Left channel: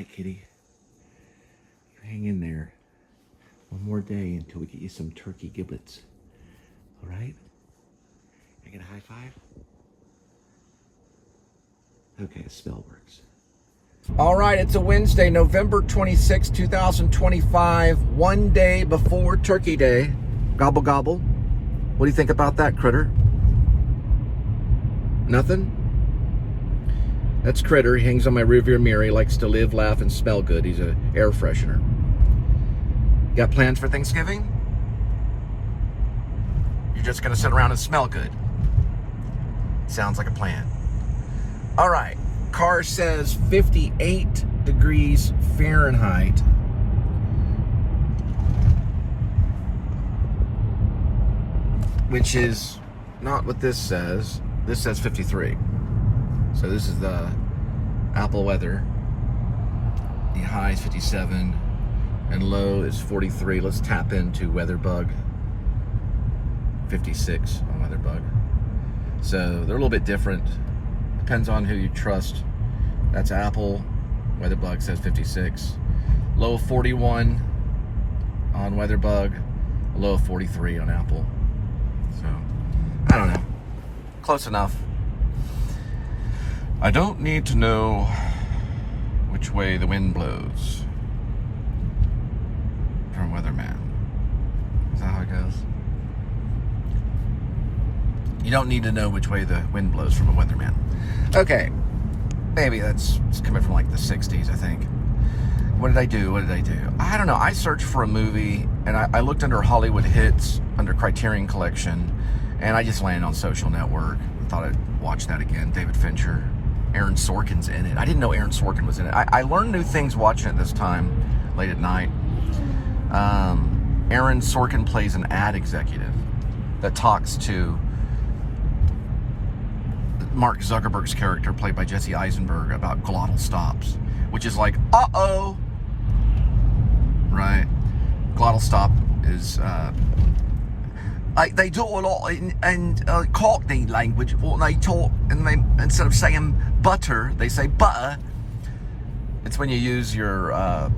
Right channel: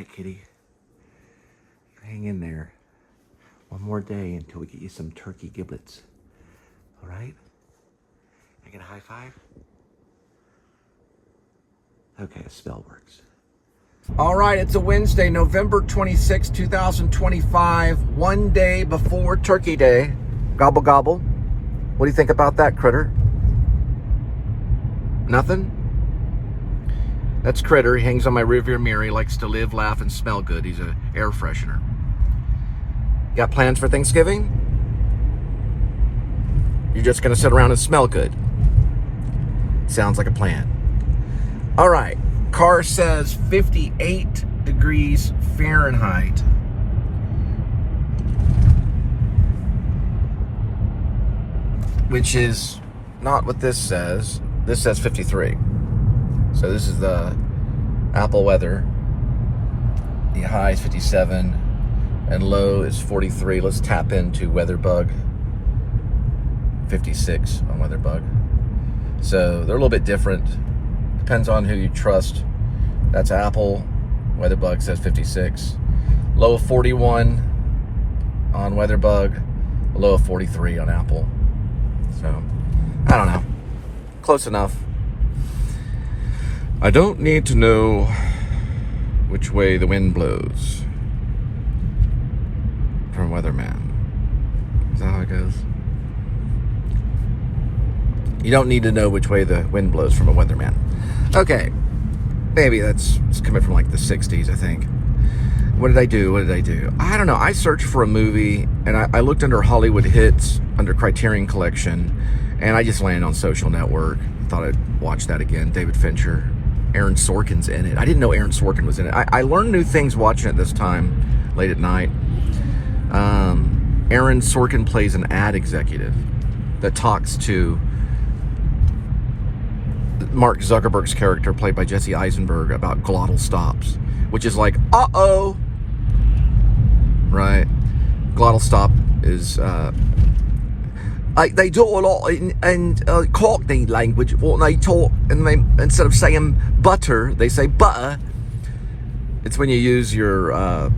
right, kitty. You hang in there. One more day until we get you some turkey giblets. All right? I get a high five? Okay, a spell works. All right, it's a Wednesday, November 26, 2025, one day before Turkey Day. Gobble, gobble. What do you think about that, critter? Nothing? That's Critter. He hangs on my rearview mirror. He likes to live, laugh, and smell good. He's an air freshener. You got plans for Thanksgiving? You're just going to sit around and smell good. Sounds like a plan. All right. Car says 58 degrees Fahrenheit. Which is not what this says. This says 53. So this is the Apple weather. The high is 57 and low is 43. Let's tap into WeatherBug. 56 on WeatherBug. So they're a little bit different. Depends on who you trust. That's Apple. WeatherBug says 56. Low of 41 on WeatherBug. Low of 43 on Apple. So, I don't know. Close enough. I don't need to know which way the wind blows from Weatherman. Is that how it goes? You don't need to know which way the wind blows from a weatherman. Okay. Maybe it's coming from like the 60s, I think. What did I do? I don't know. I searched for a movie, and I looked under Hollywood Hits, under Criterion Collection, and I just landed on Social Network. Thought I'd watch that again. David Fincher. Aaron Sorkin's in it. I didn't know Aaron Sorkin was in it. I learned new things watching it this time, late at night. Aaron Sorkin plays an ad executive that talks to Mark Zuckerberg's character, played by Jesse Eisenberg, about glottal stops, which is like, uh-oh, right? Glottal stop is, they do a lot in Cockney language. What they talk, and they, instead of saying butter, they say butter. It's when you use your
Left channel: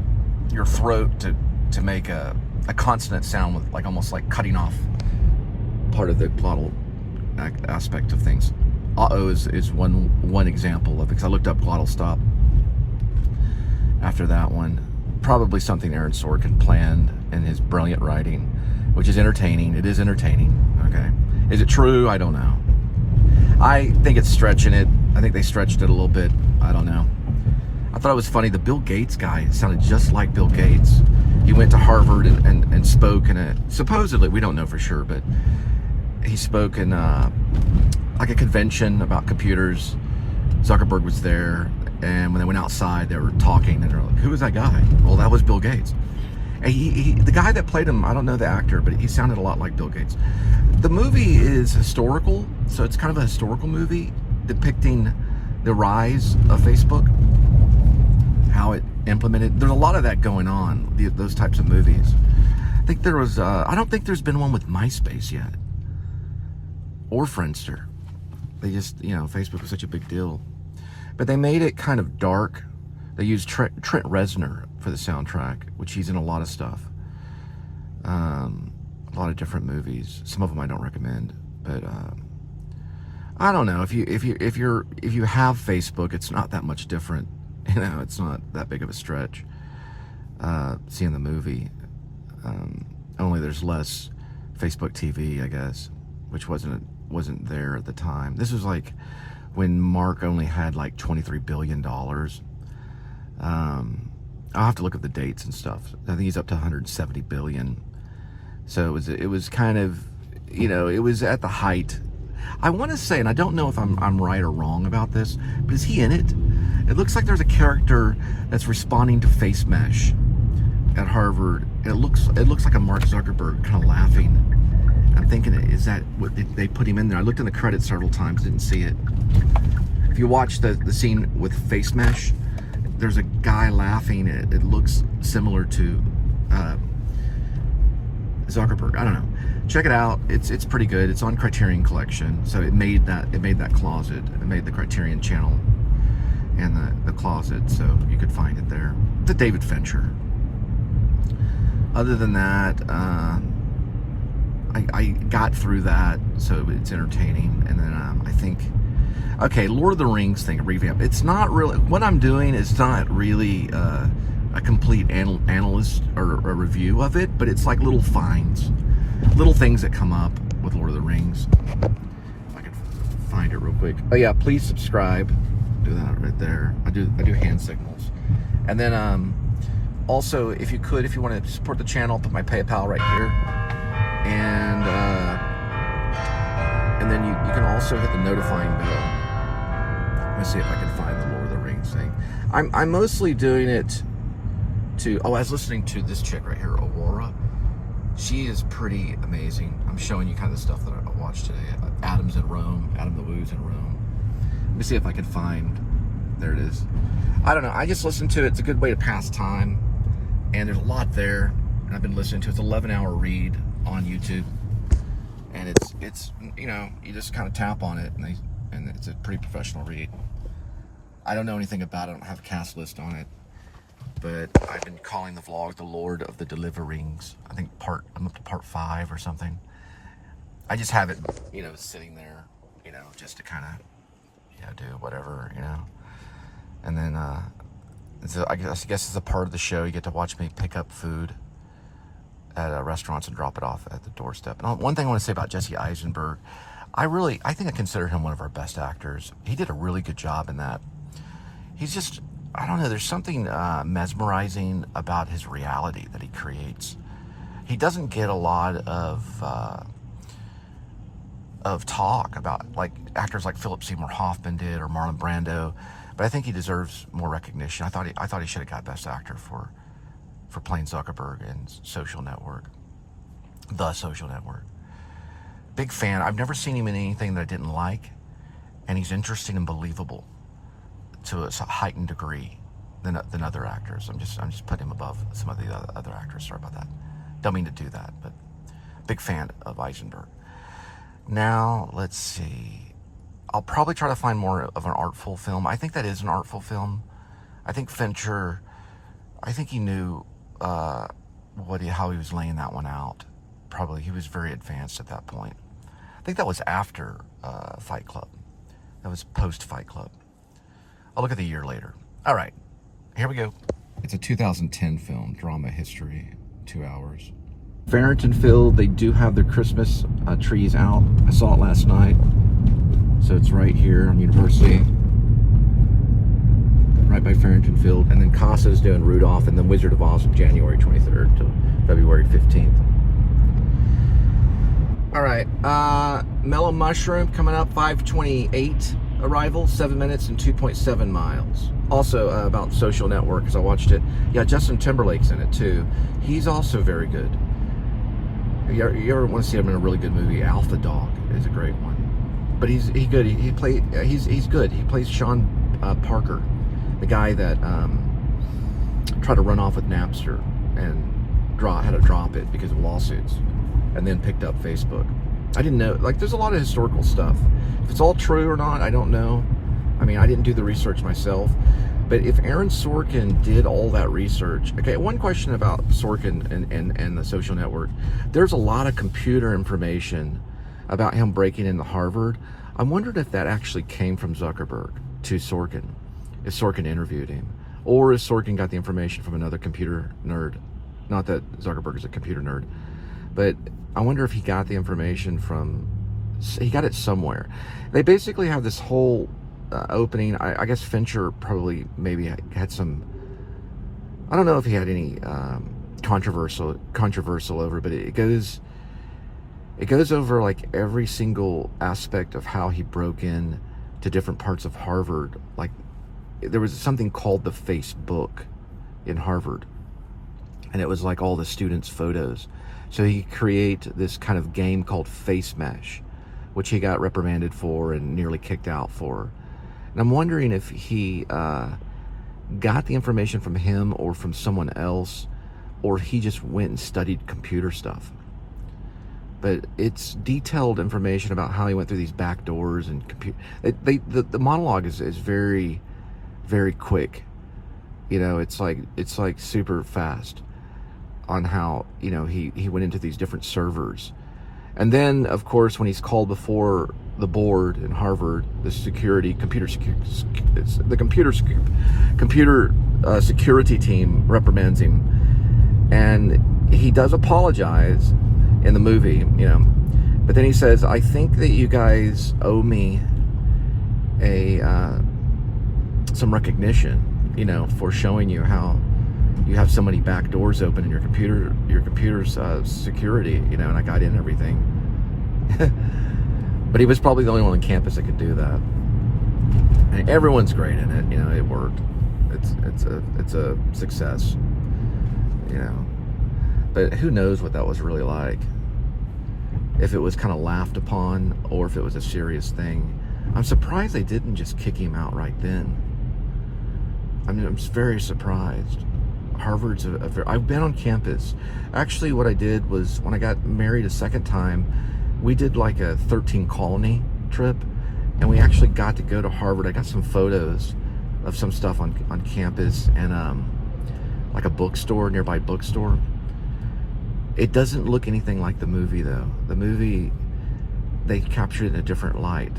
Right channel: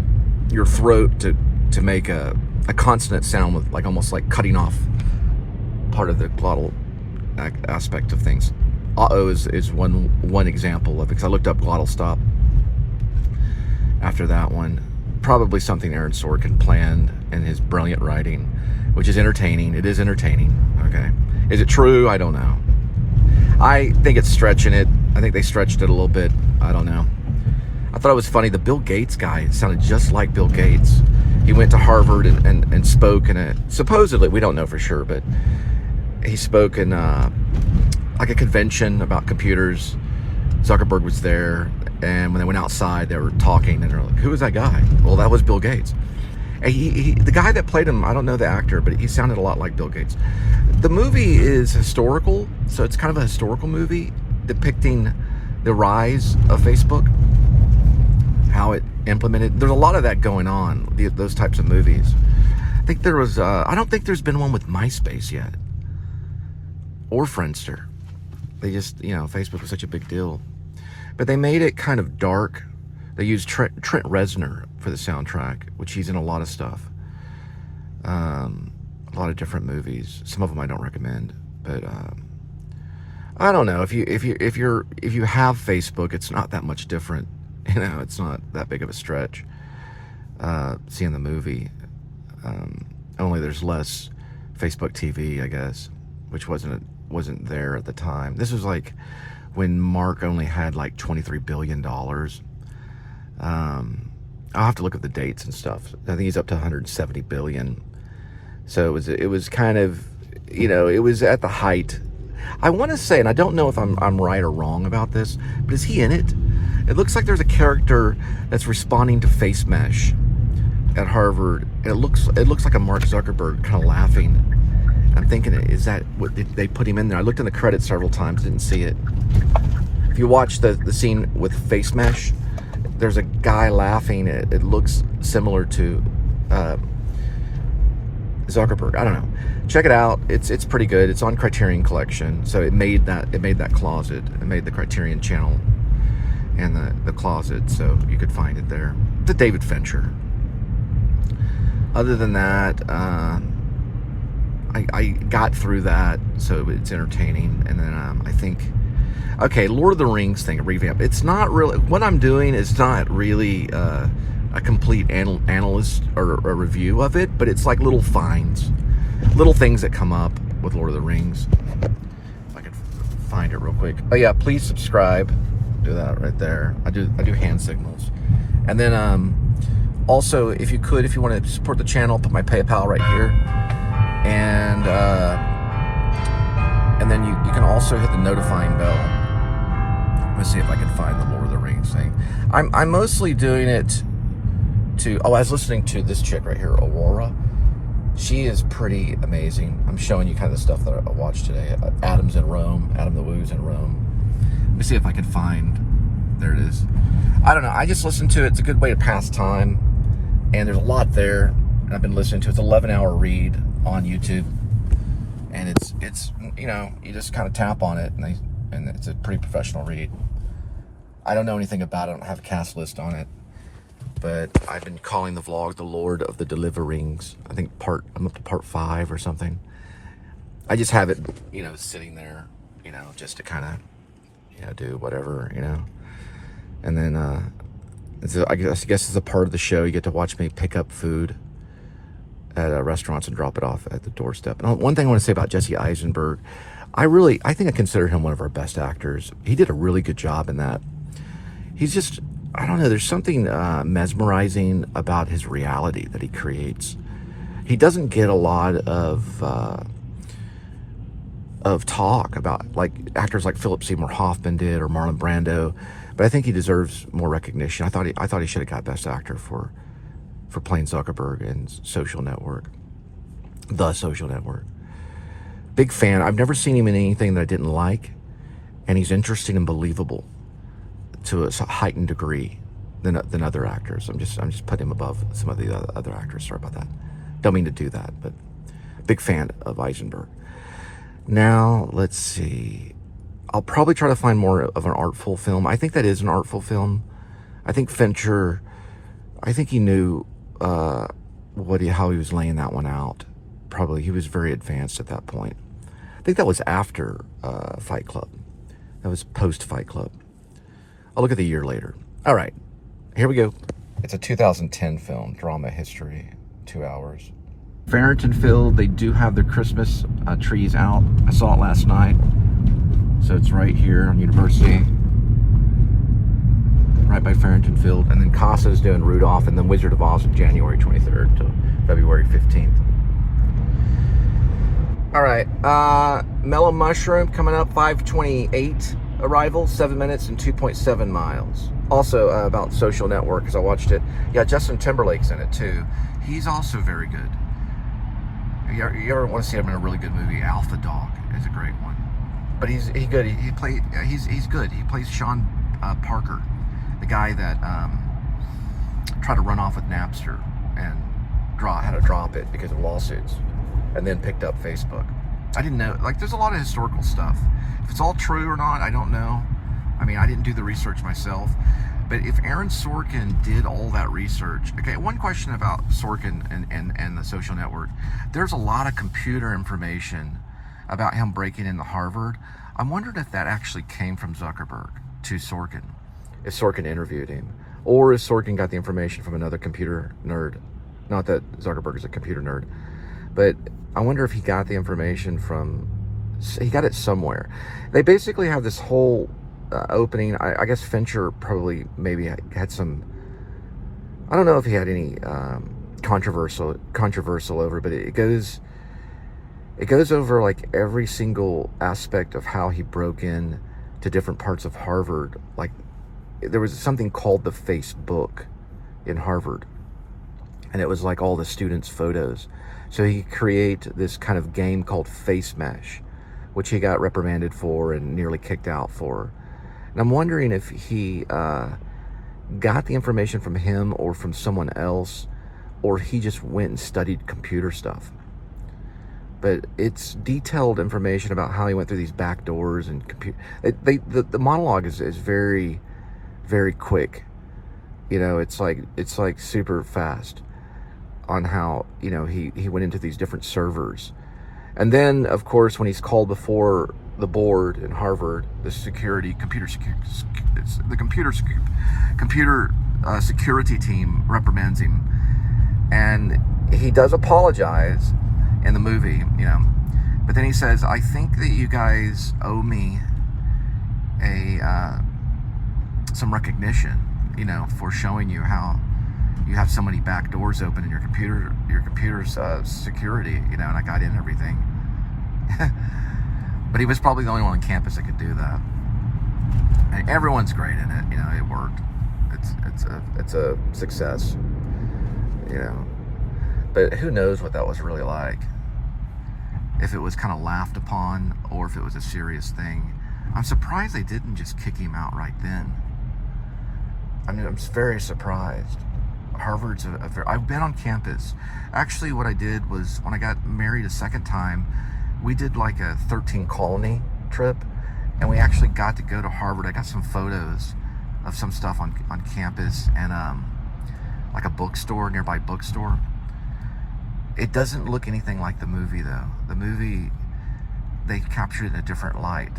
throat to make a consonant sound with, like, almost like cutting off part of the glottal aspect of things. Uh-oh is one example of it, because I looked up glottal stop after that one. Probably something Aaron Sorkin planned in his brilliant writing, which is entertaining. It is entertaining, okay? Is it true? I don't know. I think it's stretching it. I think they stretched it a little bit. I don't know. I thought it was funny. The Bill Gates guy sounded just like Bill Gates. He went to Harvard and spoke in a, supposedly, we don't know for sure, but he spoke in like a convention about computers. Zuckerberg was there, and when they went outside, they were talking, and they're like, who is that guy? Well, that was Bill Gates. And the guy that played him, I don't know the actor, but he sounded a lot like Bill Gates. The movie is historical, so it's kind of a historical movie depicting the rise of Facebook, how it implemented. There's a lot of that going on, those types of movies. I think there was, I don't think there's been one with MySpace yet, or Friendster. They just, Facebook was such a big deal. But they made it kind of dark. They used Trent Reznor for the soundtrack, which he's in a lot of stuff. A lot of different movies. Some of them I don't recommend, but I don't know. If you have Facebook, it's not that much different. It's not that big of a stretch. Seeing the movie, only there's less Facebook TV, I guess, which wasn't there at the time. This was like when Mark only had like $23 billion. I'll have to look at the dates and stuff. I think he's up to 170 billion. So it was kind of, it was at the height. I want to say, and I don't know if I'm right or wrong about this, but is he in it? It looks like there's a character that's responding to face mesh at Harvard. It looks like a Mark Zuckerberg kind of laughing. I'm thinking, is that what did they put him in there? I looked in the credits several times, didn't see it. If you watch the scene with face mesh, there's a guy laughing. It looks similar to Zuckerberg. I don't know. Check it out. It's pretty good. It's on Criterion Collection, so it made that closet. It made the Criterion channel, in the closet, so you could find it there. The David Fincher. Other than that, I got through that, so it's entertaining. And then I think, okay, Lord of the Rings thing, a revamp. It's not really, what I'm doing is not really a complete analyst or a review of it, but it's like little finds, little things that come up with Lord of the Rings. If I can find it real quick. Oh yeah, please subscribe. Do that right there. I do hand signals. And then also, if you want to support the channel, put my PayPal right here. And then you can also hit the notifying bell. Let's see if I can find the Lord of the Rings thing. I'm mostly doing it to, I was listening to this chick right here, Aurora. She is pretty amazing. I'm showing you kind of the stuff that I watched today. Adam's in Rome, Adam the Woo's in Rome. Let me see if I can find, there it is. I don't know, I just listen to it. It's a good way to pass time. And there's a lot there. And I've been listening to it. It's an 11-hour read on YouTube. And it's you know, you just kind of tap on it and it's a pretty professional read. I don't know anything about it. I don't have a cast list on it. But I've been calling the vlog the Lord of the deliveRings. I think I'm up to part 5 or something. I just have it, you know, sitting there, you know, just to kind of, you know, do whatever, you know. And then I guess it's a part of the show. You get to watch me pick up food at restaurants and drop it off at the doorstep. And one thing I want to say about Jesse Eisenberg, I think I consider him one of our best actors. He did a really good job in that. He's just, I don't know, there's something mesmerizing about his reality that he creates. He doesn't get a lot of talk about, like actors like Philip Seymour Hoffman did or Marlon Brando, but I think he deserves more recognition. I thought he should have got Best Actor for playing Zuckerberg in Social Network, The Social Network. Big fan. I've never seen him in anything that I didn't like, and he's interesting and believable to a heightened degree than other actors. I'm just putting him above some of the other actors. Sorry about that. Don't mean to do that, but big fan of Eisenberg. Now, let's see. I'll probably try to find more of an artful film. I think that is an artful film. I think Fincher, I think he knew how he was laying that one out. Probably he was very advanced at that point. I think that was after Fight Club. That was post Fight Club. I'll look at the year later. All right, here we go. It's a 2010 film, drama history, 2 hours. Farrington Field, they do have their Christmas trees out. I saw it last night. So it's right here on University, right by Farrington Field. And then Casa's doing Rudolph, and then Wizard of Oz from January 23rd to February 15th. All right, Mellow Mushroom coming up, 5:28 arrival, 7 minutes and 2.7 miles. Also about Social Network, because I watched it. Yeah, Justin Timberlake's in it too. He's also very good. You ever want to see him in a really good movie? Alpha Dog is a great one. But he's good. He's good. He plays Sean Parker, the guy that tried to run off with Napster and had to drop it because of lawsuits, and then picked up Facebook. I didn't know. Like, there's a lot of historical stuff. If it's all true or not, I don't know. I mean, I didn't do the research myself. But if Aaron Sorkin did all that research, okay, one question about Sorkin and the Social Network. There's a lot of computer information about him breaking into Harvard. I wondered if that actually came from Zuckerberg to Sorkin, if Sorkin interviewed him, or if Sorkin got the information from another computer nerd. Not that Zuckerberg is a computer nerd, but I wonder if he got the information he got it somewhere. They basically have this whole opening. I guess Fincher probably maybe had some, I don't know if he had any controversial over, but it goes over like every single aspect of how he broke in to different parts of Harvard. Like, there was something called the Facebook in Harvard, and it was like all the students' photos. So he create this kind of game called Face Mesh, which he got reprimanded for and nearly kicked out for. And I'm wondering if he got the information from him or from someone else, or he just went and studied computer stuff. But it's detailed information about how he went through these back doors and the monologue is very very quick. You know, it's like super fast on how, you know, he went into these different servers. And then, of course, when he's called before the board in Harvard, the computer security team reprimands him, and he does apologize in the movie, you know, but then he says, I think that you guys owe me some recognition, you know, for showing you how you have so many back doors open in your computer's security, you know, and I got in everything. But he was probably the only one on campus that could do that. And everyone's great in it, you know, it worked. It's a success, you know. But who knows what that was really like. If it was kind of laughed upon or if it was a serious thing. I'm surprised they didn't just kick him out right then. I mean, I'm very surprised. Harvard's I've been on campus. Actually, what I did was when I got married a second time, we did like a 13 colony trip, and we actually got to go to Harvard. I got some photos of some stuff on campus and like a bookstore, nearby bookstore. It doesn't look anything like the movie though. The movie, they captured it in a different light.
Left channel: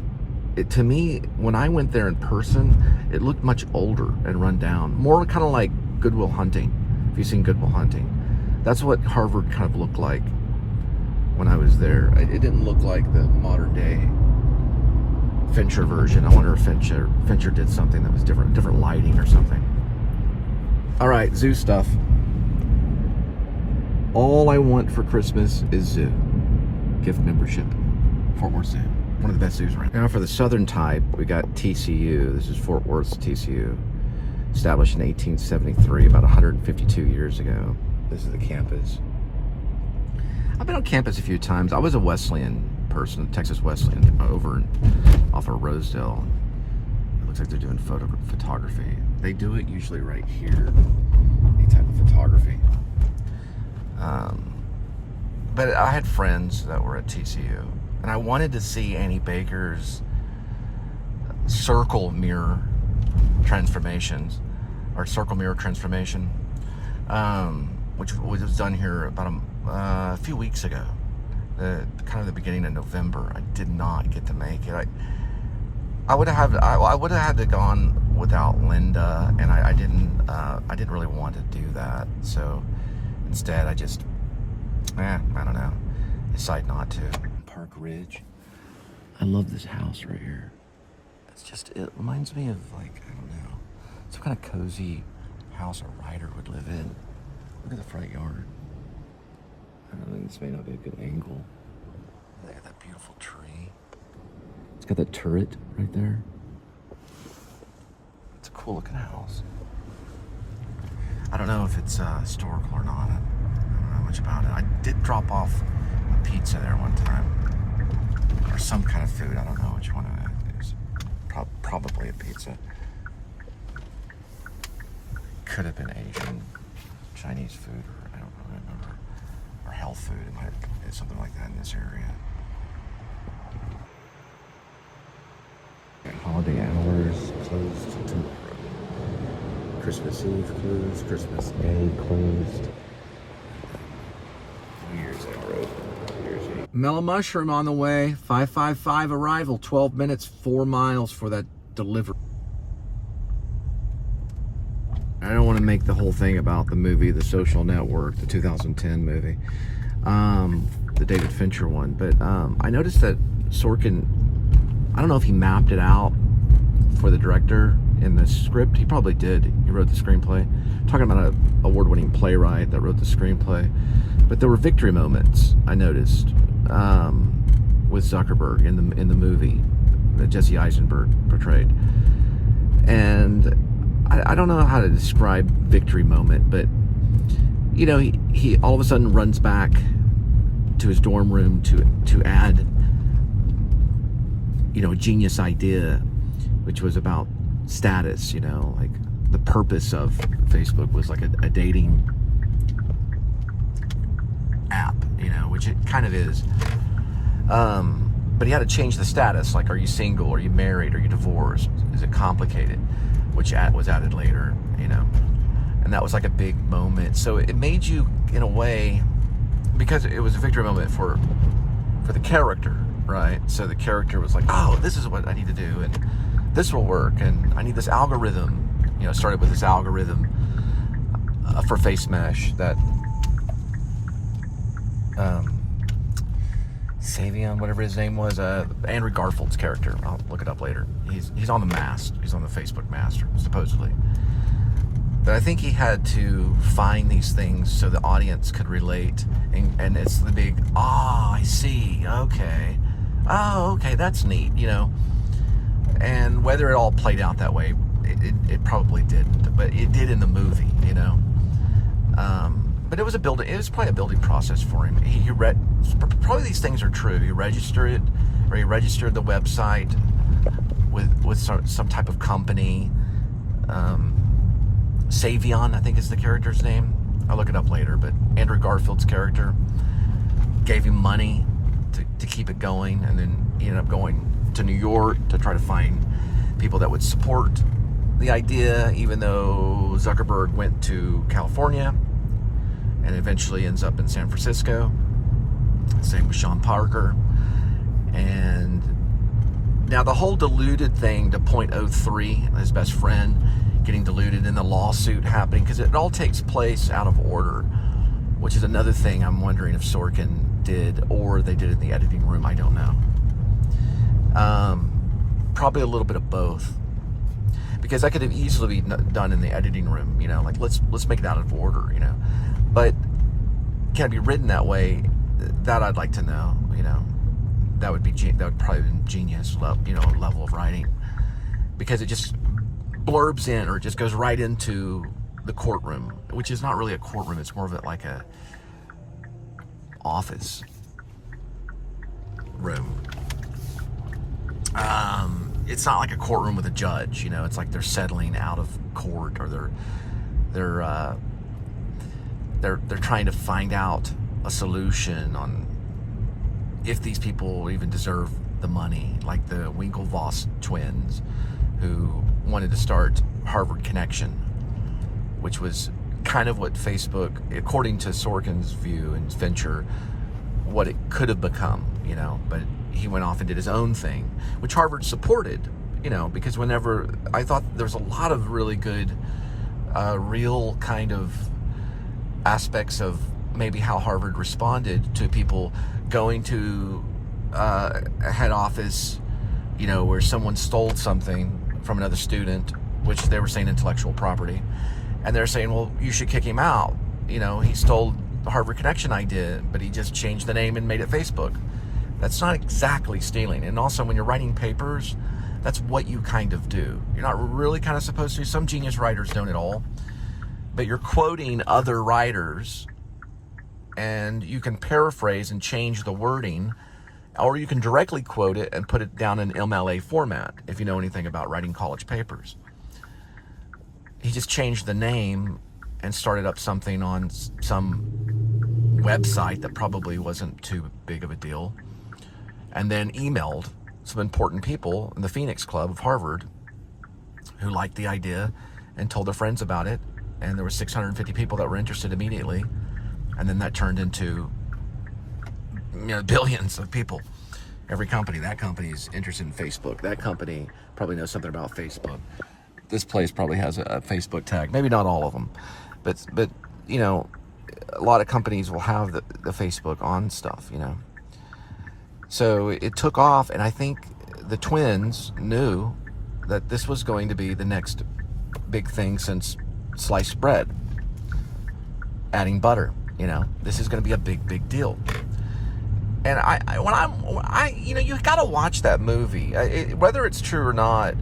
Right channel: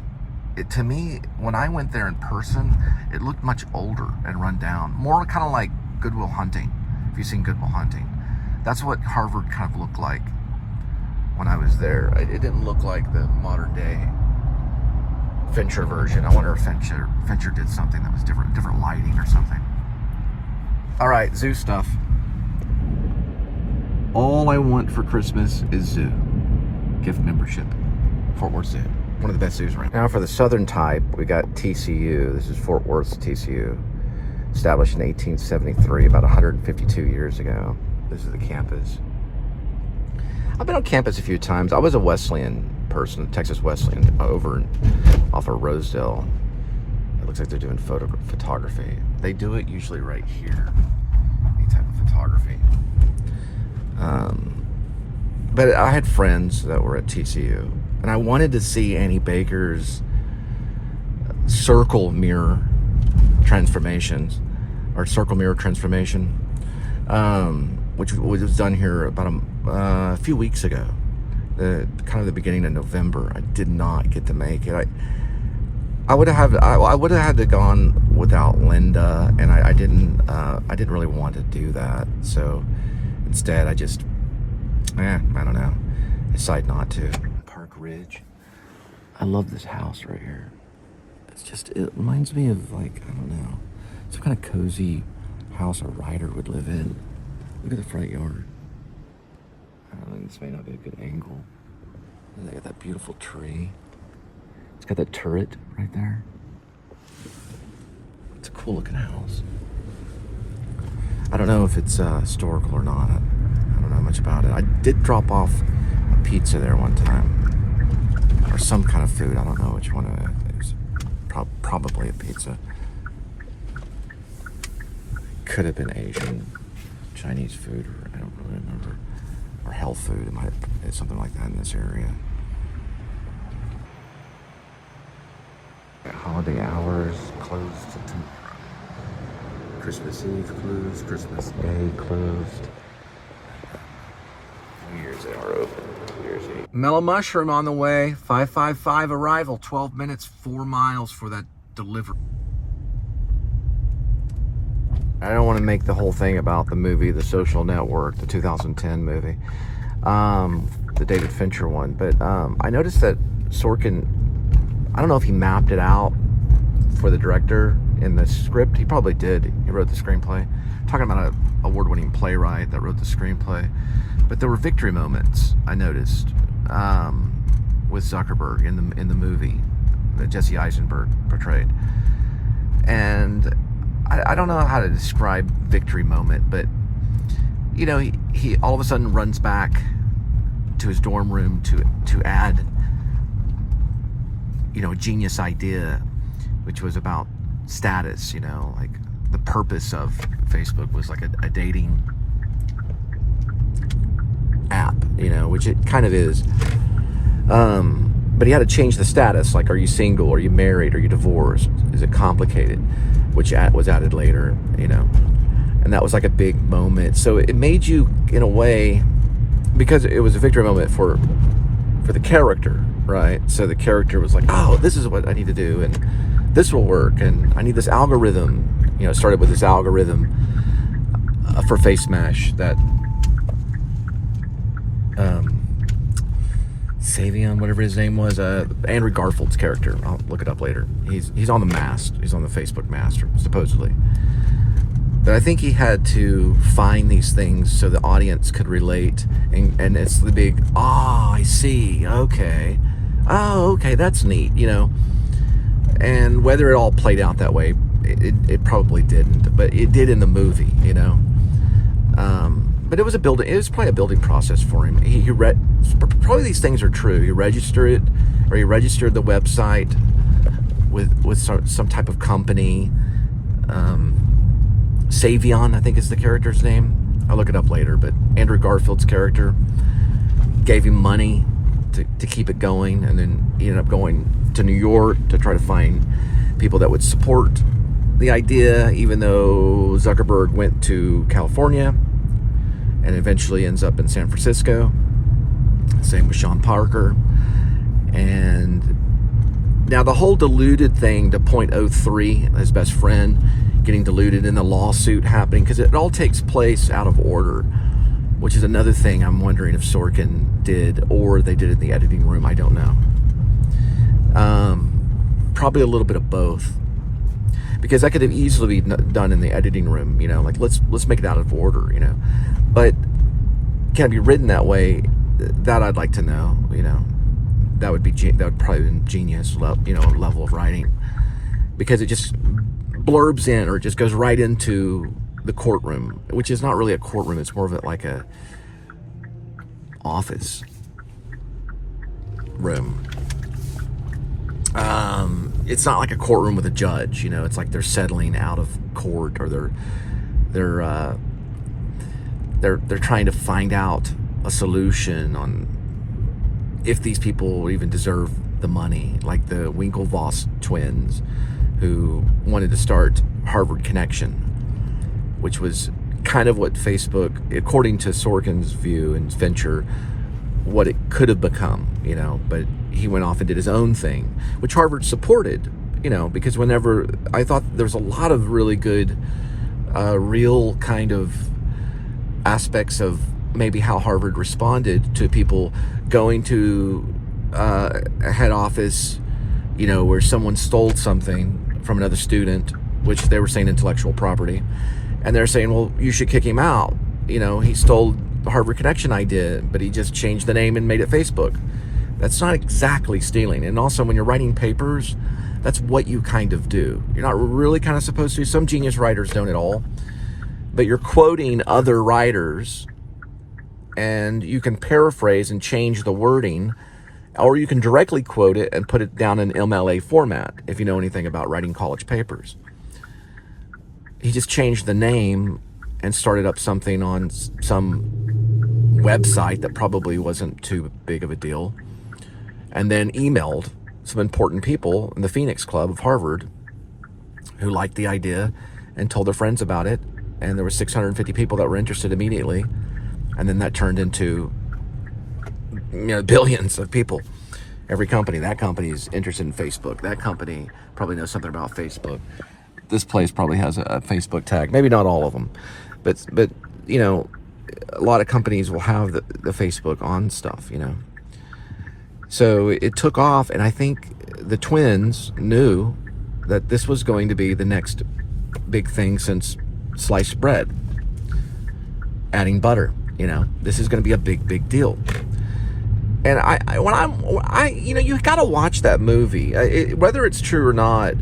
To me, when I went there in person, it looked much older and run down. More kind of like Good Will Hunting. If you've seen Good Will Hunting, that's what Harvard kind of looked like when I was there. It didn't look like the modern day Fincher version. I wonder if Fincher did something that was different lighting or something. All right, zoo stuff. All I want for Christmas is zoo. Gift membership. Fort Worth Zoo. One of the best zoos around. Now for the southern type, we got TCU. This is Fort Worth's TCU. Established in 1873, about 152 years ago. This is the campus. I've been on campus a few times. I was a Wesleyan person, Texas Wesleyan, over off of Rosedale. It looks like they're doing photography. They do it usually right here, any type of photography. But I had friends that were at TCU, and I wanted to see Annie Baker's circle mirror transformation, which was done here about a few weeks ago, kind of the beginning of November. I did not get to make it. I would have had to gone without Linda, and I didn't really want to do that. So instead, I just, I don't know, decided not to. Park Ridge. I love this house right here. It reminds me of, like, I don't know, some kind of cozy house a writer would live in. Look at the front yard. I don't know, this may not be a good angle. And they got that beautiful tree. It's got that turret right there. It's a cool looking house. I don't know if it's historical or not. I don't know much about it. I did drop off a pizza there one time. Or some kind of food. I don't know which one it is. Probably a pizza. Could have been Asian, Chinese food, or I don't really remember. Or health food. It might have been something like that in this area. Holiday hours closed tomorrow. Christmas Eve closed. Christmas Day closed. New Year's Eve are open. New Year's Eve. Mellow Mushroom on the way. 555 arrival. 12 minutes, 4 miles for that delivery. I don't want to make the whole thing about the movie, The Social Network, the 2010 movie, the David Fincher one. But I noticed that Sorkin, I don't know if he mapped it out for the director in the script. He probably did. He wrote the screenplay. I'm talking about an award-winning playwright that wrote the screenplay. But there were victory moments, I noticed, with Zuckerberg in the movie that Jesse Eisenberg portrayed. And I don't know how to describe victory moment, but you know, he all of a sudden runs back to his dorm room to add, you know, a genius idea, which was about status. You know, like the purpose of Facebook was like a dating app, you know, which it kind of is. But he had to change the status. Like, are you single? Are you married? Are you divorced? Is it complicated? which was added later, and that was like a big moment. So it made you, in a way, because it was a victory moment for the character, right? So the character was like, oh, this is what I need to do, and this will work, and I need this algorithm. It started with this algorithm for Face Mesh that Savion, whatever his name was, Andrew Garfield's character. I'll look it up later. He's on the mast. He's on the Facebook mast, supposedly. But I think he had to find these things so the audience could relate, and it's the big, I see, okay. Oh, okay, that's neat, And whether it all played out that way, it probably didn't, but it did in the movie, But it was probably a building process for him. He read, probably these things are true. He registered the website with some type of company. Savion, I think is the character's name. I'll look it up later, but Andrew Garfield's character gave him money to keep it going, and then he ended up going to New York to try to find people that would support the idea, even though Zuckerberg went to California and eventually ends up in San Francisco. Same with Sean Parker. And now the whole diluted thing to .03, his best friend, getting diluted in the lawsuit happening, because it all takes place out of order, which is another thing I'm wondering if Sorkin did, or they did it in the editing room. I don't know. Probably a little bit of both, because that could have easily been done in the editing room. Like let's make it out of order. But can it be written that way? That I'd like to know. That would probably be genius. Level of writing, because it just blurbs in, or it just goes right into the courtroom, which is not really a courtroom. It's more of it like a office room. It's not like a courtroom with a judge. It's like they're settling out of court, or they're trying to find out a solution on if these people even deserve the money, like the Winklevoss twins, who wanted to start Harvard Connection, which was kind of what Facebook, according to Sorkin's view and venture, what it could have become, but he went off and did his own thing, which Harvard supported, because whenever I thought there's a lot of really good, real kind of aspects of maybe how Harvard responded to people going to a head office, where someone stole something from another student, which they were saying intellectual property, and they're saying, well, you should kick him out. He stole the Harvard Connection idea, but he just changed the name and made it Facebook. That's not exactly stealing. And also, when you're writing papers, that's what you kind of do. You're not really kind of supposed to. Some genius writers don't at all, but you're quoting other writers, and you can paraphrase and change the wording, or you can directly quote it and put it down in MLA format, if you know anything about writing college papers. He just changed the name and started up something on some website that probably wasn't too big of a deal, and then emailed some important people in the Phoenix Club of Harvard who liked the idea and told their friends about it, and there were 650 people that were interested immediately, and then that turned into billions of people. Every company, that company is interested in Facebook. That company probably knows something about Facebook. This place probably has a Facebook tag. Maybe not all of them, but a lot of companies will have the Facebook on stuff. So it took off, and I think the twins knew that this was going to be the next big thing since sliced bread. Adding butter, this is going to be a big deal. And you got to watch that movie, whether it's true or not.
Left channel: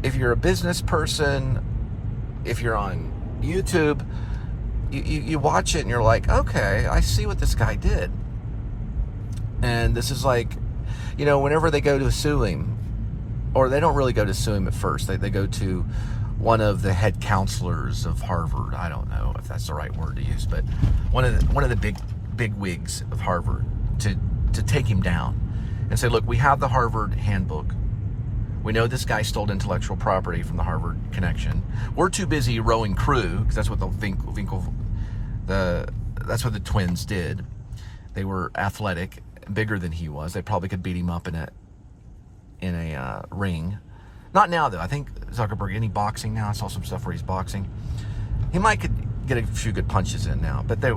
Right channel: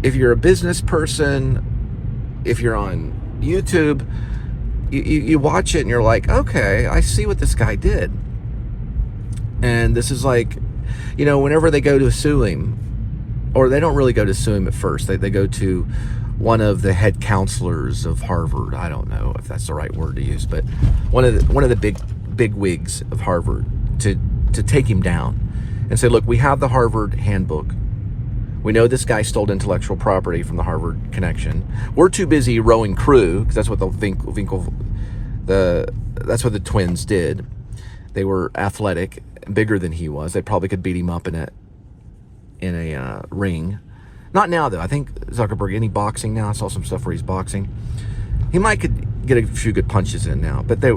If you're a business person, if you're on YouTube, you watch it and you're like, okay, I see what this guy did. And this is like, whenever they go to sue him, or they don't really go to sue him at first, they go to one of the head counselors of Harvard. I don't know if that's the right word to use, but one of the big wigs of Harvard to take him down and say, look, we have the Harvard handbook, We know this guy stole intellectual property from the Harvard connection. We're too busy rowing crew, because that's what that's what the twins did. They were athletic, bigger than he was. They probably could beat him up in a ring. Not now, though. I think Zuckerberg, any boxing now? I saw some stuff where he's boxing. He might could get a few good punches in now, but they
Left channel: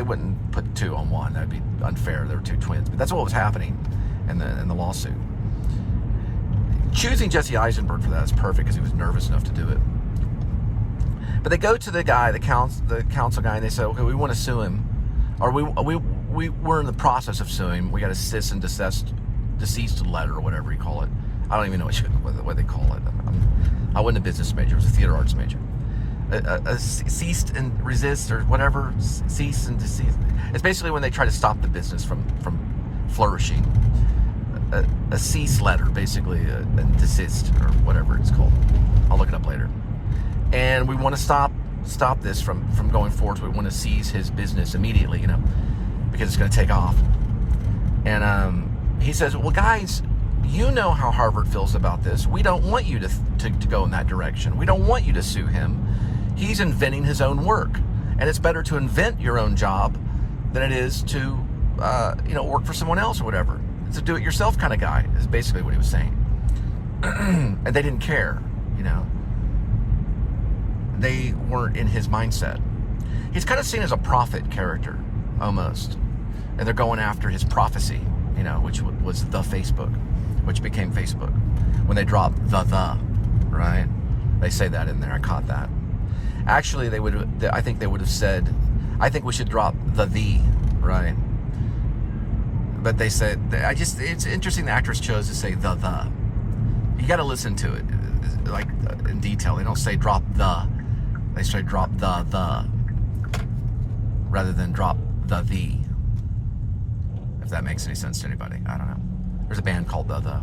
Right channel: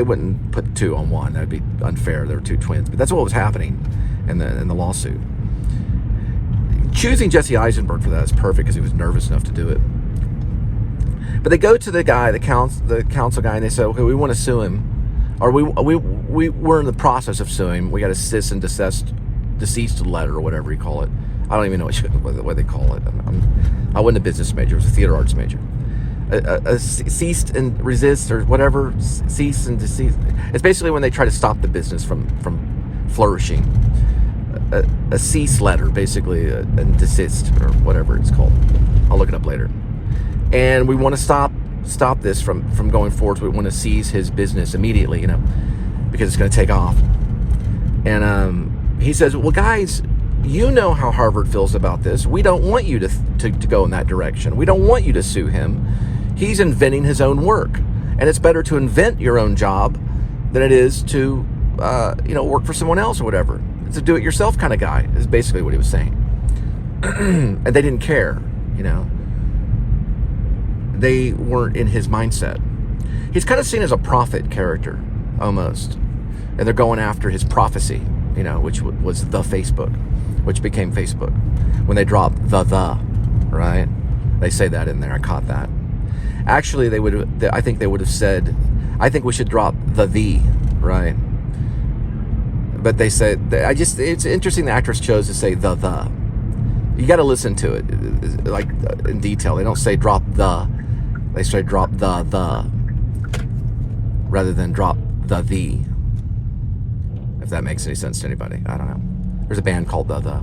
wouldn't put 2 on 1. That'd be unfair. There were 2 twins. But that's what was happening in the lawsuit. Choosing Jesse Eisenberg for that is perfect, because he was nervous enough to do it. But they go to the guy, the counsel guy, and they say, okay, we want to sue him. Or we're in the process of suing him. We got a cease and deceased letter, or whatever you call it. I don't even know what they call it. I wasn't a business major. I was a theater arts major. A ceased and resist, or whatever, cease and desist. It's basically when they try to stop the business from flourishing. A cease letter, basically, and desist, or whatever it's called. I'll look it up later. And we want to stop this from going forward. We want to seize his business immediately, because it's going to take off. And he says, well, guys, you know how Harvard feels about this. We don't want you to go in that direction. We don't want you to sue him. He's inventing his own work. And it's better to invent your own job than it is to, work for someone else or whatever. It's a do-it-yourself kind of guy, is basically what he was saying. And they didn't care, They weren't in his mindset. He's kind of seen as a prophet character, almost. And they're going after his prophecy, which was the Facebook, which became Facebook. When they dropped the, right? They say that in there. I caught that. Actually, I think they would have said, I think we should drop the, right? But they said, it's interesting the actress chose to say the. You got to listen to it, like, in detail. They don't say drop the. They say drop the, rather than drop the. If that makes any sense to anybody. I don't know. There's a band called the.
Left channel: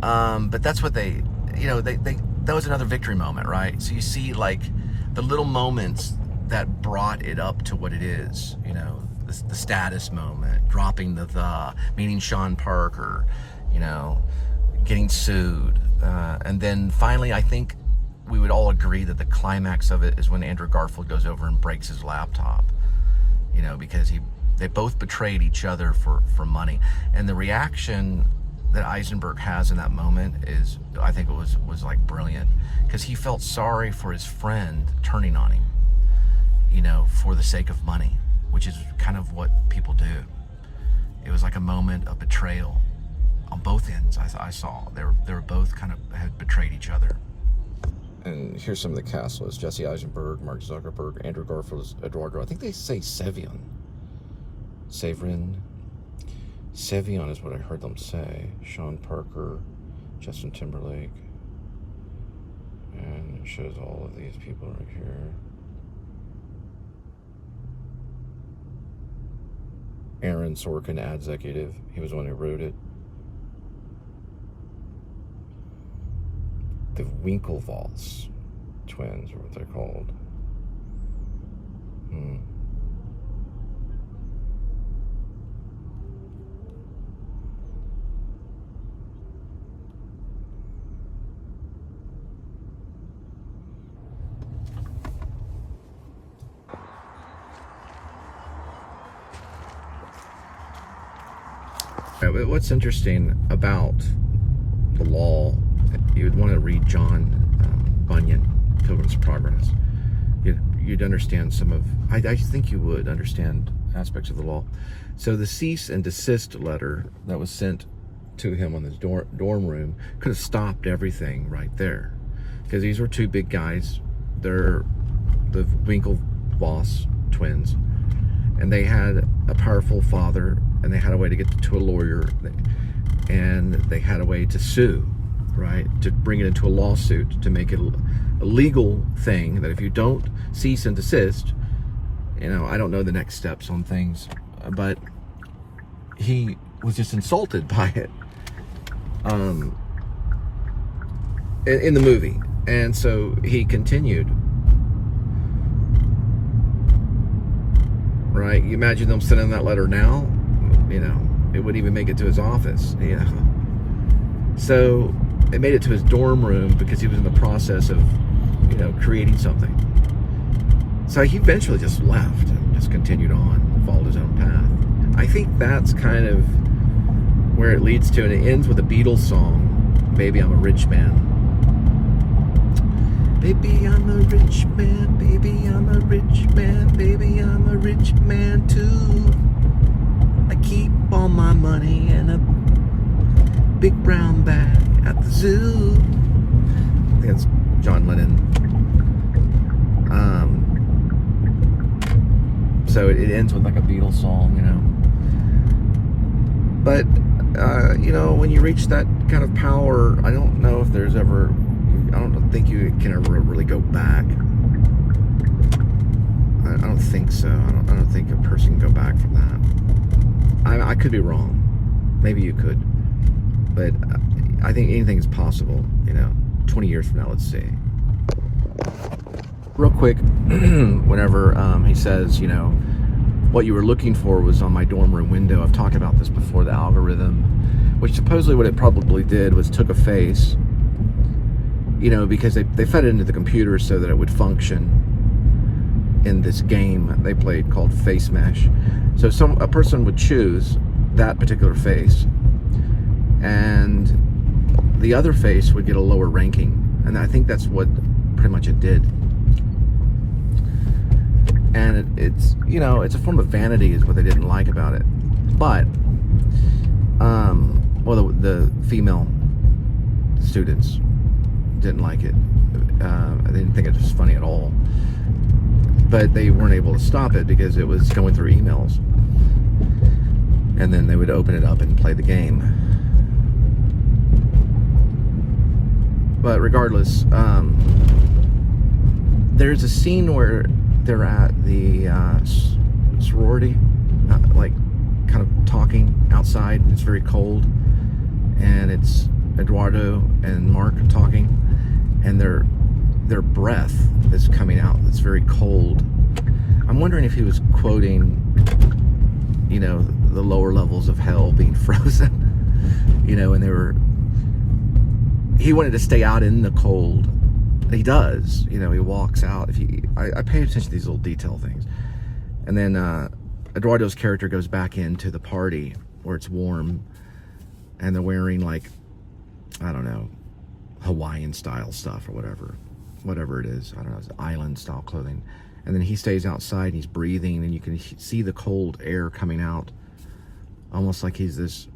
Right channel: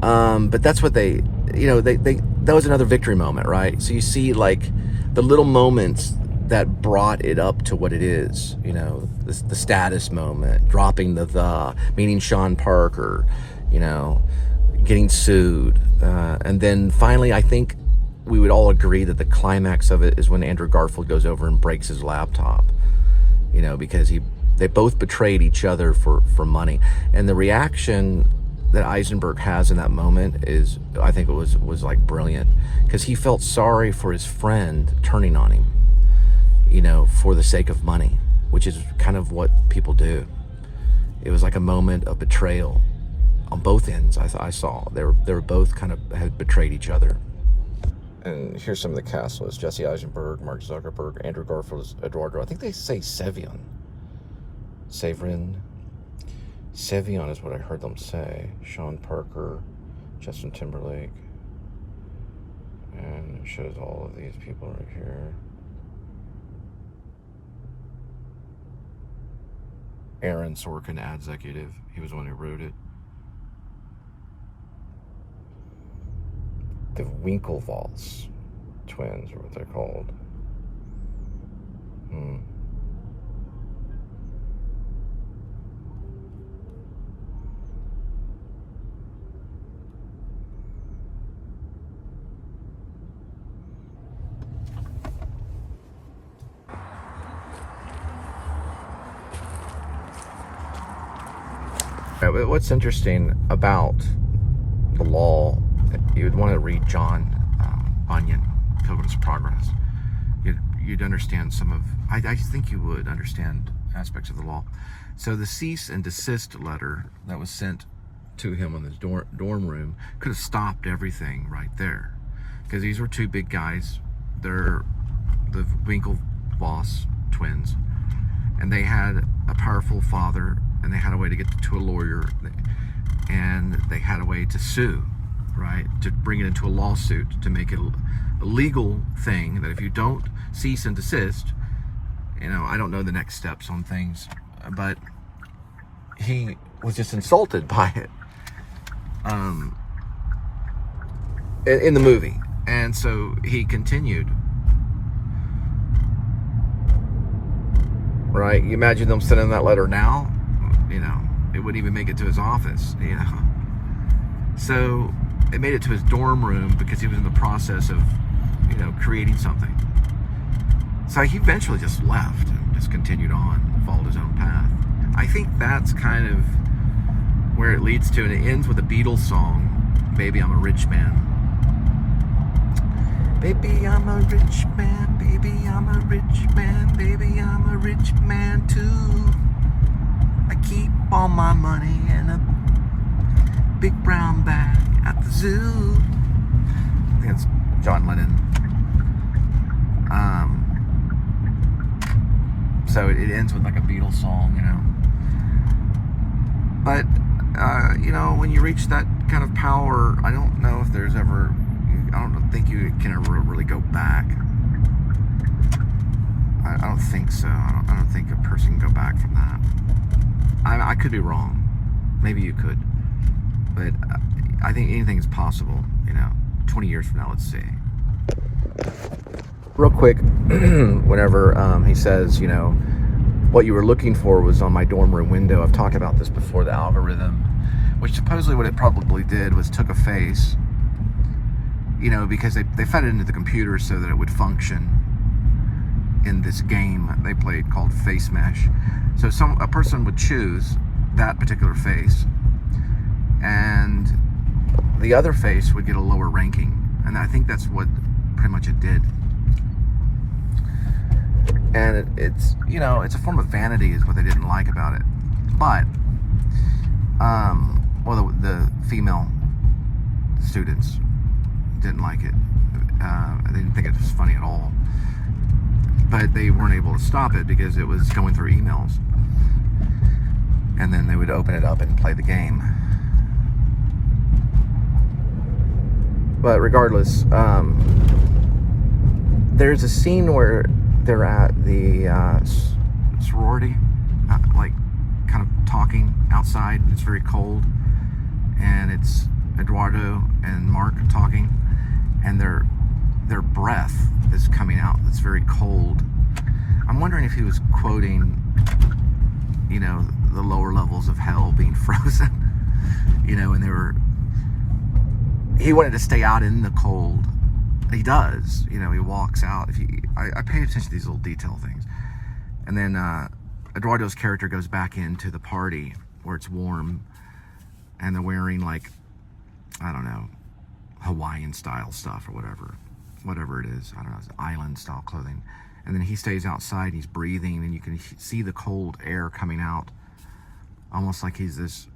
But that's what they that was another victory moment, right? So you see, like, the little moments that brought it up to what it is, the status moment, dropping the, meaning Sean Parker, getting sued. And then finally, I think we would all agree that the climax of it is when Andrew Garfield goes over and breaks his laptop, because they both betrayed each other for money. And the reaction that Eisenberg has in that moment is, I think it was like brilliant, because he felt sorry for his friend turning on him, for the sake of money, which is kind of what people do. It was like a moment of betrayal on both ends. I saw they were both kind of had betrayed each other. And here's some of the cast list: Jesse Eisenberg, Mark Zuckerberg, Andrew Garfield, Eduardo. I think they say Sevion. Sevion is what I heard them say. Sean Parker, Justin Timberlake. And it shows all of these people right here. Aaron Sorkin, ad executive. He was the one who wrote it. The Winklevoss twins, or what they're called. What's interesting about the law, you would want to read John Bunyan, Pilgrim's Progress. You'd understand some of, I think you would understand aspects of the law. So the cease and desist letter that was sent to him on his dorm room could have stopped everything right there. Because these were 2 big guys. They're the Winklevoss twins. And they had a powerful father, and they had a way to get to a lawyer, and they had a way to sue, right? To bring it into a lawsuit, to make it a legal thing that if you don't cease and desist, I don't know the next steps on things, but he was just insulted by it in the movie. And so he continued. Right? You imagine them sending that letter now, it wouldn't even make it to his office, So it made it to his dorm room because he was in the process of, you know, creating something. So he eventually just left and just continued on, followed his own path. I think that's kind of where it leads to, and it ends with a Beatles song, Baby I'm a Rich Man. Baby I'm a rich man, baby I'm a rich man, baby I'm a rich man too. I keep all my money in a big brown bag at the zoo. I think it's John Lennon. So it ends with like a Beatles song, you know. But, you know, when you reach that kind of power, I don't know if there's ever, I don't think you can ever really go back. I don't think so. I don't think a person can go back from that. I could be wrong. Maybe you could. But I think anything is possible, you know. 20 years from now, let's see. Real quick, whenever he says, you know, what you were looking for was on my dorm room window. I've talked about this before, the algorithm, which supposedly what it probably did was took a face, you know, because they fed it into the computer so that it would function in this game they played called Face Mesh. So a person would choose that particular face, and the other face would get a lower ranking. And I think that's what pretty much it did. And it's, you know, it's a form of vanity is what they didn't like about it. But, well, the female students didn't like it. They didn't think it was funny at all. But they weren't able to stop it because it was going through emails. And then they would open it up and play the game. But regardless, there's a scene where they're at the sorority, like kind of talking outside, and it's very cold, and it's Eduardo and Mark talking, and their breath is coming out. It's very cold. I'm wondering if he was quoting, you know, the lower levels of hell being frozen, you know, and he wanted to stay out in the cold. He does, you know, he walks out. I pay attention to these little detail things. And then Eduardo's character goes back into the party where it's warm, and they're wearing, like, I don't know, Hawaiian style stuff or whatever it is. I don't know, it's island style clothing. And then he stays outside and he's breathing, and you can see the cold air coming out, almost like he's this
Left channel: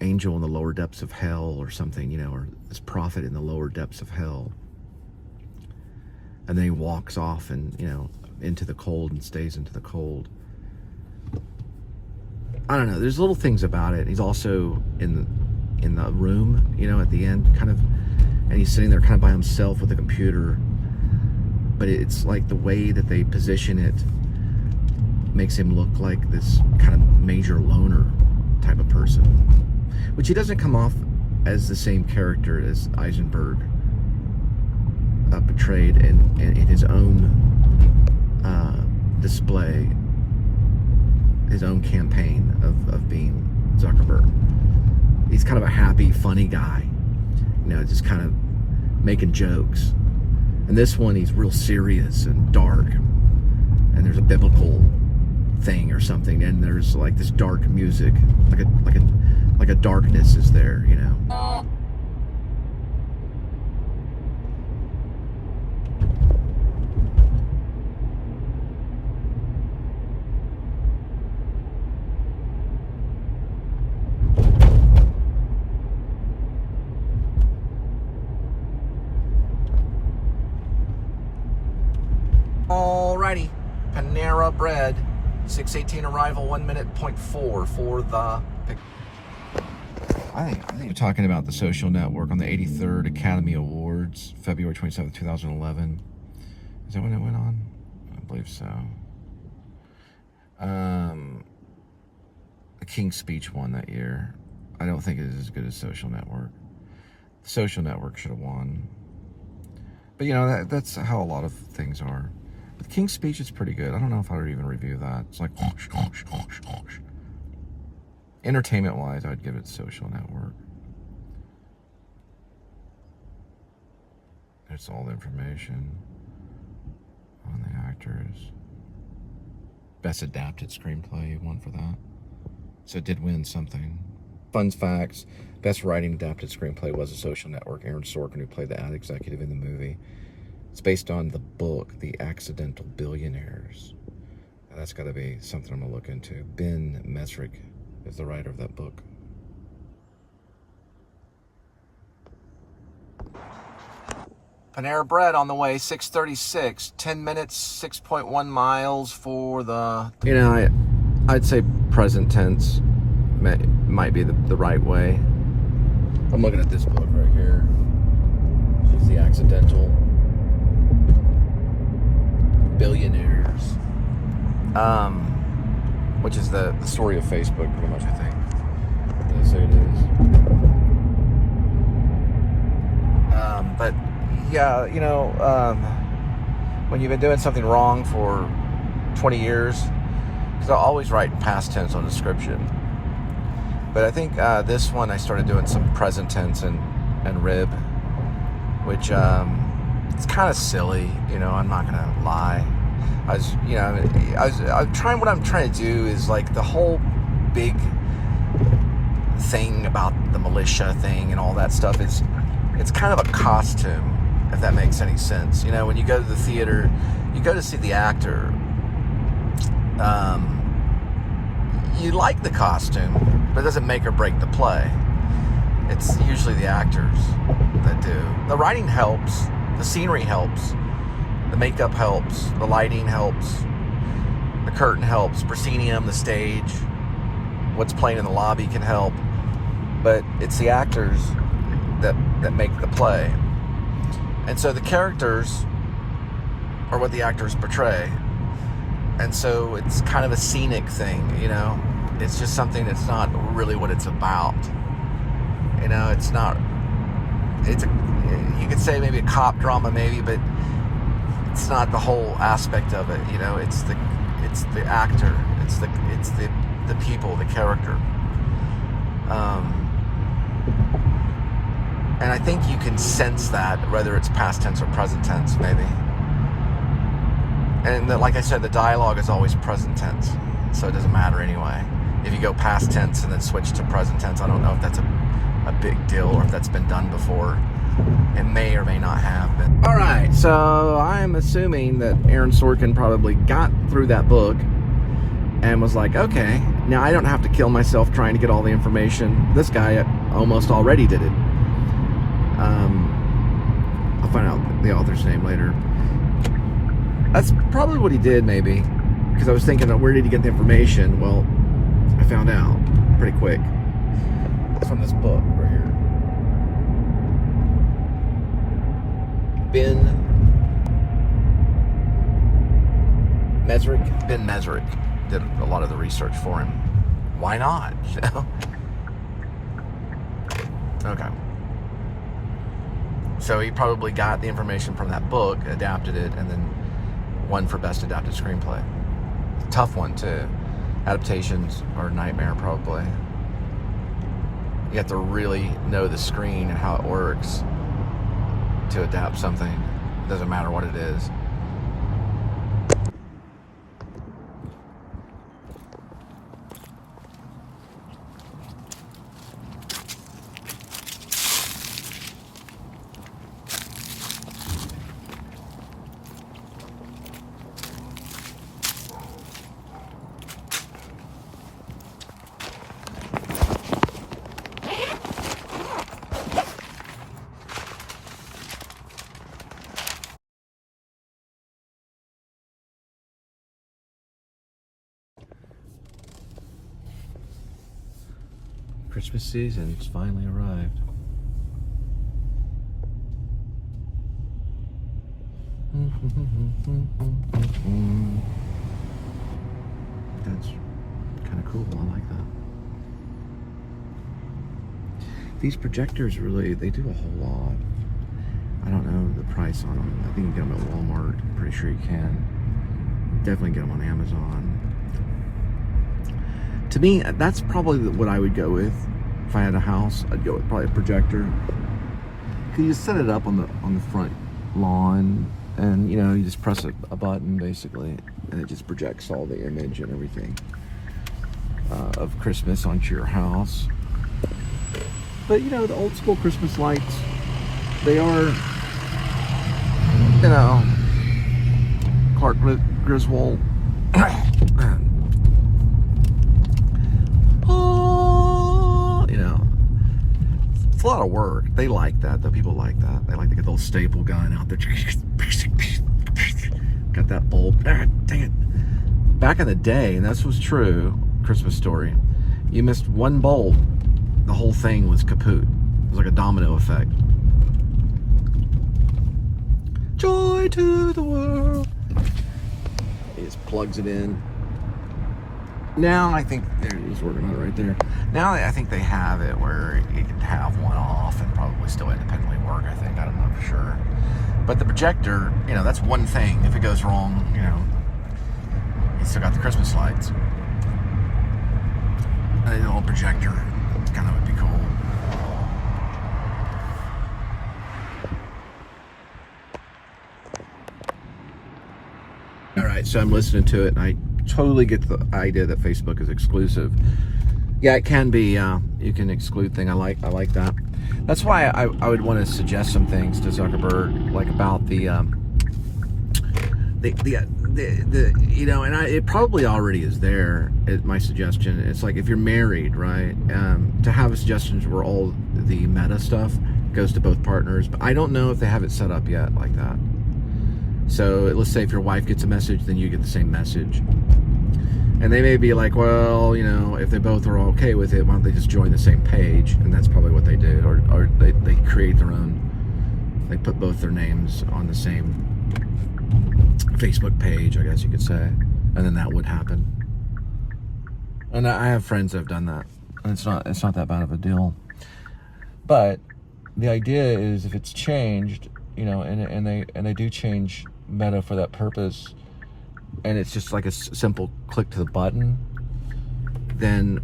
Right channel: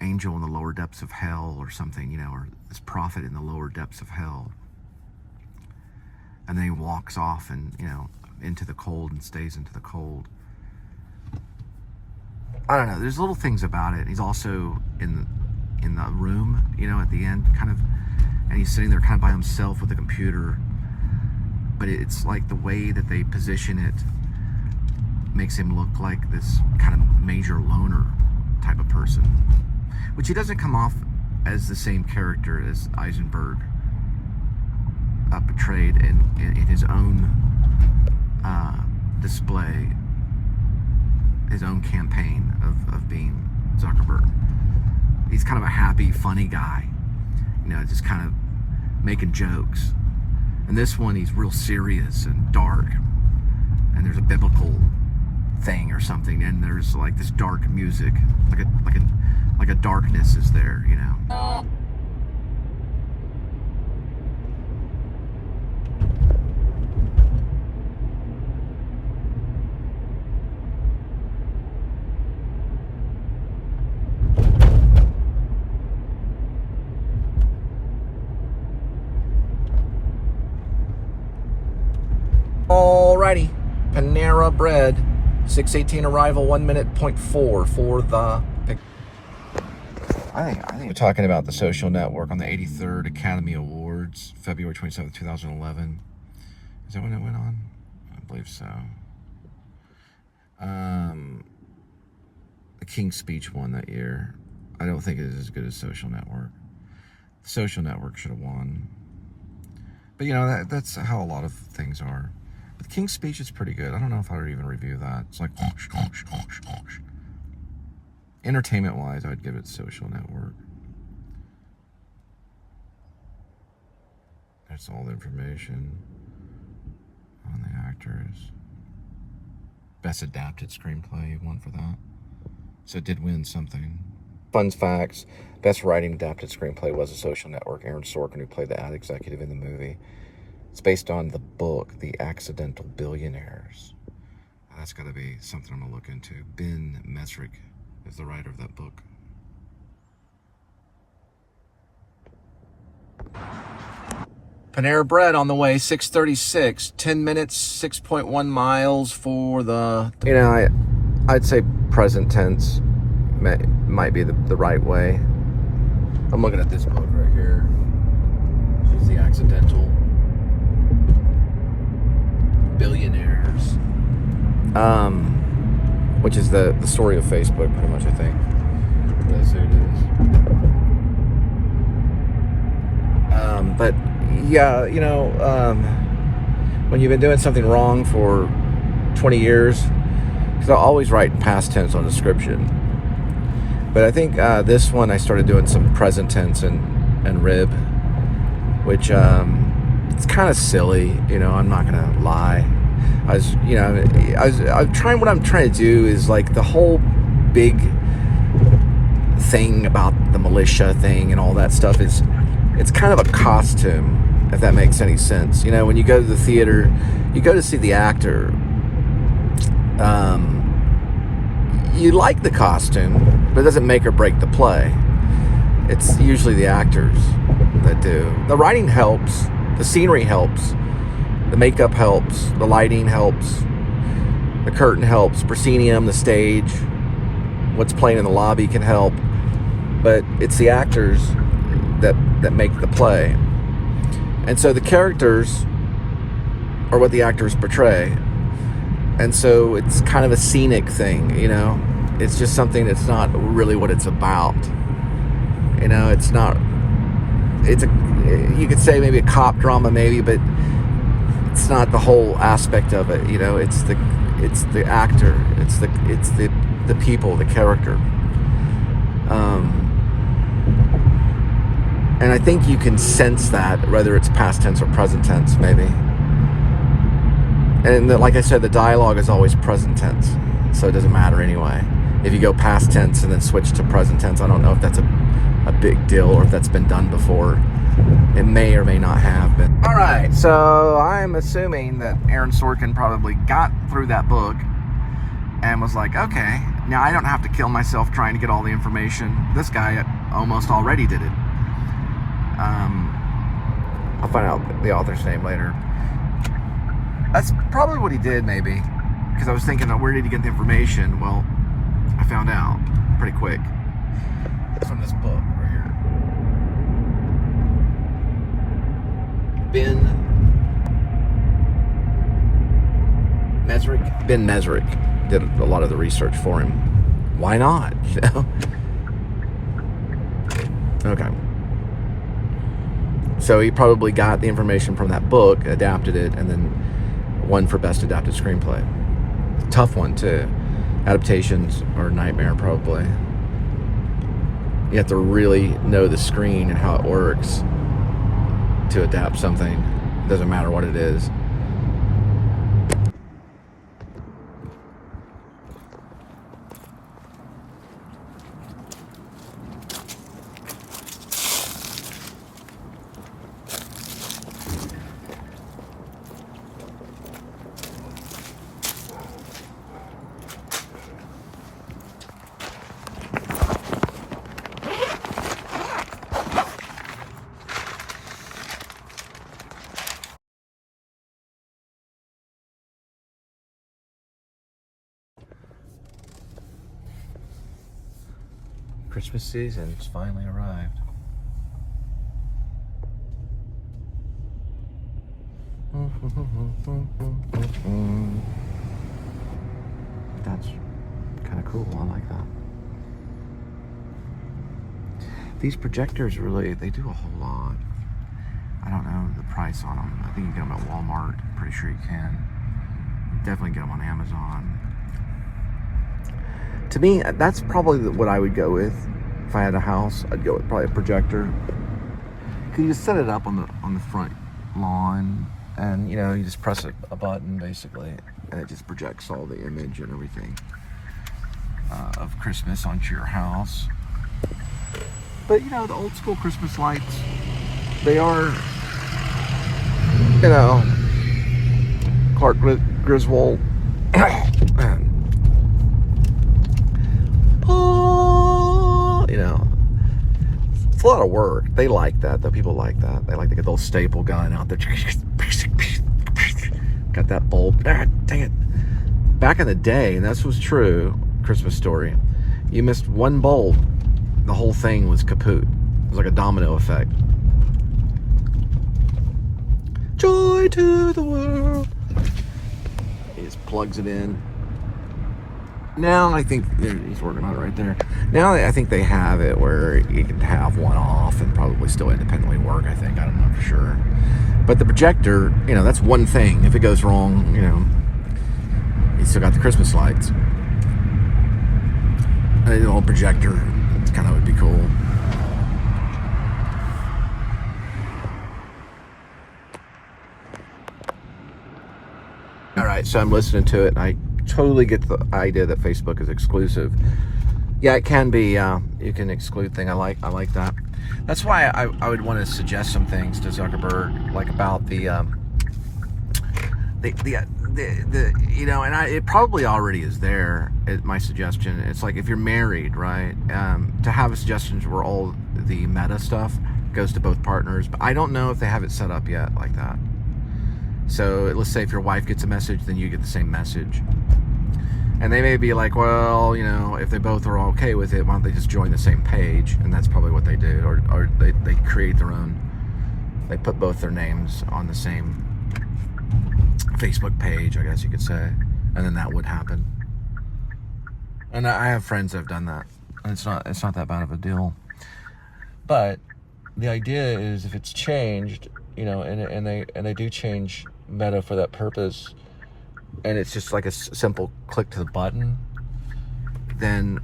angel in the lower depths of hell or something, you know, or this prophet in the lower depths of hell. And then he walks off and, you know, into the cold and stays into the cold. I don't know. There's little things about it. He's also in the room, you know, at the end, kind of, and he's sitting there kind of by himself with the computer. But it's like the way that they position it makes him look like this kind of major loner type of person, which he doesn't come off as the same character as Eisenberg portrayed in his own display, his own campaign of being Zuckerberg. He's kind of a happy, funny guy, you know, just kind of making jokes. And this one, he's real serious and dark, and there's a biblical thing or something, and there's like this dark music, like a darkness is there, you know. Alrighty, Panera Bread, 6:18 arrival, 1 minute, 0.4 for the pick. I think we're talking about The Social Network on the 83rd Academy Awards, February 27th, 2011. Is that when it went on? I believe so. The King's Speech won that year. I don't think it is as good as Social Network. The Social Network should have won. But, you know, that's how a lot of things are. But King's Speech is pretty good. I don't know if I would even review that. It's like, entertainment-wise, I'd give it Social Network. That's all the information on the actors. Best adapted screenplay, won for that. So it did win something. Fun facts. Best writing adapted screenplay was A Social Network. Aaron Sorkin, who played the ad executive in the movie. It's based on the book, The Accidental Billionaires. That's got to be something I'm going to look into. Ben Mesrick is the writer of that book. Panera Bread on the way, 6:36, 10 minutes, 6.1 miles for the... You know, I'd say present tense might be the right way. I'm looking at this book right here. She's The Accidental Billionaires. Which is the story of Facebook, pretty much, I think. That's who it is. But... yeah, you know, when you've been doing something wrong for 20 years, because I always write in past tense on description. But I think this one I started doing some present tense and rib, which it's kind of silly, you know, I'm not going to lie. I'm trying, what I'm trying to do is like the whole big thing about the militia thing and all that stuff is, it's kind of a costume, if that makes any sense. You know, when you go to the theater, you go to see the actor. You like the costume, but it doesn't make or break the play. It's usually the actors that do. The writing helps, the scenery helps, the makeup helps, the lighting helps, the curtain helps, proscenium, the stage, what's playing in the lobby can help, but it's the actors that make the play. And so the characters are what the actors portray. And so it's kind of a scenic thing, you know? It's just something that's not really what it's about. You know, it's not, you could say maybe a cop drama maybe, but it's not the whole aspect of it, you know? It's the actor, it's the people, the character. And I think you can sense that, whether it's past tense or present tense, maybe. And like I said, the dialogue is always present tense, so it doesn't matter anyway. If you go past tense and then switch to present tense, I don't know if that's a big deal or if that's been done before. It may or may not have been. All right, so I'm assuming that Aaron Sorkin probably got through that book and was like, okay, now I don't have to kill myself trying to get all the information. This guy almost already did it. I'll find out the author's name later. That's probably what he did, maybe, because I was thinking, where did he get the information? Well, I found out pretty quick. It's from this book right here. Ben Mesrick did a lot of the research for him. Why not? Okay. So he probably got the information from that book, adapted it, and then won for Best Adapted Screenplay. Tough one, too. Adaptations are a nightmare, probably. You have to really know the screen and how it works to adapt something. It doesn't matter what it is. Christmas season's finally arrived. That's kind of cool. I like that. These projectors really, they do a whole lot. I don't know the price on them. I think you can get them at Walmart. I'm pretty sure you can. Definitely get them on Amazon. To me, that's probably what I would go with. If I had a house, I'd go with probably a projector. Because you set it up on the front lawn, and you just press a button basically, and it just projects all the image and everything of Christmas onto your house. But the old school Christmas lights, they are, Clark Griswold. It's a lot of work. They like that, though. People like that. They like to get the old staple gun out there. Got that bulb. Dang it. Back in the day, this was true, Christmas story. You missed one bulb, the whole thing was kaput. It was like a domino effect. Joy to the world. He just plugs it in. Now I think he's working on it right there. Now I think they have it where you can have one off and probably still independently work. I think, I don't know for sure. But the projector, that's one thing. If it goes wrong, you still got the Christmas lights. An old projector kind of would be cool. All right, so I'm listening to it, and I totally get the idea that Facebook is exclusive. Yeah, it can be. You can exclude things. I like that. That's why I would want to suggest some things to Zuckerberg, like about it probably already is there. My suggestion. It's like if you're married, right? To have suggestions where all the meta stuff goes to both partners. But I don't know if they have it set up yet like that. So let's say if your wife gets a message, then you get the same message. And they may be like, well, if they both are okay with it, why don't they just join the same page? And that's probably what they did. Or they create their own. They put both their names on the same Facebook page, I guess you could say. And then that would happen. And I have friends that have done that. And it's not that bad of a deal. But the idea is if it's changed, and they do change Meta for that purpose, and it's just like a simple click to the button, then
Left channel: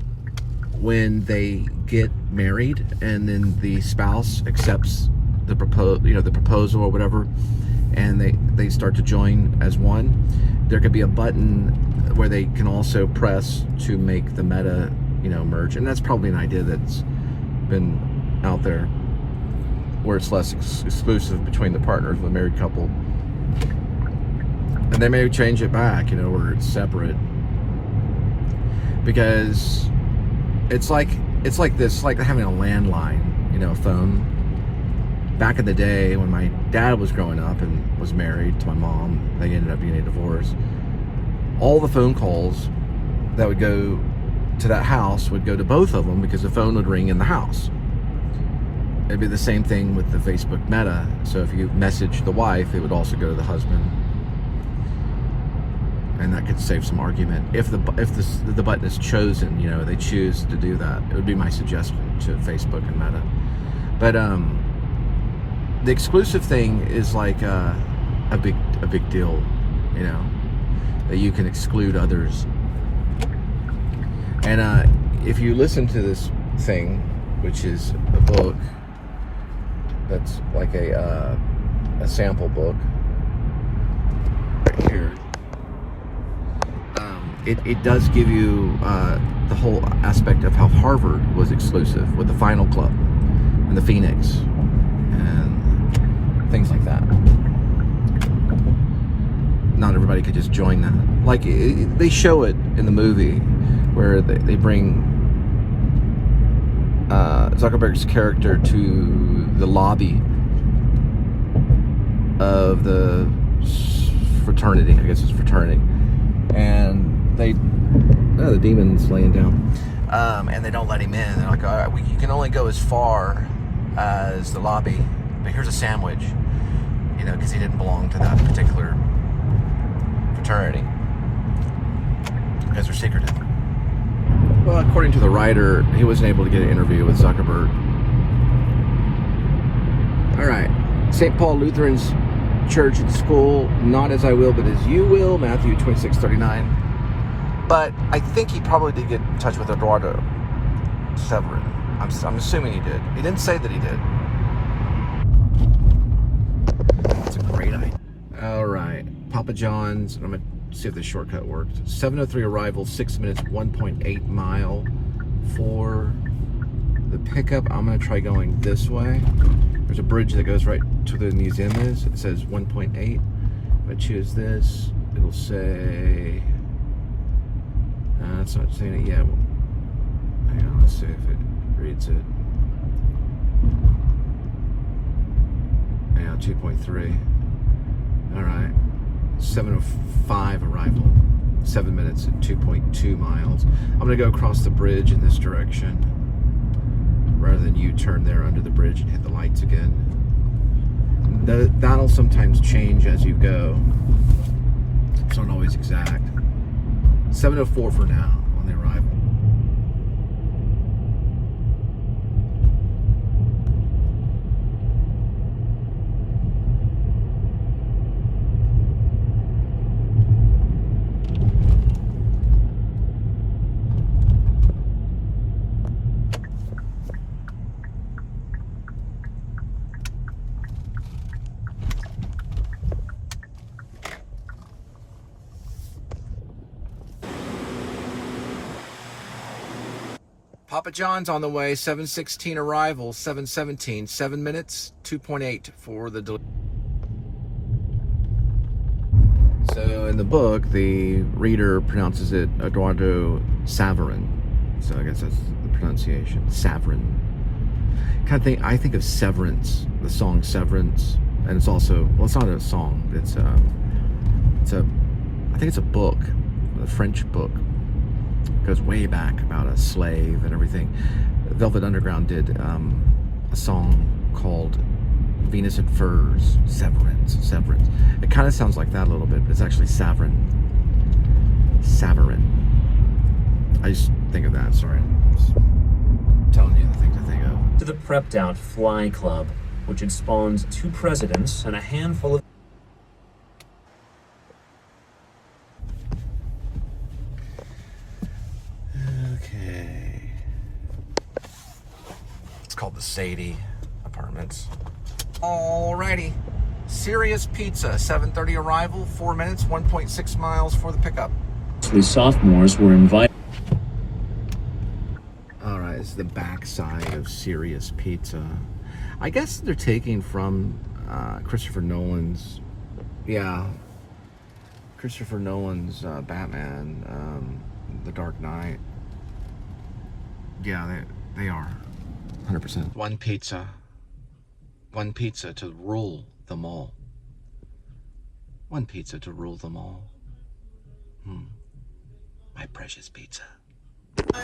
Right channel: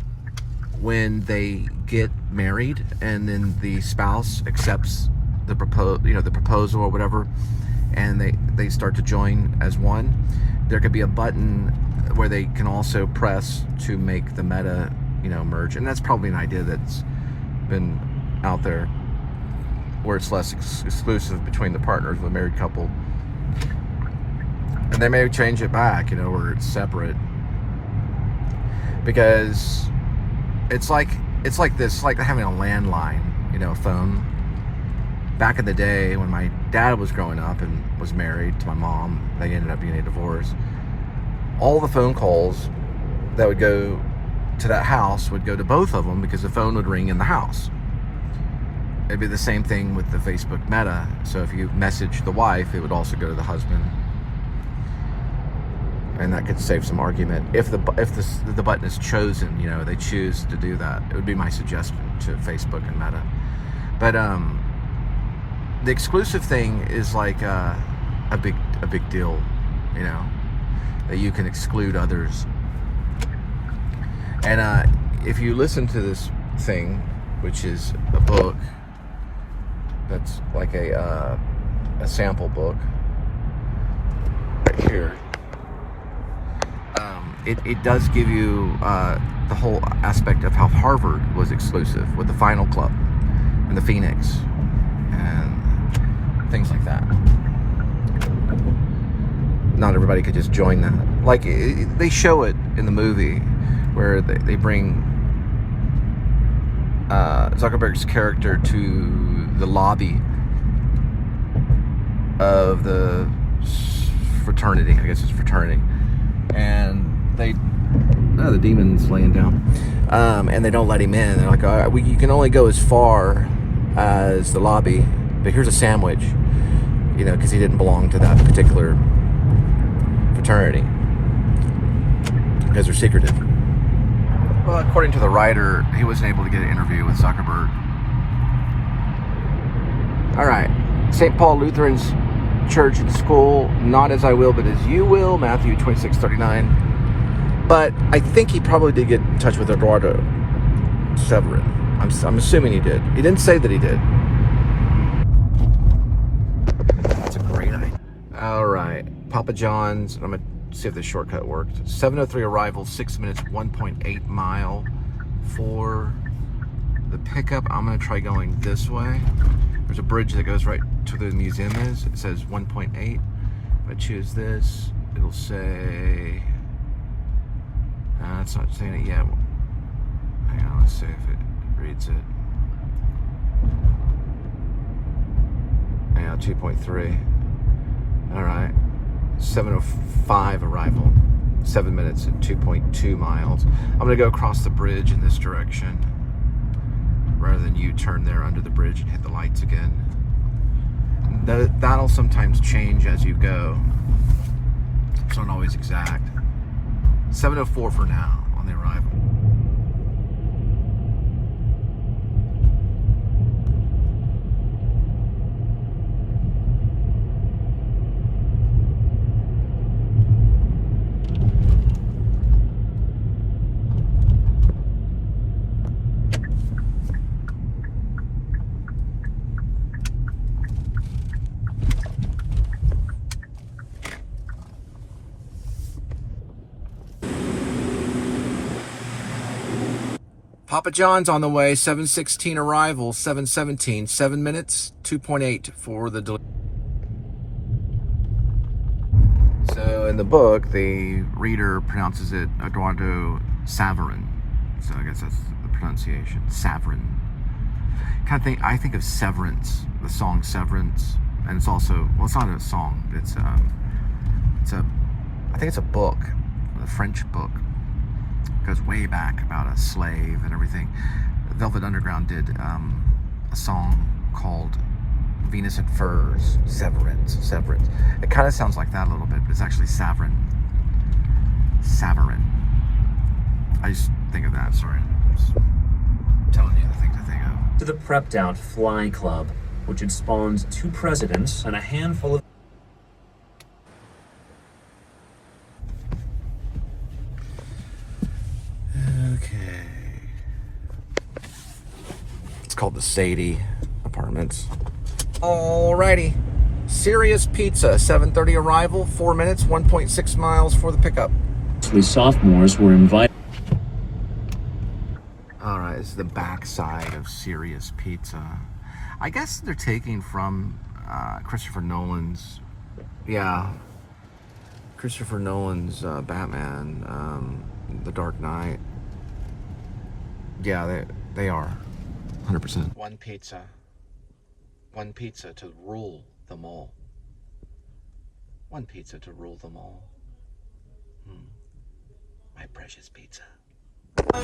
when they get married and then the spouse accepts the proposal or whatever, and they start to join as one, there could be a button where they can also press to make the Meta merge. And that's probably an idea that's been out there, where it's less exclusive between the partners of a married couple. And they may change it back, where it's separate. Because it's like this, like having a landline, a phone. Back in the day when my dad was growing up and was married to my mom, they ended up being a divorce. All the phone calls that would go to that house would go to both of them because the phone would ring in the house. It'd be the same thing with the Facebook Meta. So if you message the wife, it would also go to the husband. And that could save some argument. If the button is chosen, they choose to do that. It would be my suggestion to Facebook and Meta. But the exclusive thing is like a big deal, that you can exclude others. And if you listen to this thing, which is a book, that's like a sample book right here. It does give you the whole aspect of how Harvard was exclusive with the Final Club and the Phoenix and things like that. Not everybody could just join that. Like they show it in the movie where they bring Zuckerberg's character to the lobby of the fraternity. I guess it's fraternity. And the demon's laying down. And they don't let him in. They're like, you can only go as far as the lobby, but here's a sandwich, because he didn't belong to that particular fraternity. Because they're secretive. Well, according to the writer, he wasn't able to get an interview with Zuckerberg. All right. St. Paul Lutheran's Church and School, not as I will, but as you will, Matthew 26:39. But I think he probably did get in touch with Eduardo Severin. I'm assuming he did. He didn't say that he did. That's a Papa John's. I'm gonna see if the shortcut worked. 7:03 arrival, 6 minutes, 1.8 mile for the pickup. I'm gonna try going this way. There's a bridge that goes right to the museum is. It says 1.8. If I choose this, it'll say, it's not saying it yet. Hang on, let's see if it reads it. Yeah, 2.3. All right, 7:05 arrival, 7 minutes and 2.2 miles. I'm gonna go across the bridge in this direction rather than you turn there under the bridge and hit the lights again. That'll sometimes change as you go. It's not always exact. 7:04 for now on the arrival. Papa John's on the way, 7:16 arrival, 7:17, 7 minutes, 2.8 for the delivery. So in the book, the reader pronounces it Eduardo Saverin. So I guess that's the pronunciation, Saverin. I think of Severance, the song Severance, and it's also, well, it's not a song, I think it's a book, a French book. Goes way back about a slave and everything. Velvet Underground did a song called Venus and Furs, Severance. It kind of sounds like that a little bit, but it's actually Saverin. I just think of that, sorry. I'm just telling you the thing to think of. To the Prepped Out Fly Club, which had spawned 2 presidents and a handful of It's called the Sadie Apartments. Alrighty. Serious Pizza, 7:30 arrival, 4 minutes, 1.6 miles for the pickup. sophomores were invited. Alright, this is the backside of Serious Pizza. I guess they're taking from Christopher Nolan's, Batman, The Dark Knight. Yeah, they are. 100%. One pizza to rule them all. One pizza to rule them all. My precious pizza. Why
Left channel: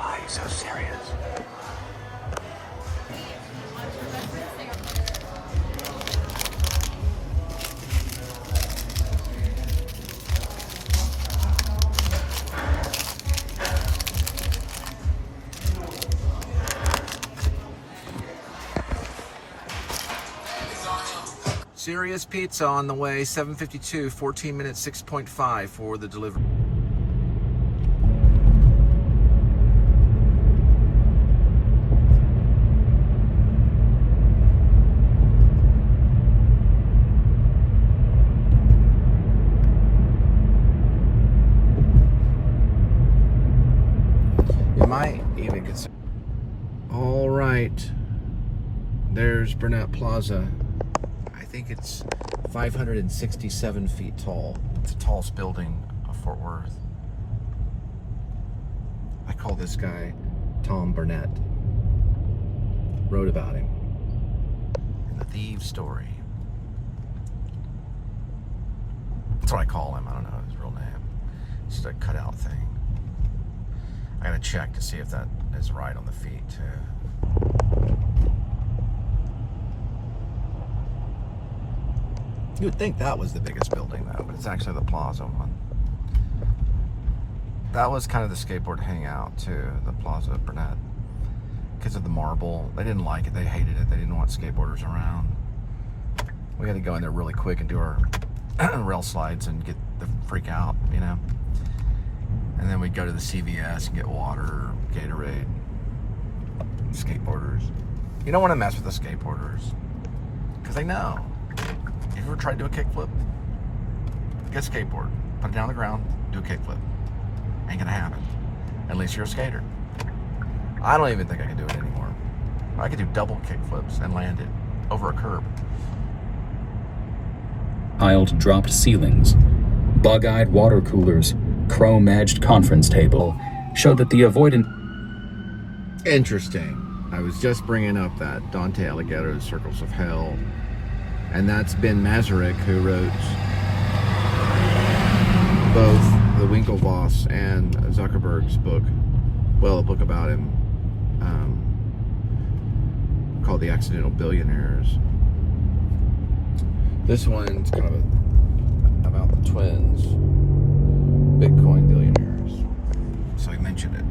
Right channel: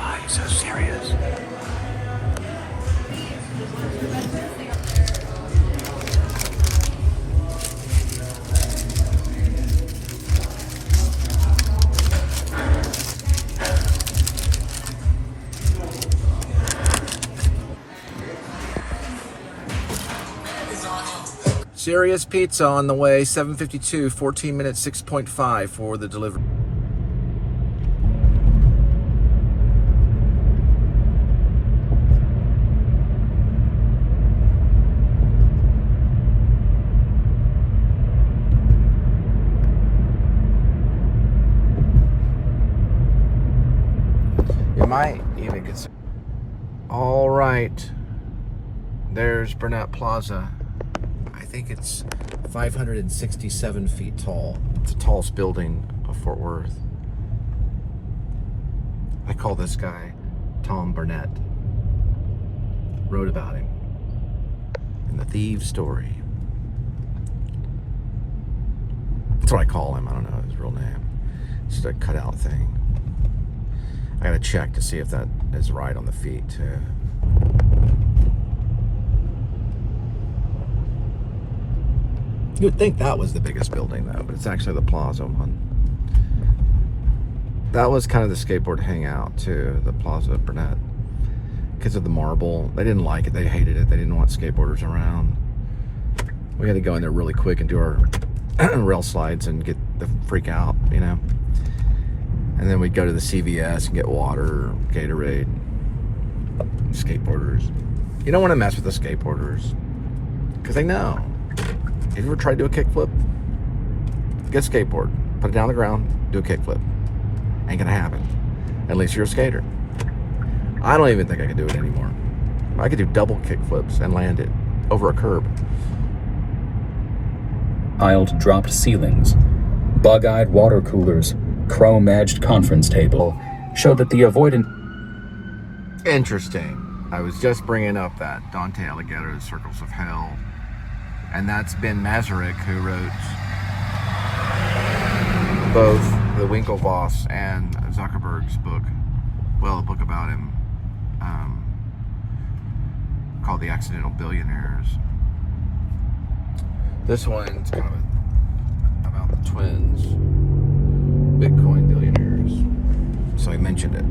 are you so serious? Serious Pizza on the way, 7:52, 14 minutes, 6.5 for the delivery. You might even consider. All right, there's Burnett Plaza. I think it's 567 feet tall. It's the tallest building of Fort Worth. I call this guy Tom Burnett. Wrote about him in The Thieves' Story. That's what I call him. I don't know his real name. It's just a cutout thing. I gotta check to see if that is right on the feet too. You would think that was the biggest building though, but it's actually the Plaza one. That was kind of the skateboard hangout too, the Plaza at Burnett. Because of the marble. They didn't like it, they hated it, they didn't want skateboarders around. We had to go in there really quick and do our rail slides and get the freak out, you know. And then we'd go to the CVS and get water, Gatorade, skateboarders. You don't want to mess with the skateboarders because they know. If you ever tried to do a kickflip, get a skateboard, put it down on the ground, do a kickflip. Ain't gonna happen. At least you're a skater. I don't even think I can do it anymore. I could do double kickflips and land it over a curb. Tiled dropped ceilings, bug-eyed water coolers, chrome-edged conference table showed that the avoidant... Interesting. I was just bringing up that Dante Alighieri's Circles of Hell, and that's Ben Masaryk, who wrote both the Winklevoss and Zuckerberg's book, well, a book about him, called The Accidental Billionaires. This one's kind of about the twins, Bitcoin billionaires. So I mentioned it.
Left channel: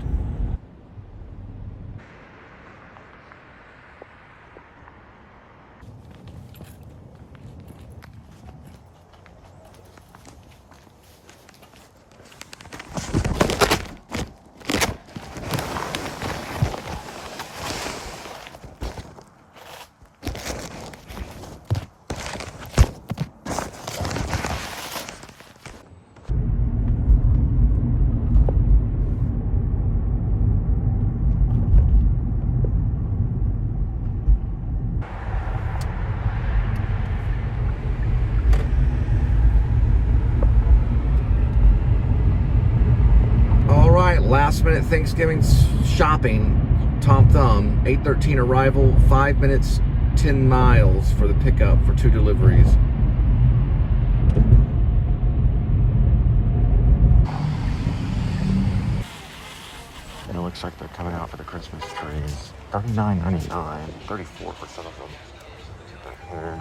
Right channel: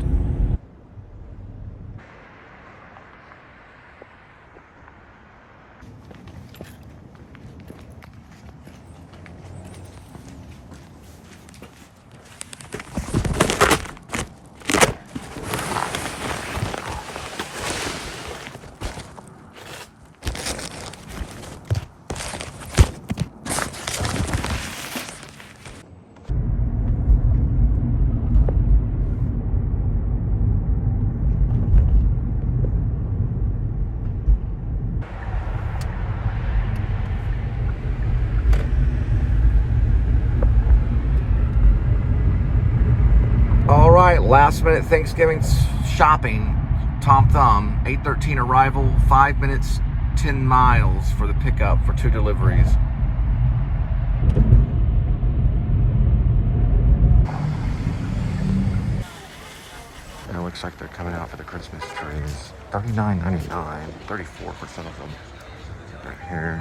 Last minute Thanksgiving shopping, Tom Thumb, 8:13 arrival, 5 minutes, 10 miles for the pickup for 2 deliveries. It looks like they're coming out for the Christmas trees. $39.99, 34% of them right here.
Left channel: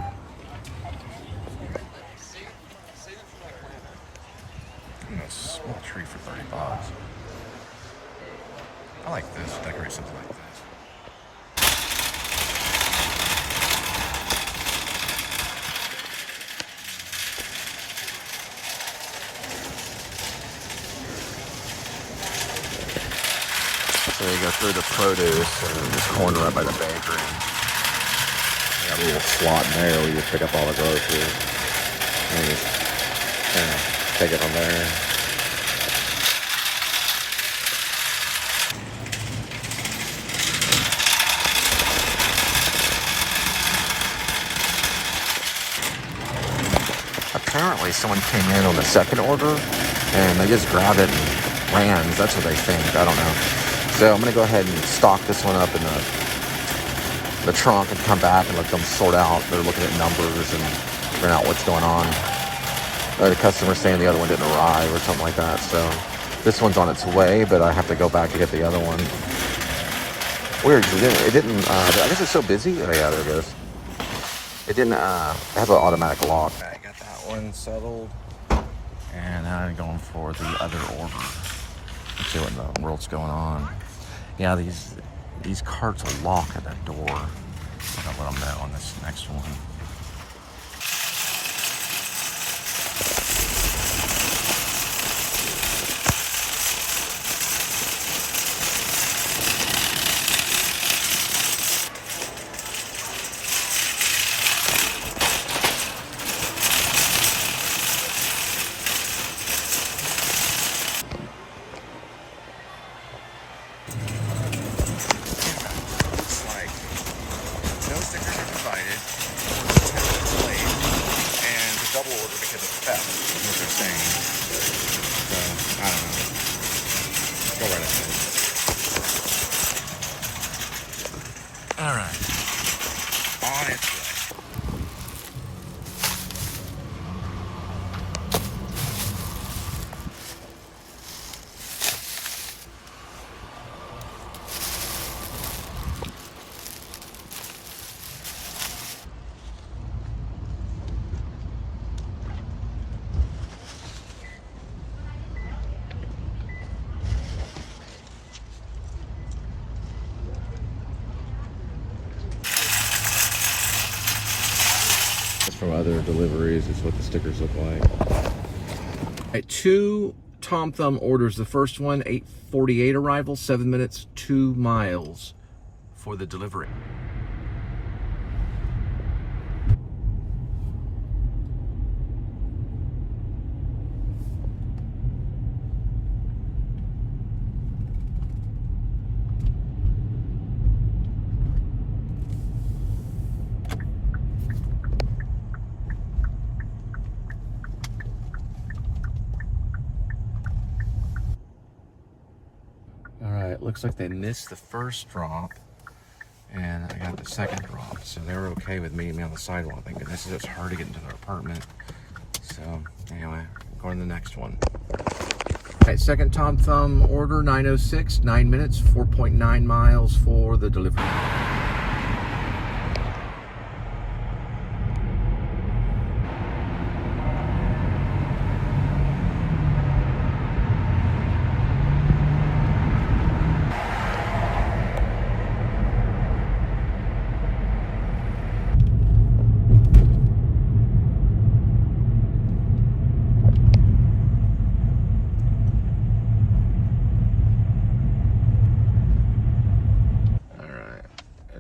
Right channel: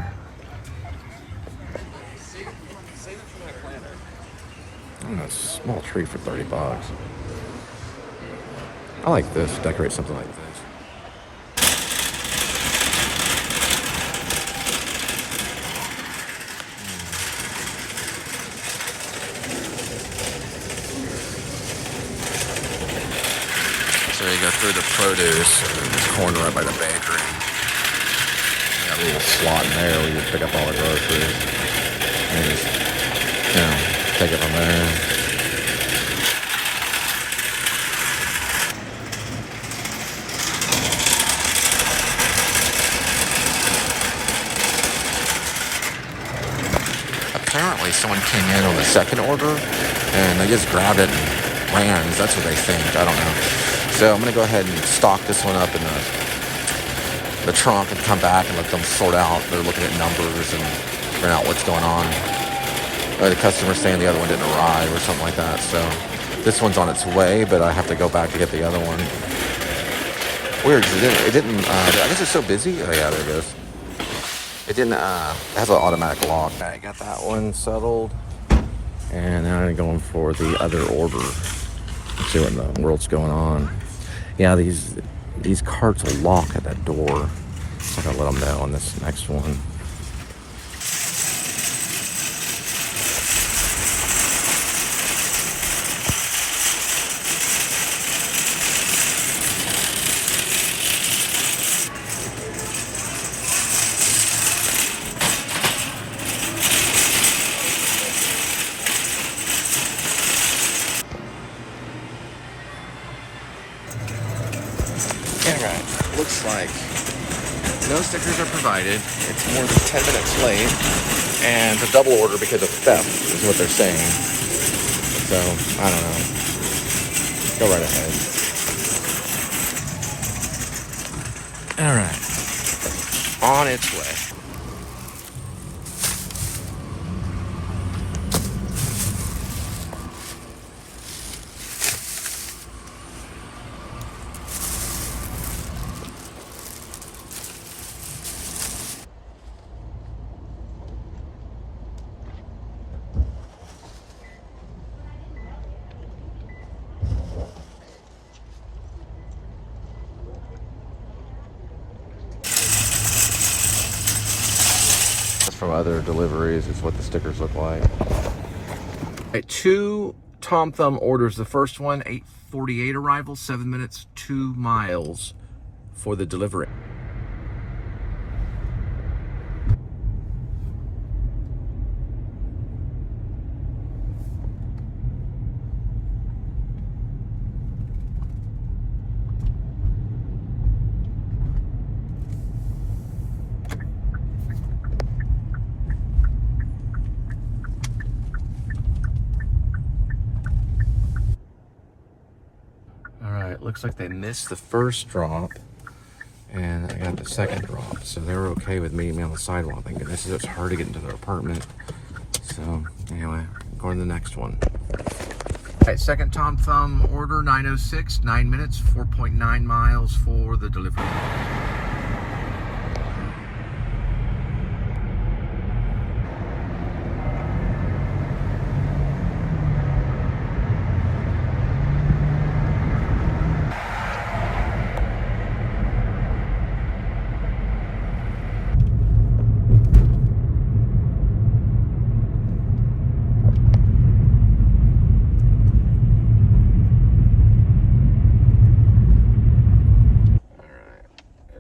And a small tree for $30. I like this, decorate something like this. Produce. Corn right by the bakery. Got a little slot there, we can pick up all the groceries. Yeah, take it from there. Someone came in on the second order and they just grabbed it and ran. That's what they think. I don't know. So I'm going to go ahead and stock this one up in the trunk and come back and let them sort out. They're looking at numbers and figuring out what's going on. The customer's saying the other one didn't arrive or something like that. So this one's on its way, but I have to go back to get the other one. Weird. It didn't I guess it's so busy. Oh yeah, there it goes. It didn't have an automatic lock. I got that one settled. And now I'm going for the other order. Let's see what in the world's going on. Yeah, these carts will lock at that door. So I gotta let them know on this next one. Alright, looks like no stickers are provided. It's more than 10 minutes late. And it's a double order because of theft, is what they're saying. So, I don't know. Go right ahead. Alright. On its way. From other deliveries is what the stickers look like. Right, 2 Tom Thumb orders. The first one, 8:48 arrival, 7 minutes, 2 miles for the delivery. looks like they missed the first drop, and I got the second drop, so they were okay with meeting me on the sidewalk. Thank goodness it's hard to get into their apartment. So anyway, going to the next one. All right, second Tom Thumb order, 9:06, 9 minutes, 4.9 miles for the delivery.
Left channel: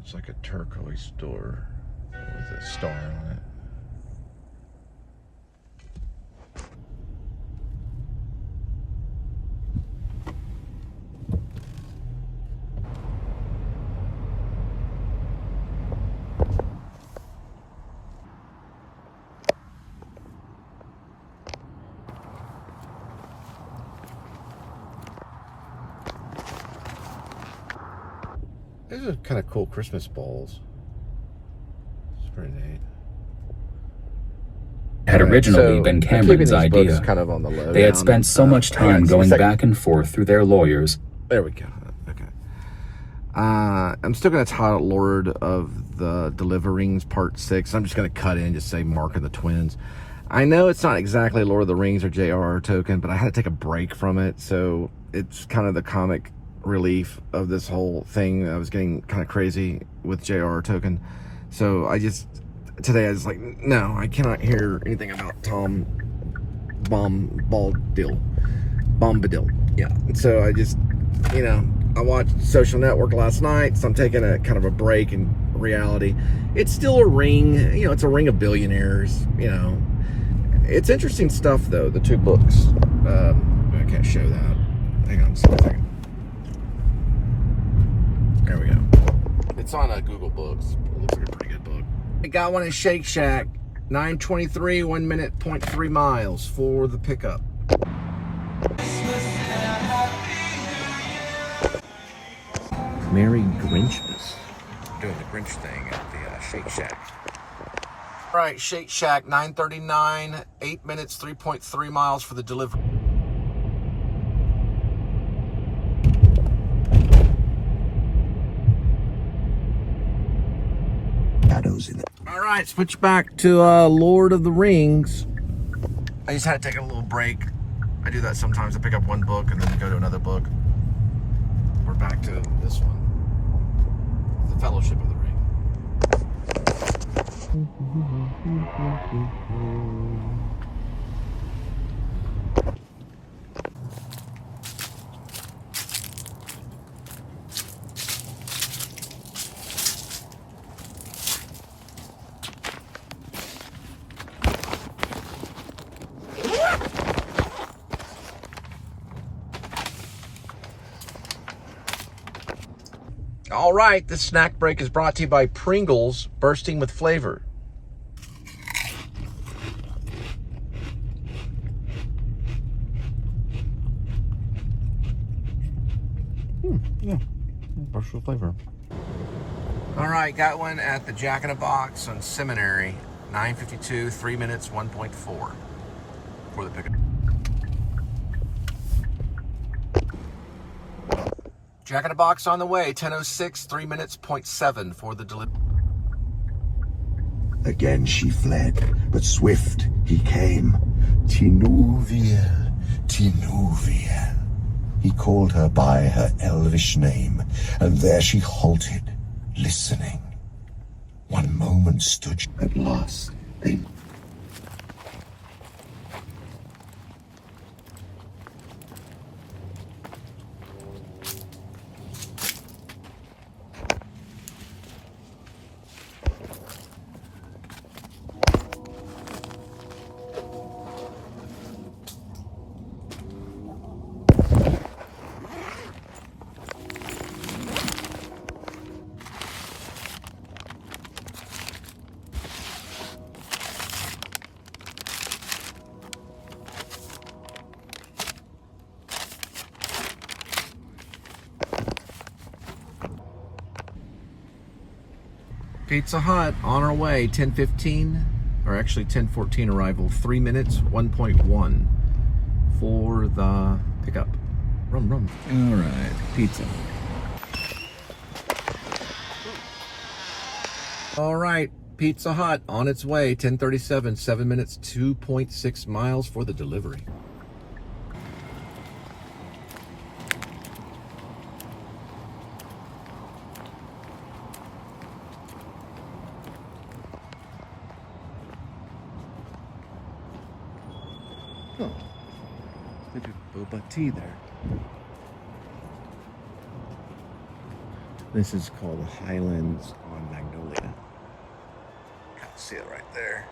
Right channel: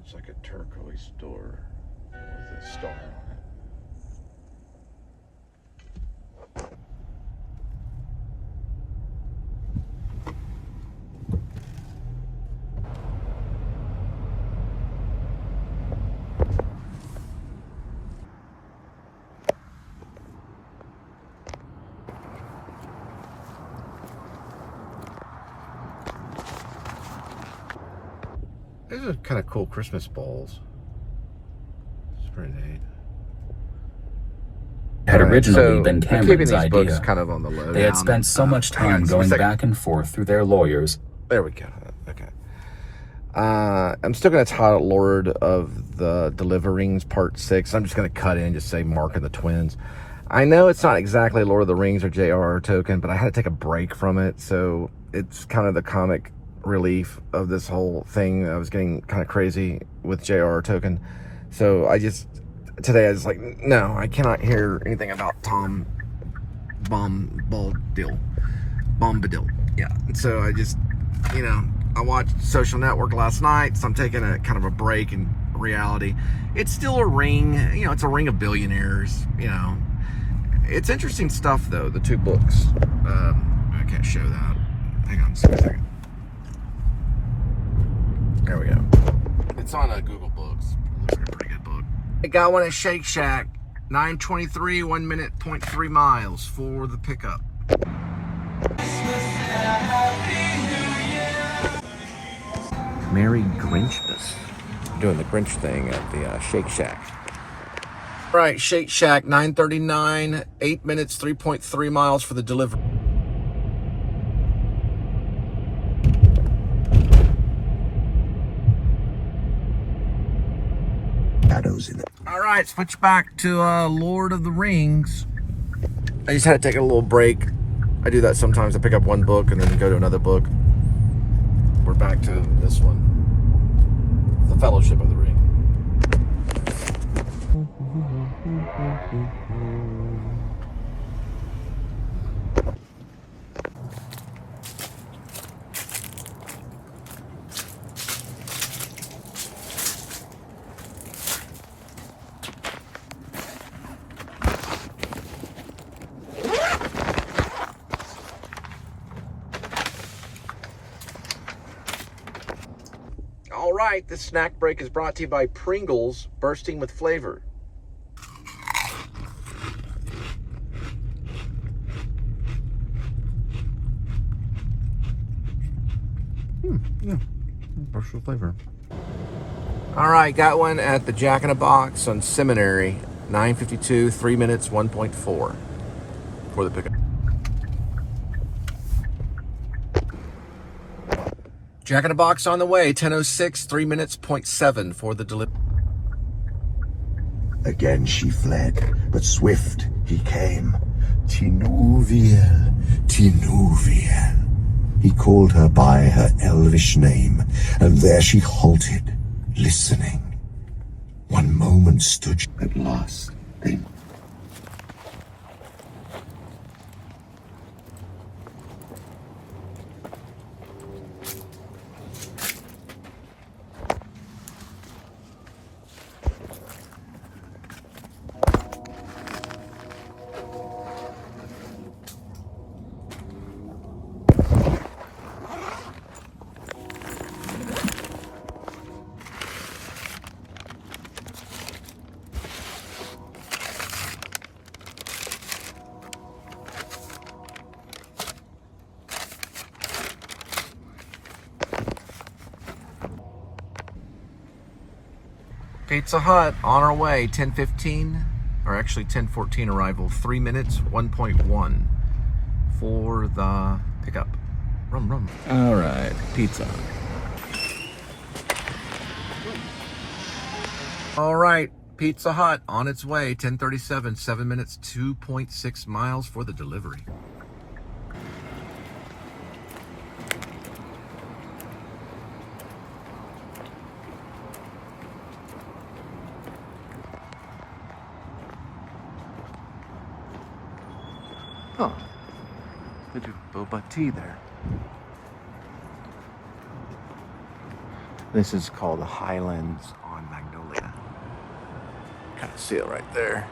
It's like a turquoise door with a star on it. These are kind of cool Christmas balls. It's pretty neat. Had originally been Cameron's idea. Kind of on the low they had spent so much time going back and forth through their lawyers. There we go. Okay. I'm still going to title it Lord of the deliveRings Part 6. I'm just going to cut in and just say Mark and the Twins. I know it's not exactly Lord of the Rings or J.R.R. Tolkien, but I had to take a break from it, so it's kind of the comic relief of this whole thing. I was getting kind of crazy with J.R.R. Tolkien, so today I was like, no, I cannot hear anything about Tom Bombadil. Yeah, and so I just, I watched Social Network last night, so I'm taking a kind of a break in reality. It's still a ring, it's a ring of billionaires, It's interesting stuff, though, the two books. I can't show that. Hang on just a second. There we go. It's on Google Books. It looks like a pretty good book. I got one at Shake Shack. 9:23, 1 minute, 0.3 miles for the pickup. Merry Grinchmas. Doing the Grinch thing at the Shake Shack. All right, Shake Shack, 9:39, 8 minutes, 3.3 miles for the delivery. All right, switch back to Lord of the Rings. I just had to take a little break. I do that sometimes. I pick up one book and then go to another book. We're back to this one, The Fellowship of the Ring. All right, this snack break is brought to you by Pringles, bursting with flavor. Yeah, bursting with flavor. All right, got one at the Jack in a Box on Seminary, 9:52, 3 minutes, 1.4 for the pickup. Jack in a Box on the way, 10:06, 3 minutes, 0.7 for the delivery. Again she fled, but swift he came. Tinuviel, Tinuviel. He called her by her elvish name, and there she halted, listening. One moment stood she at last, then Pizza Hut on our way, 10:15, or actually 10:14 arrival, 3 minutes, 1.1 for the pickup. Rum. All right, Pizza Hut. All right, Pizza Hut on its way, 10:37, 7 minutes, 2.6 miles for the delivery. Huh. Did you boba tea there? This is called the Highlands on Magnolia. Kind of see it right there.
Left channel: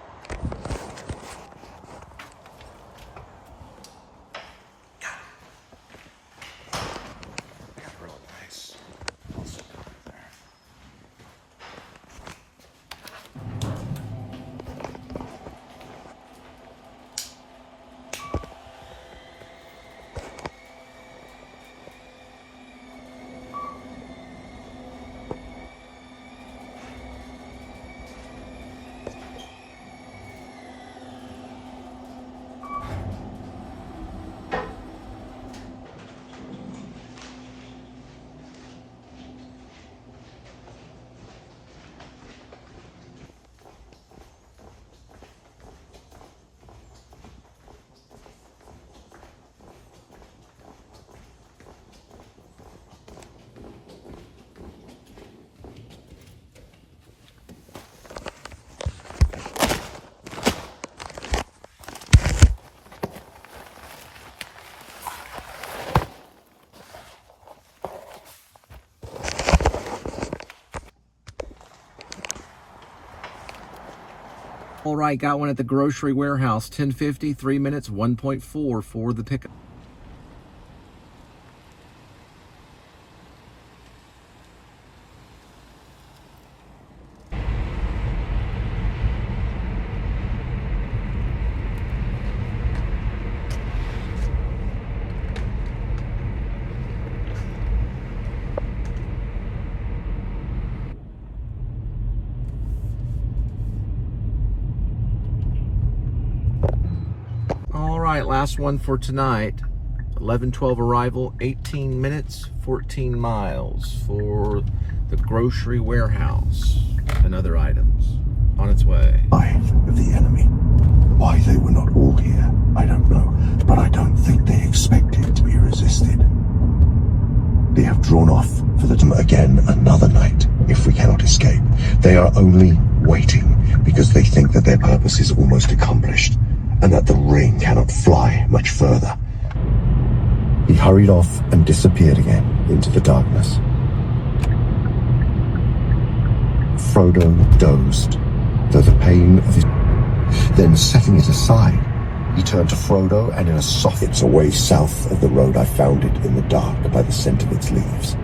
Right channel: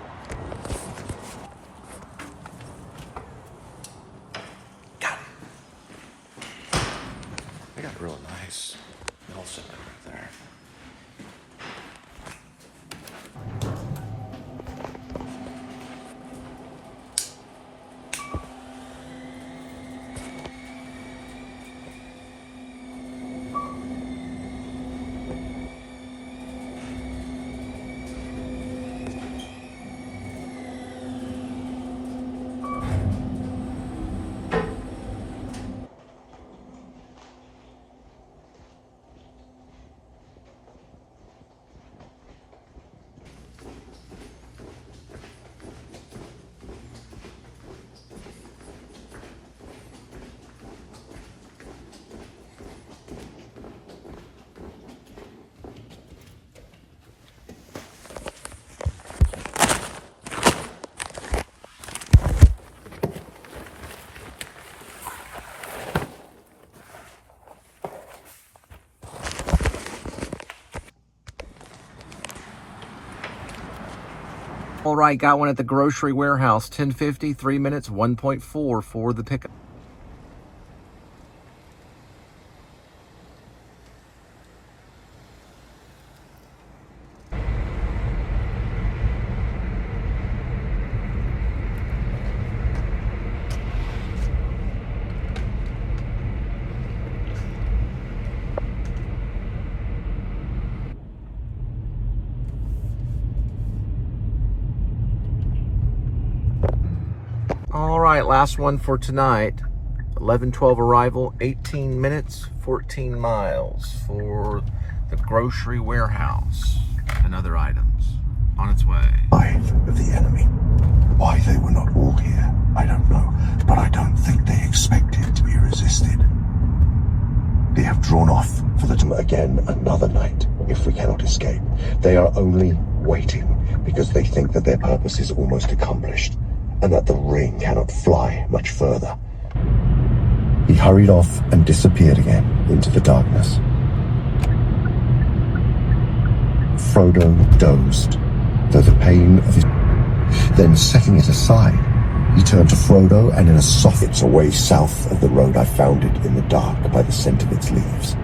Got it. They got real nice. I'll sit down right there. All right, got one at the grocery warehouse, 10:50, 3 minutes, 1.4 for the pickup. All right, last one for tonight. 11:12 arrival, 18 minutes, 14 miles for the grocery warehouse and other items on its way. Of the enemy. Why they were not all here, I don't know, but I don't think they expected to be resisted. They have drawn off for the time again another night. If we cannot escape, they are only waiting because they think that their purpose is almost accomplished and that the ring cannot fly much further. He hurried off and disappeared again into the darkness. Frodo dozed, though the pain of his... Then setting it aside, he turned to Frodo and in a soft... It's away south of the road. I found it in the dark by the scent of its leaves.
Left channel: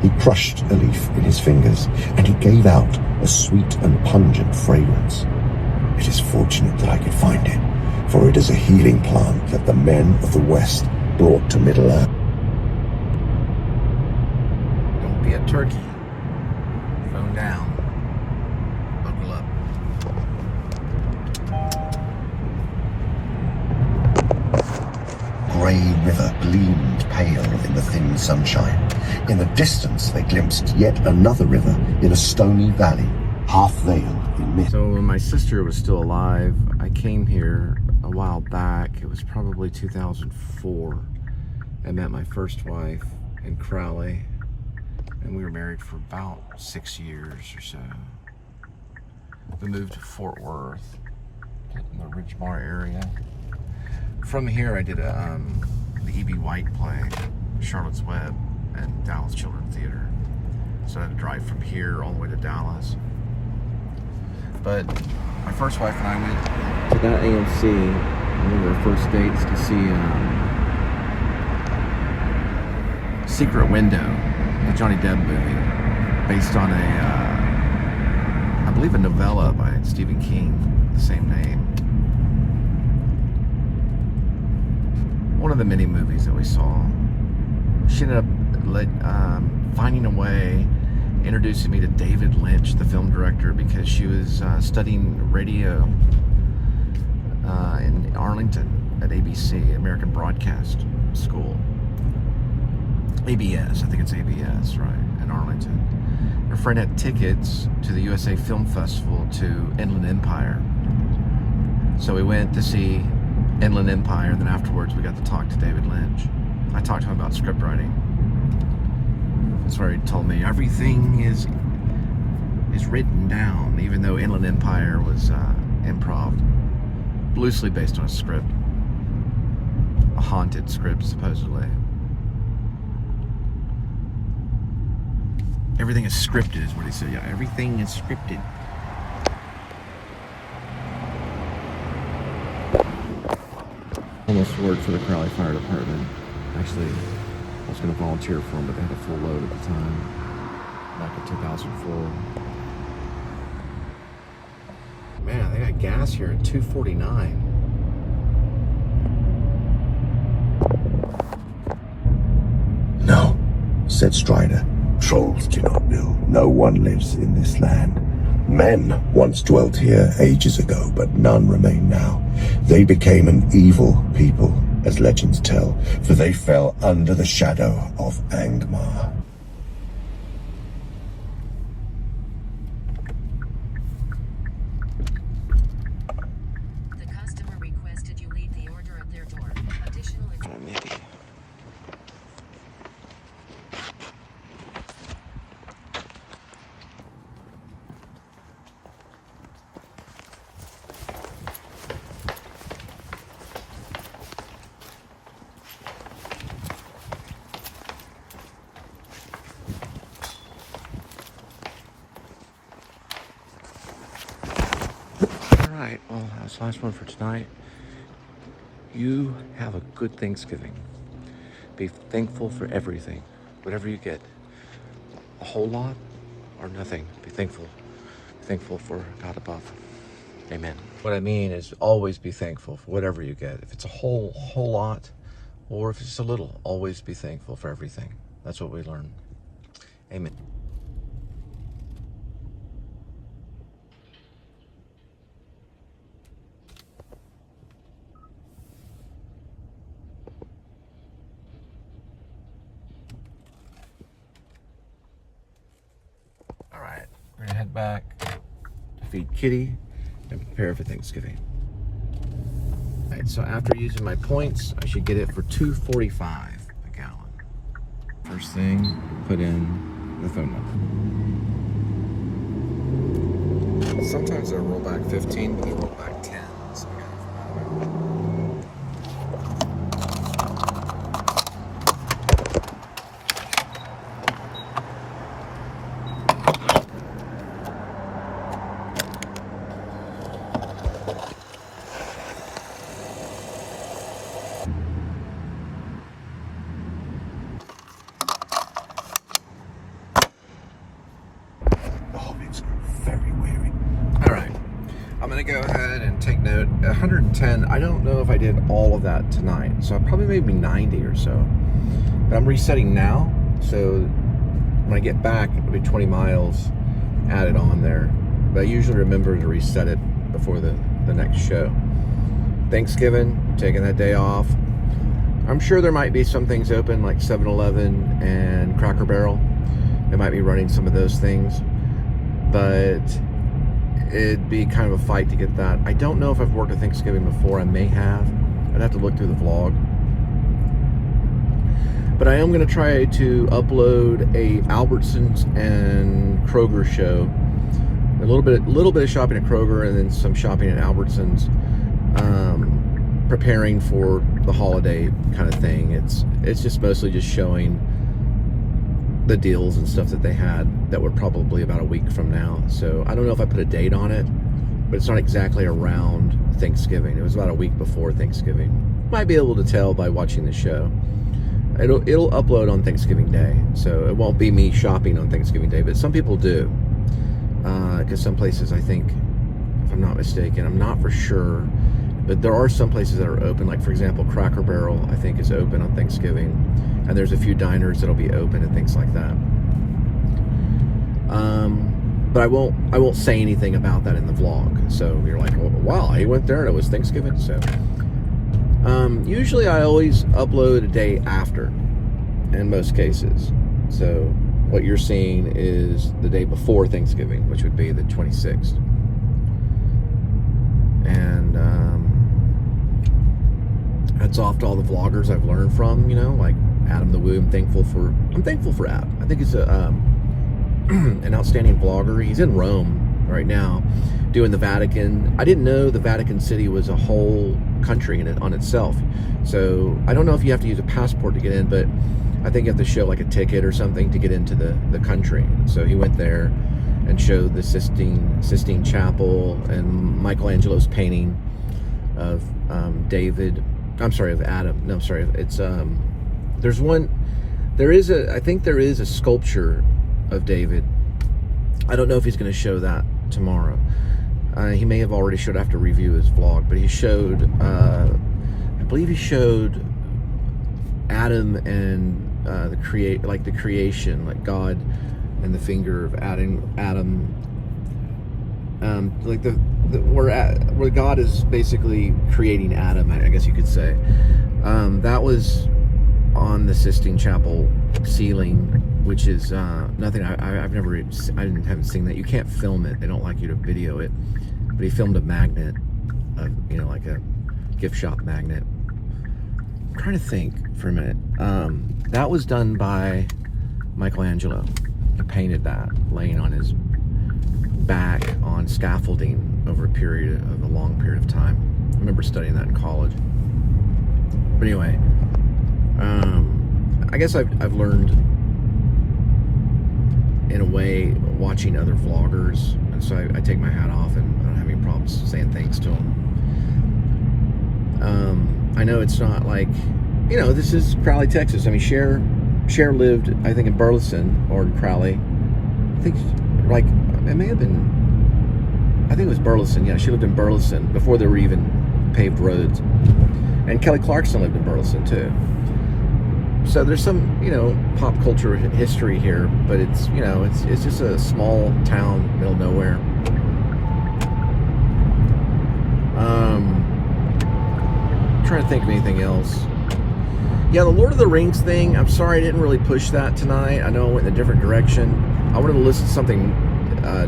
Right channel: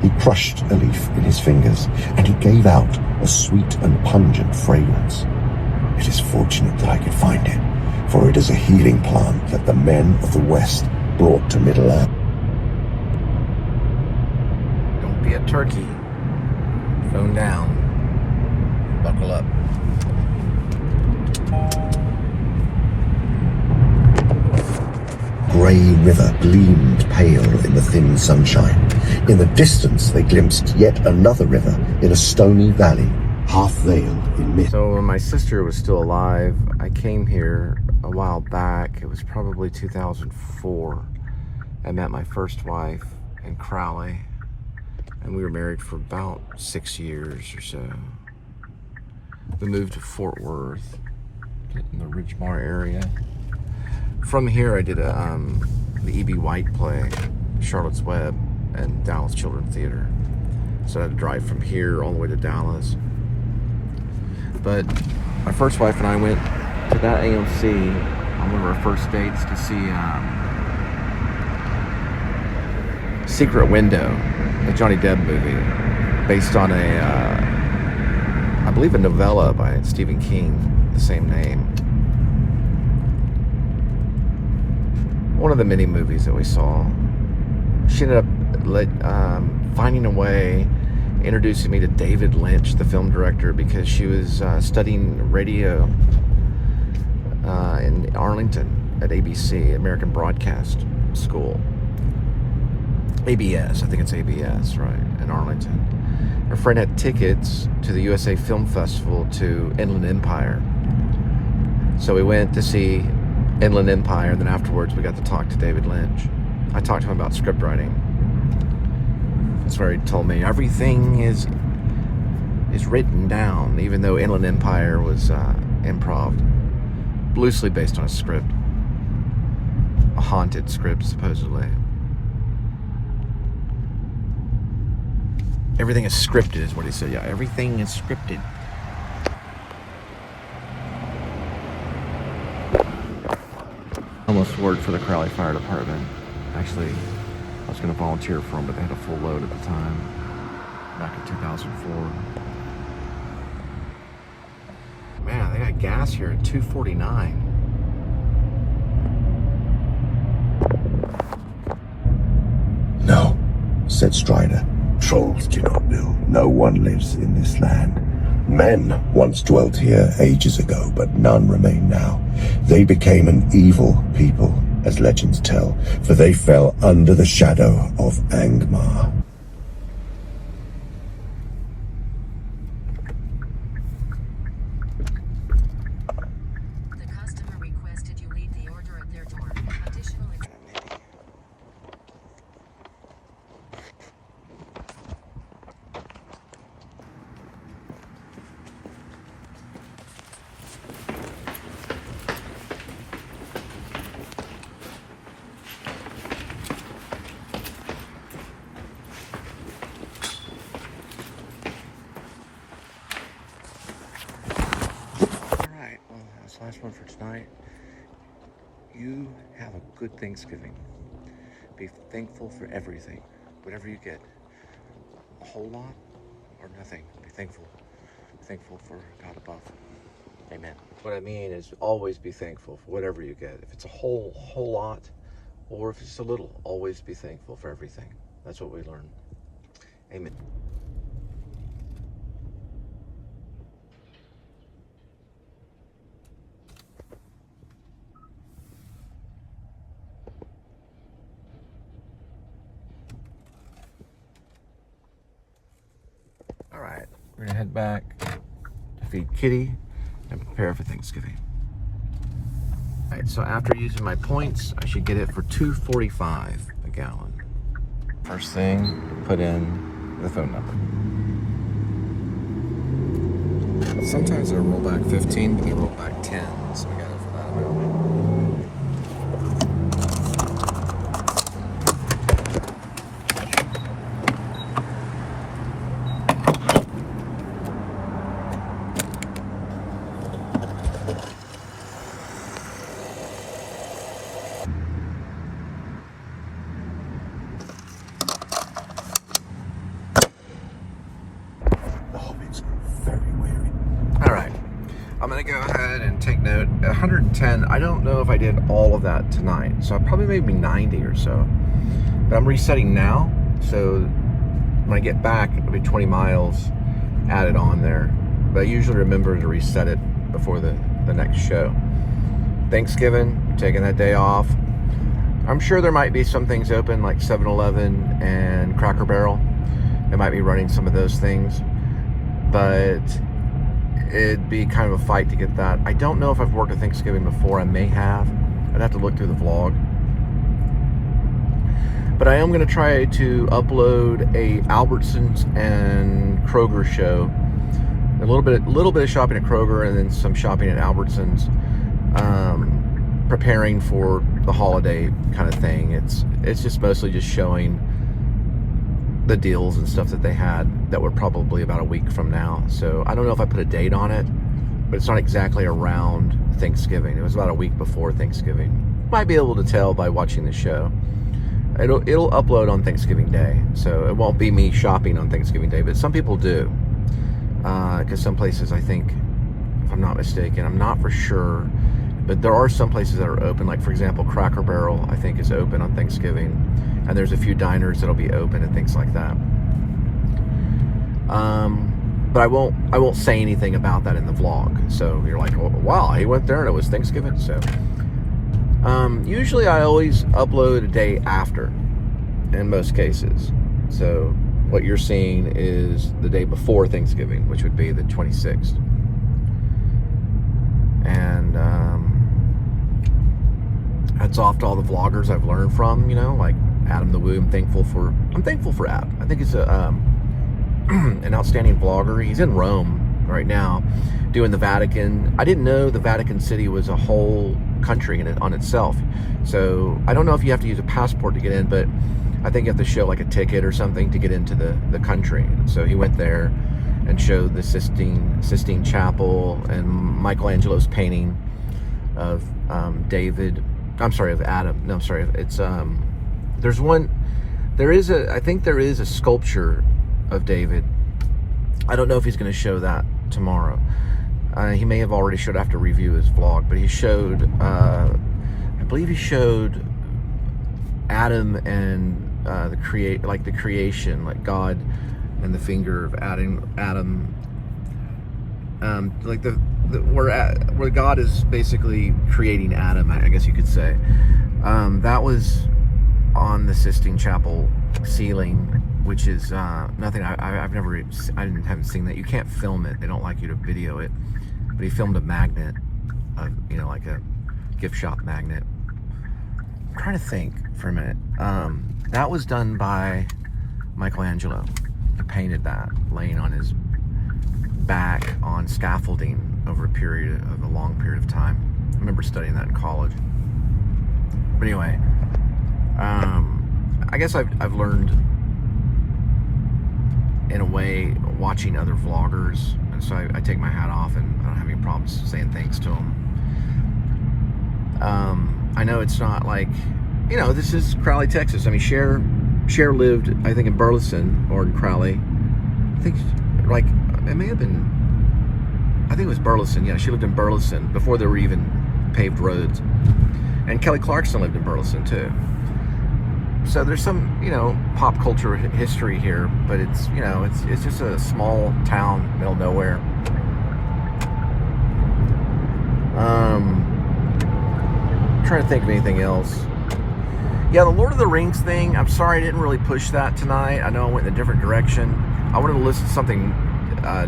He crushed a leaf in his fingers and he gave out a sweet and pungent fragrance. It is fortunate that I could find it, for it is a healing plant that the men of the West brought to Middle-earth. Don't be a turkey. Phone down. Buckle up. Grey river gleamed pale in the thin sunshine. In the distance they glimpsed yet another river in a stony valley, half veiled in mist. So when my sister was still alive, I came here a while back. It was probably 2004. I met my first wife in Crowley, and we were married for about 6 years or so. We moved to Fort Worth, in the Ridgemar area. From here, I did the E.B. White play, Charlotte's Web, and Dallas Children's Theater. So I had to drive from here all the way to Dallas. But my first wife and I went to that AMC, one of our first dates, to see Secret Window, the Johnny Depp movie, based on I believe a novella by Stephen King, the same name. One of the many movies that we saw. She ended up finding a way introducing me to David Lynch, the film director, because she was studying radio in Arlington at ABC, American Broadcast School. ABS, I think it's ABS, right, in Arlington. Her friend had tickets to the USA Film Festival to Inland Empire. So we went to see Inland Empire, and then afterwards we got to talk to David Lynch. I talked to him about script writing. That's where he told me everything is written down, even though Inland Empire was improv, loosely based on a script, a haunted script supposedly. Everything is scripted, is what he said. Yeah, everything is scripted. Almost worked for the Crowley Fire Department. Actually, I was going to volunteer for them, but they had a full load at the time, back in 2004. Man, they got gas here at $2.49. No, said Strider. Trolls do not build. No one lives in this land. Men once dwelt here ages ago, but none remain now. They became an evil people, as legends tell, for they fell under the shadow of Angmar. The customer requested you leave the order at their door. Additional Alright, well, that's the last one for tonight. You have a good Thanksgiving. Be thankful for everything, whatever you get. A whole lot or nothing. Be thankful. Be thankful for God above. Amen. What I mean is always be thankful for whatever you get. If it's a whole lot, or if it's a little, always be thankful for everything. That's what we learn. Amen. All right, we're gonna head back to feed Kitty and prepare for Thanksgiving. All right, so after using my points, I should get it for $2.45 a gallon. First thing, put in the phone number. Sometimes they roll back 15, but they roll back 10, so we got it for that. I'm gonna go ahead and take note. 110, I don't know if I did all of that tonight, so I probably maybe 90 or so. But I'm resetting now, so when I get back, it'll be 20 miles added on there. But I usually remember to reset it before the next show. Thanksgiving, taking that day off. I'm sure there might be some things open like 7-Eleven and Cracker Barrel. They might be running some of those things, but it'd be kind of a fight to get that. I don't know if I've worked a Thanksgiving before. I may have. I'd have to look through the vlog. But I am going to try to upload a Albertsons and Kroger show. A little bit of shopping at Kroger and then some shopping at Albertsons. Preparing for the holiday kind of thing. It's just mostly just showing the deals and stuff that they had that were probably about a week from now. So I don't know if I put a date on it, but it's not exactly around Thanksgiving. It was about a week before Thanksgiving. Might be able to tell by watching the show. It'll upload on Thanksgiving Day, so it won't be me shopping on Thanksgiving Day, but some people do. Because some places, I think, if I'm not mistaken, I'm not for sure, but there are some places that are open. Like, for example, Cracker Barrel, I think, is open on Thanksgiving. And there's a few diners that'll be open and things like that. But I won't say anything about that in the vlog. So you're like, oh, wow, he went there and it was Thanksgiving. So usually I always upload a day after in most cases. So what you're seeing is the day before Thanksgiving, which would be the 26th. And hats off to all the vloggers I've learned from, like Adam the Woo. I'm thankful for Adam. I think he's an outstanding vlogger. He's in Rome right now doing the Vatican. I didn't know the Vatican City was a whole country on itself. So I don't know if you have to use a passport to get in, but I think you have to show like a ticket or something to get into the country. So he went there and showed the Sistine Chapel and Michelangelo's painting of Adam. No, I'm sorry. It's I think there is a sculpture of David. I don't know if he's going to show that tomorrow. He may have already showed after review his vlog, but he showed, I believe he showed Adam and the creation, like God and the finger of Adam, like where God is basically creating Adam, I guess you could say. That was on the Sistine Chapel ceiling, which is nothing. I haven't seen that. You can't film it. They don't like you to video it. But he filmed a magnet, like a gift shop magnet. I'm trying to think for a minute. That was done by Michelangelo. He painted that, laying on his back on scaffolding over a long period of time. I remember studying that in college. But anyway, I guess I've learned in a way watching other vloggers, and so I take my hat off, and I don't have any problems saying thanks to them. I know it's not like, this is Crowley, Texas. I mean, Cher lived, I think, in Burleson or in Crowley. I think, it may have been, I think it was Burleson. Yeah, she lived in Burleson before there were even paved roads. And Kelly Clarkson lived in Burleson too. So there's some, pop culture history here, but it's, it's just a small town, middle of nowhere. Trying to think of anything else. Yeah, the Lord of the Rings thing, I'm sorry I didn't really push that tonight. I know I went in a different direction. I wanted to listen to something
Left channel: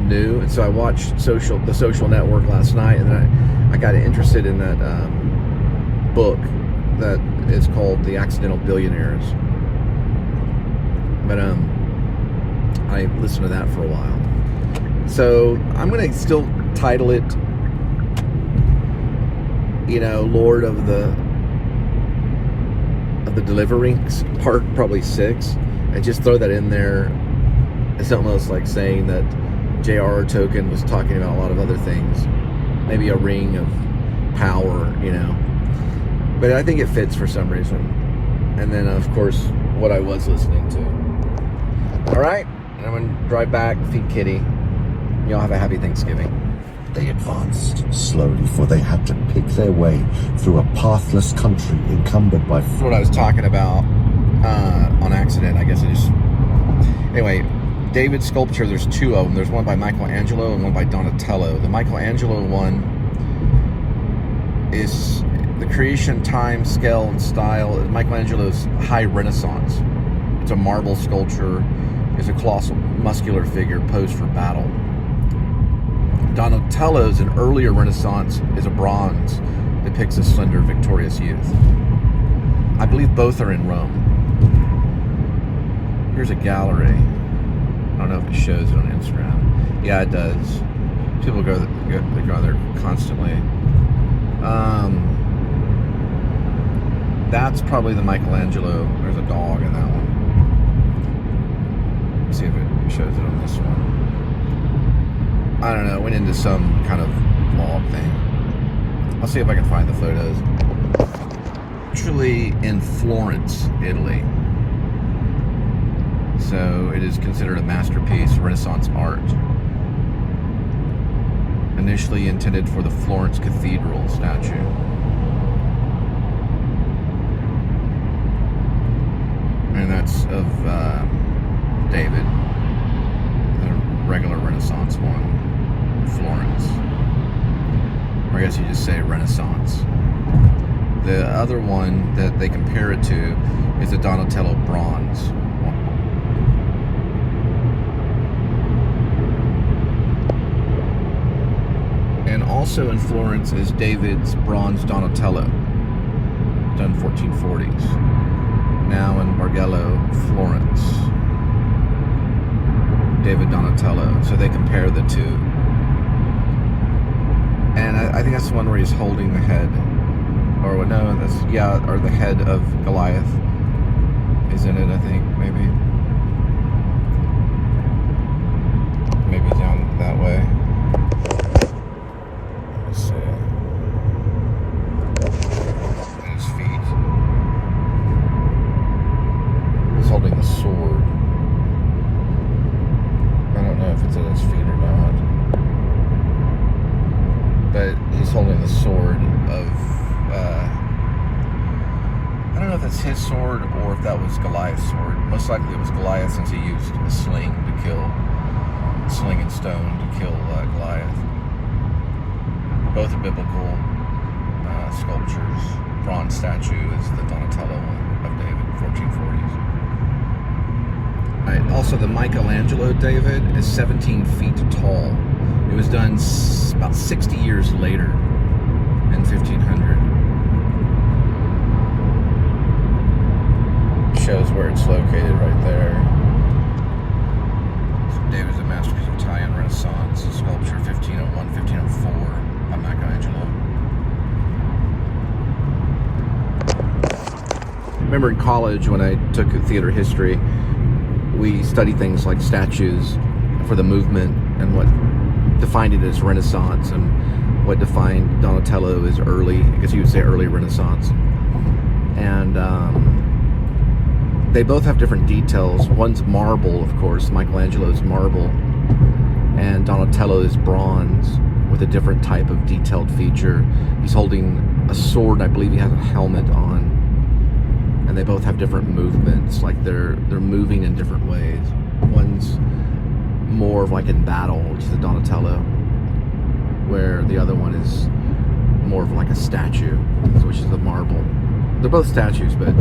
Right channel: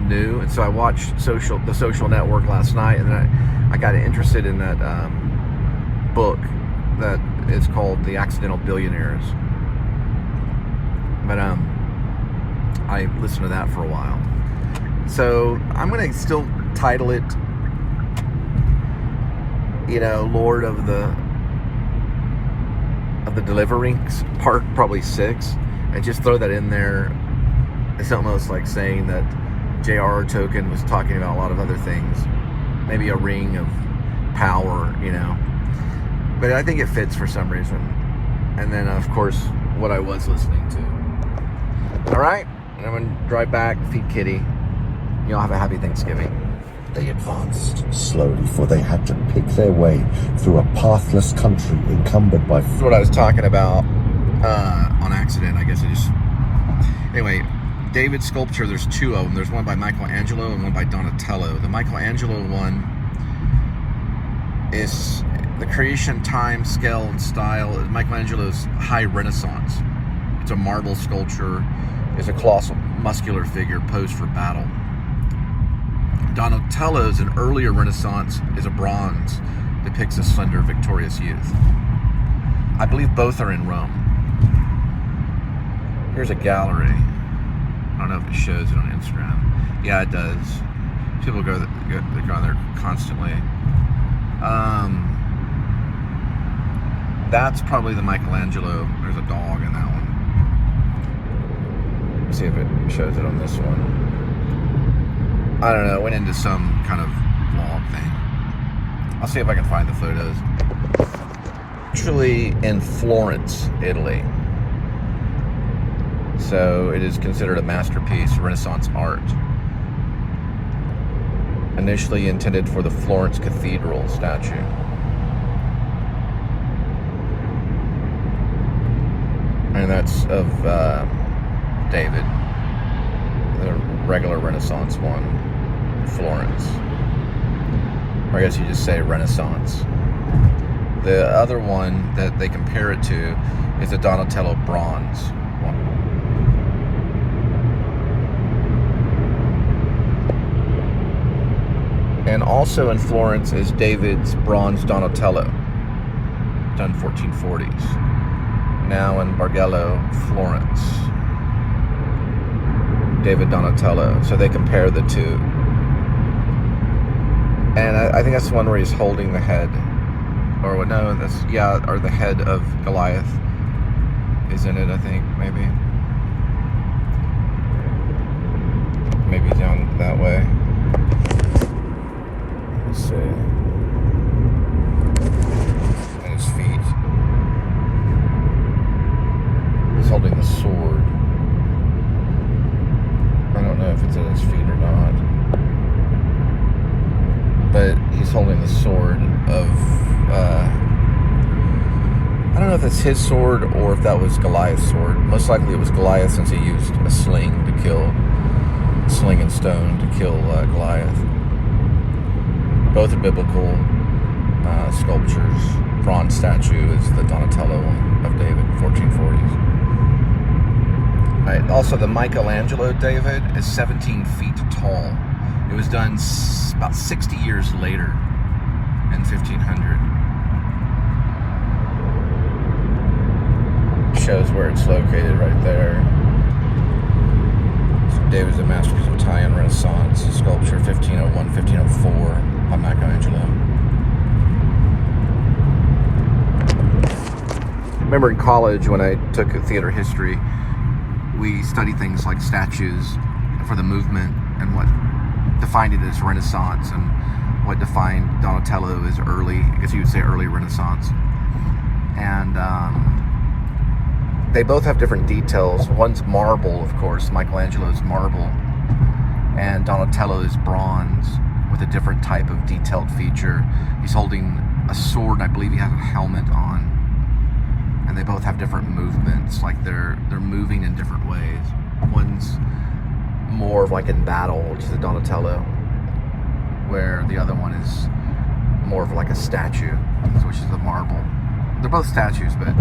new, and so I watched The Social Network last night, and then I got interested in that book that is called The Accidental Billionaires. But I listened to that for a while. So I'm going to still title it, Lord of the deliveRings, part probably 6, and just throw that in there. It's almost like saying that J.R.R. Tolkien was talking about a lot of other things, maybe a ring of power, but I think it fits for some reason. And then of course what I was listening to. All right, I'm gonna drive back, feed Kitty. Y'all have a happy Thanksgiving. They advanced slowly, for they had to pick their way through a pathless country encumbered by... That's what I was talking about on accident. I guess I just... Anyway, David's sculpture, there's 2 of them. There's one by Michelangelo and one by Donatello. The Michelangelo one is the creation, time, scale, and style. Michelangelo's high Renaissance. It's a marble sculpture. It's a colossal muscular figure posed for battle. Donatello's, an earlier Renaissance, is a bronze, depicts a slender, victorious youth. I believe both are in Rome. Here's a gallery. I don't know if it shows it on Instagram. Yeah, it does. People go there constantly. That's probably the Michelangelo. There's a dog in that one. Let's see if it shows it on this one. I don't know, it went into some kind of vlog thing. I'll see if I can find the photos. Actually in Florence, Italy. So it is considered a masterpiece, Renaissance art. Initially intended for the Florence Cathedral statue. And that's of David. the regular Renaissance one in Florence. Or I guess you just say Renaissance. The other one that they compare it to is the Donatello bronze. And also in Florence is David's bronze Donatello, done 1440s. Now in Bargello, Florence, David Donatello. So they compare the two. And I think that's the one where he's holding the head. Or no, or the head of Goliath is in it, I think, maybe. Maybe down that way. Let's see. And his feet. He's holding the sword. I don't know if it's in his feet or not. But he's holding the sword of, I don't know if it's his sword or if that was Goliath's sword. Most likely it was Goliath, since he used a sling and stone to kill Goliath. Both are biblical sculptures. Bronze statue is the Donatello one of David, 1440s. Right. Also, the Michelangelo David is 17 feet tall. It was done about 60 years later, in 1500. Shows where it's located right there. So David's a masterpiece of Italian Renaissance sculpture, 1501, 1504, by Michelangelo. Remember in college when I took theater history, we studied things like statues for the movement and what defined it as Renaissance and what defined Donatello as early, I guess you would say early Renaissance. And they both have different details. One's marble, of course. Michelangelo's marble, and Donatello is bronze with a different type of detailed feature. He's holding a sword, and I believe he has a helmet on. And they both have different movements, like they're moving in different ways. One's more of like in battle, which is the Donatello, where the other one is more of like a statue, which is the marble. They're both statues, but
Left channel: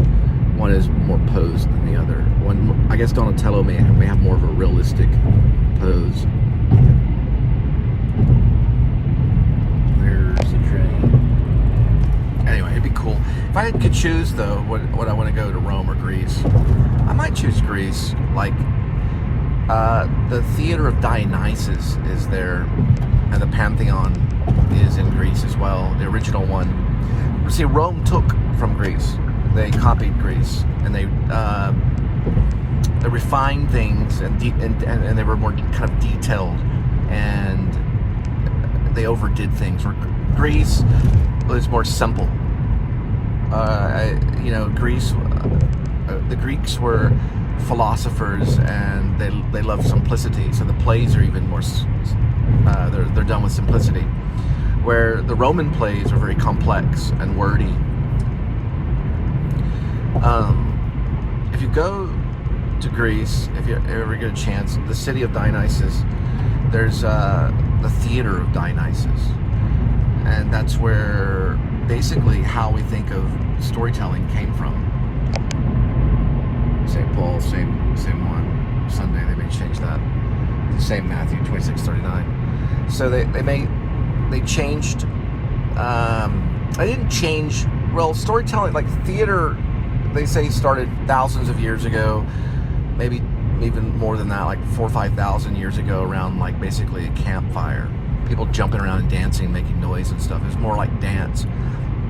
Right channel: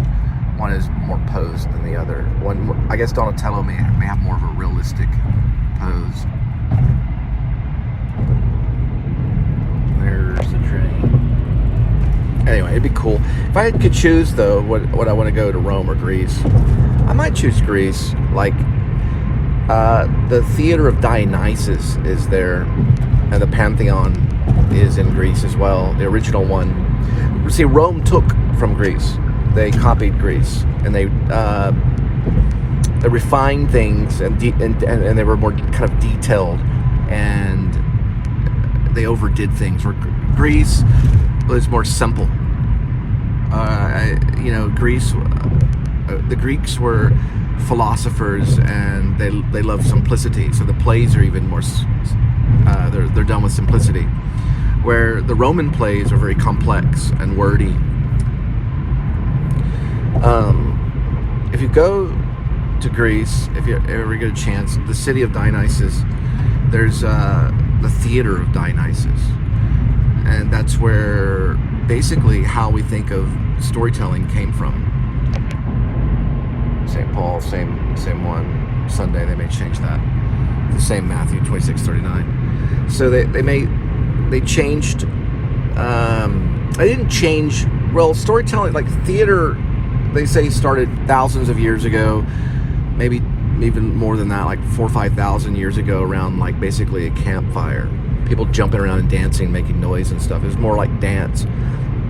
one is more posed than the other. One, I guess Donatello may have more of a realistic pose. There's the train. Anyway, it'd be cool. If I could choose, though, what I want to go to, Rome or Greece, I might choose Greece. Like, the Theater of Dionysus is there, and the Pantheon is in Greece as well. The original one. See, Rome took from Greece. They copied Greece, and they refined things, and they were more kind of detailed, and they overdid things. Where Greece was more simple. Greece, the Greeks were philosophers, and they loved simplicity. So the plays are even more. They're done with simplicity, where the Roman plays are very complex and wordy. If you go to Greece, if you ever get a chance, the city of Dionysus, there's the Theater of Dionysus, and that's where basically how we think of storytelling came from. St. Paul, same one. Sunday they may change that. The same Matthew 26:39. So they changed. They didn't change. Well, storytelling, like theater, they say started thousands of years ago, maybe even more than that, like 4,000 or 5,000 years ago, around like basically a campfire. People jumping around and dancing, making noise and stuff. It was more like dance.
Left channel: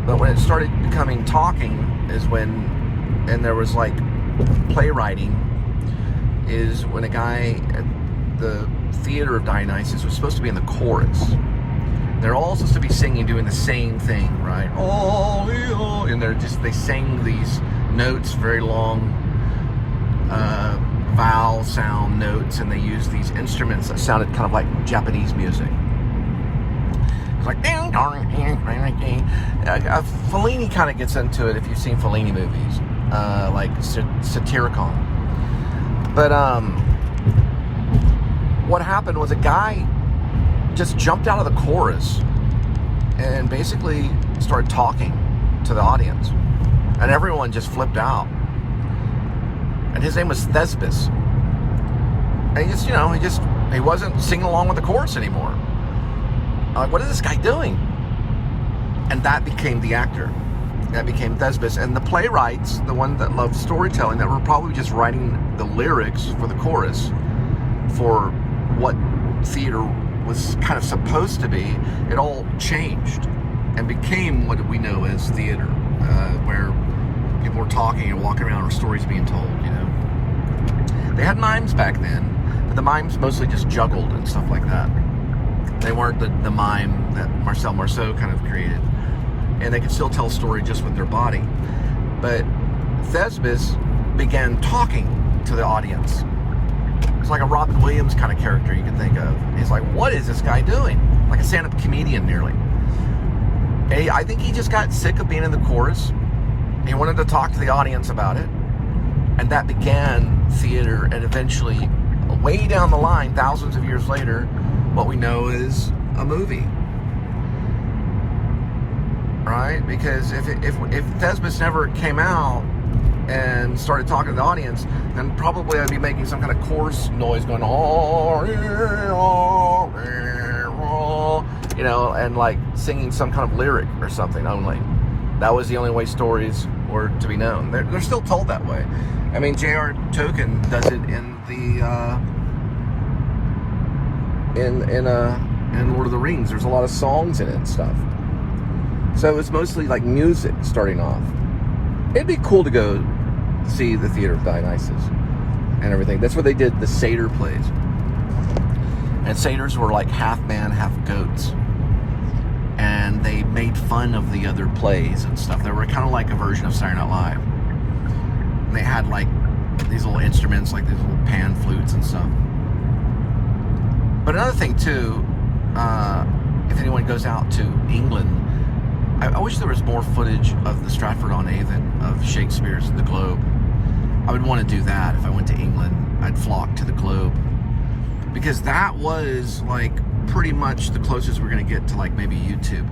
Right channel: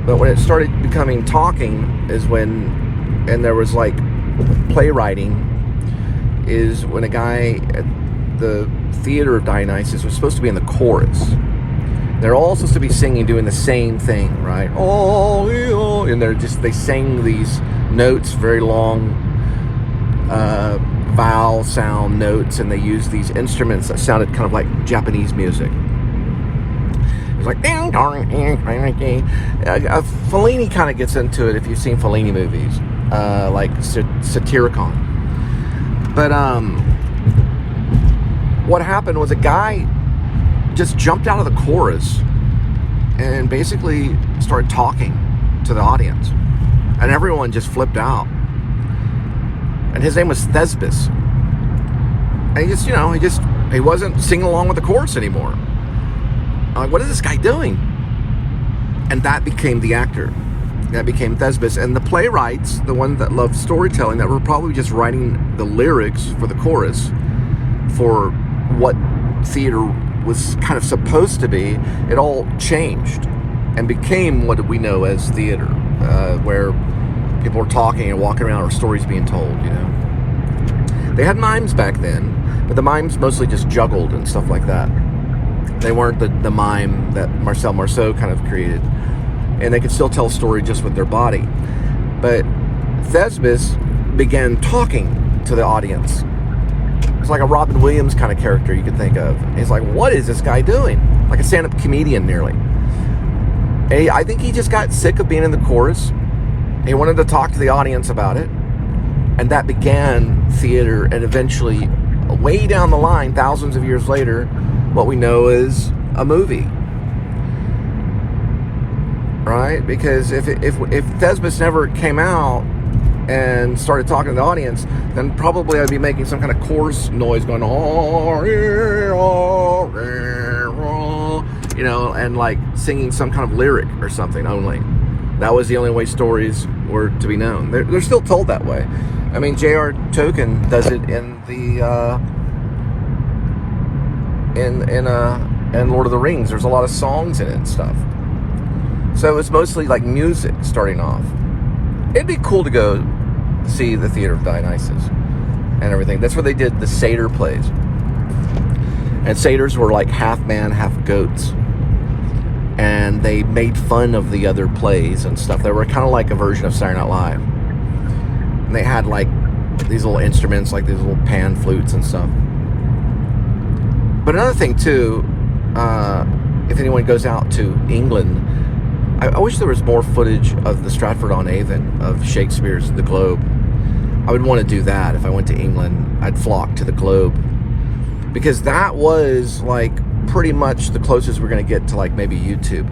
But when it started becoming talking is when, and there was like playwriting, is when a guy at the Theater of Dionysus was supposed to be in the chorus. They're all supposed to be singing, doing the same thing, right? Oh, and they sang these notes, very long vowel sound notes, and they used these instruments that sounded kind of like Japanese music. It was like Fellini kind of gets into it if you've seen Fellini movies, like Satyricon. But what happened was a guy just jumped out of the chorus and basically started talking to the audience. And everyone just flipped out. And his name was Thesbis. And he wasn't singing along with the chorus anymore. I'm like, what is this guy doing? And that became the actor. That became Thesbis. And the playwrights, the ones that loved storytelling, that were probably just writing the lyrics for the chorus for what theater was kind of supposed to be, it all changed and became what we know as theater, where people were talking and walking around or stories being told, They had mimes back then, but the mimes mostly just juggled and stuff like that. They weren't the mime that Marcel Marceau kind of created. And they could still tell a story just with their body. But Thesbis began talking to the audience. It's like a Robin Williams kind of character you could think of. He's like, what is this guy doing? Like a stand-up comedian nearly. And I think he just got sick of being in the chorus. He wanted to talk to the audience about it. And that began theater, and eventually, way down the line, thousands of years later, what we know is a movie. Right? Because if Thesbis never came out and started talking to the audience, then probably I'd be making some kind of chorus noise going, and like singing some kind of lyric or something only. That was the only way stories were to be known. They're still told that way. I mean, J.R. Tolkien does it in in Lord of the Rings. There's a lot of songs in it and stuff. So it's mostly like music starting off. It'd be cool to go see the Theater of Dionysus and everything. That's where they did the satyr plays. And satyrs were like half man, half goats. And they made fun of the other plays and stuff. They were kind of like a version of Saturday Night Live. And they had like these little instruments, like these little pan flutes and stuff. But another thing too, if anyone goes out to England, I wish there was more footage of the Stratford-on-Avon of Shakespeare's The Globe. I would want to do that if I went to England. I'd flock to the Globe. Because that was like pretty much the closest we're going to get to like maybe YouTube.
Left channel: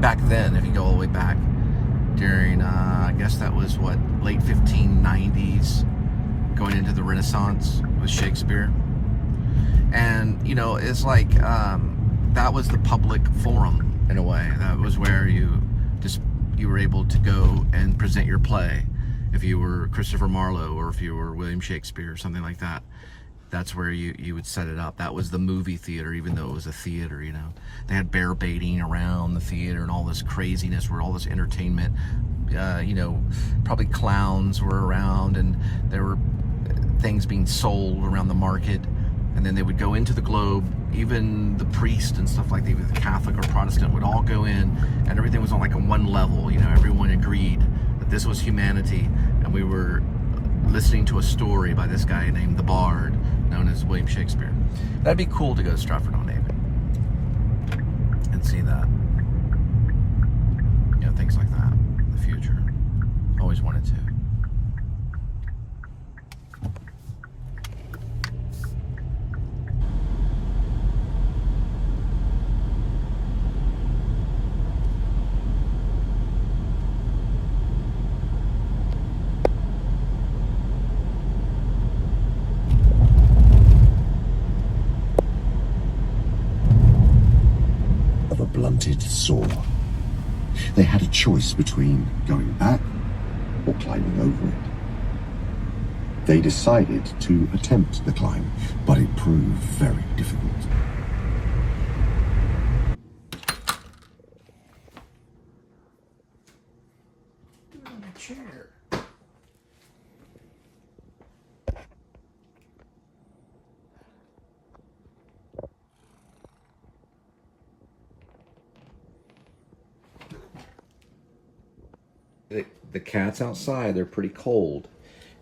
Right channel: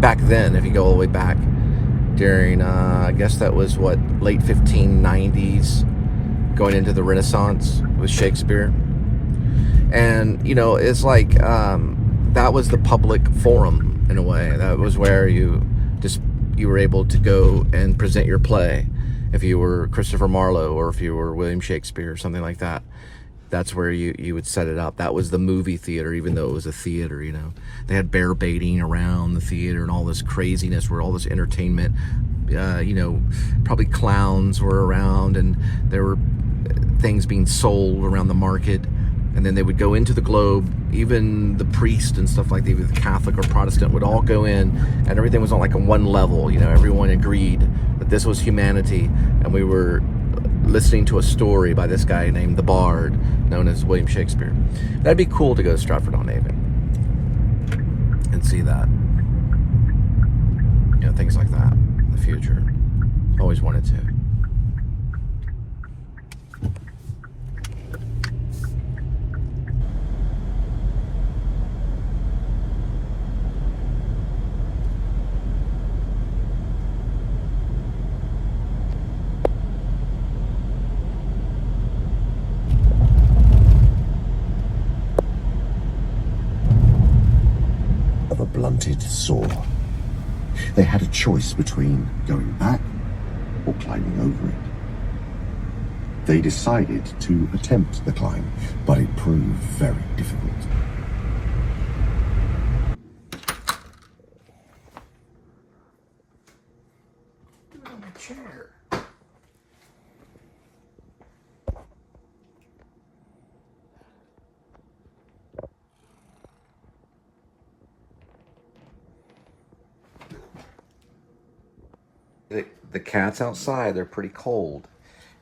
Back then, if you go all the way back during, I guess that was what, late 1590s, going into the Renaissance with Shakespeare. And, it's like, that was the public forum in a way. That was where you were able to go and present your play. If you were Christopher Marlowe or if you were William Shakespeare or something like that, that's where you would set it up. That was the movie theater, even though it was a theater, They had bear baiting around the theater and all this craziness, where all this entertainment, probably clowns were around, and there were things being sold around the market. And then they would go into the Globe. Even the priest and stuff like that, either Catholic or Protestant, would all go in, and everything was on like a one level. Everyone agreed that this was humanity, and we were listening to a story by this guy named the Bard, known as William Shakespeare. That'd be cool to go to Stratford-on-Avon and see that. Things like that in the future. Always wanted to. Blunted saw. They had a choice between going back or climbing over it. They decided to attempt the climb, but it proved very difficult. Do it on a chair. The cats outside, they're pretty cold.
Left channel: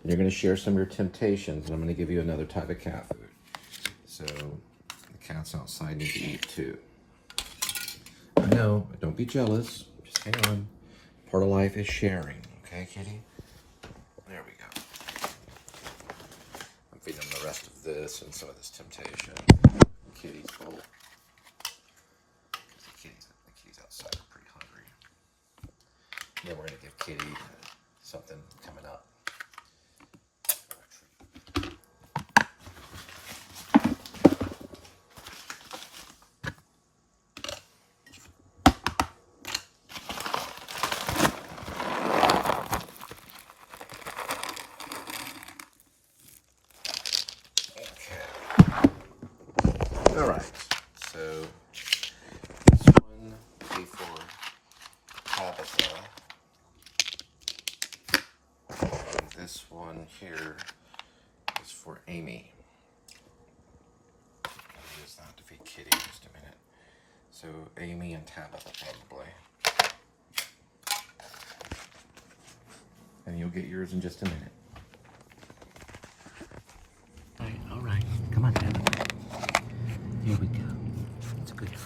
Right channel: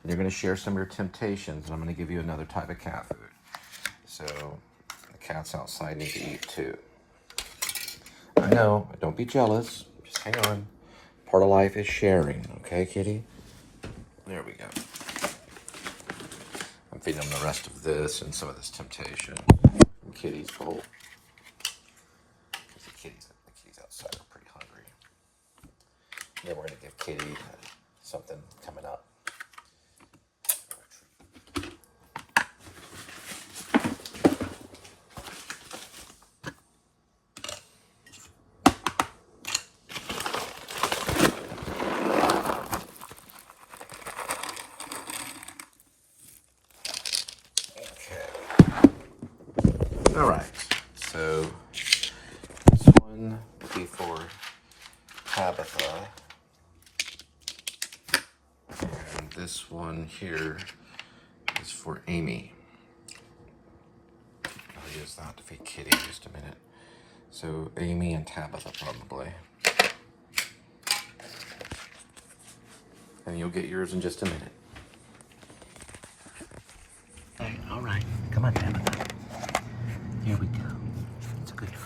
And you're going to share some of your temptations, and I'm going to give you another type of cat food. So, the cats outside need to eat too. I know, don't be jealous. Just hang on. Part of life is sharing, okay, kitty? There we go. I'm feeding them the rest of this and some of this temptation. the kitties full. Because the kitties outside are pretty hungry. And then we're going to give Kitty something coming up. A little treat. All right, so this one will be for Tabitha, and this one here is for Amy. I'll use that to feed Kitty in just a minute. So Amy and Tabitha probably. And you'll get yours in just a minute. All right, come on, Tabitha. Here we go. It's a good girl.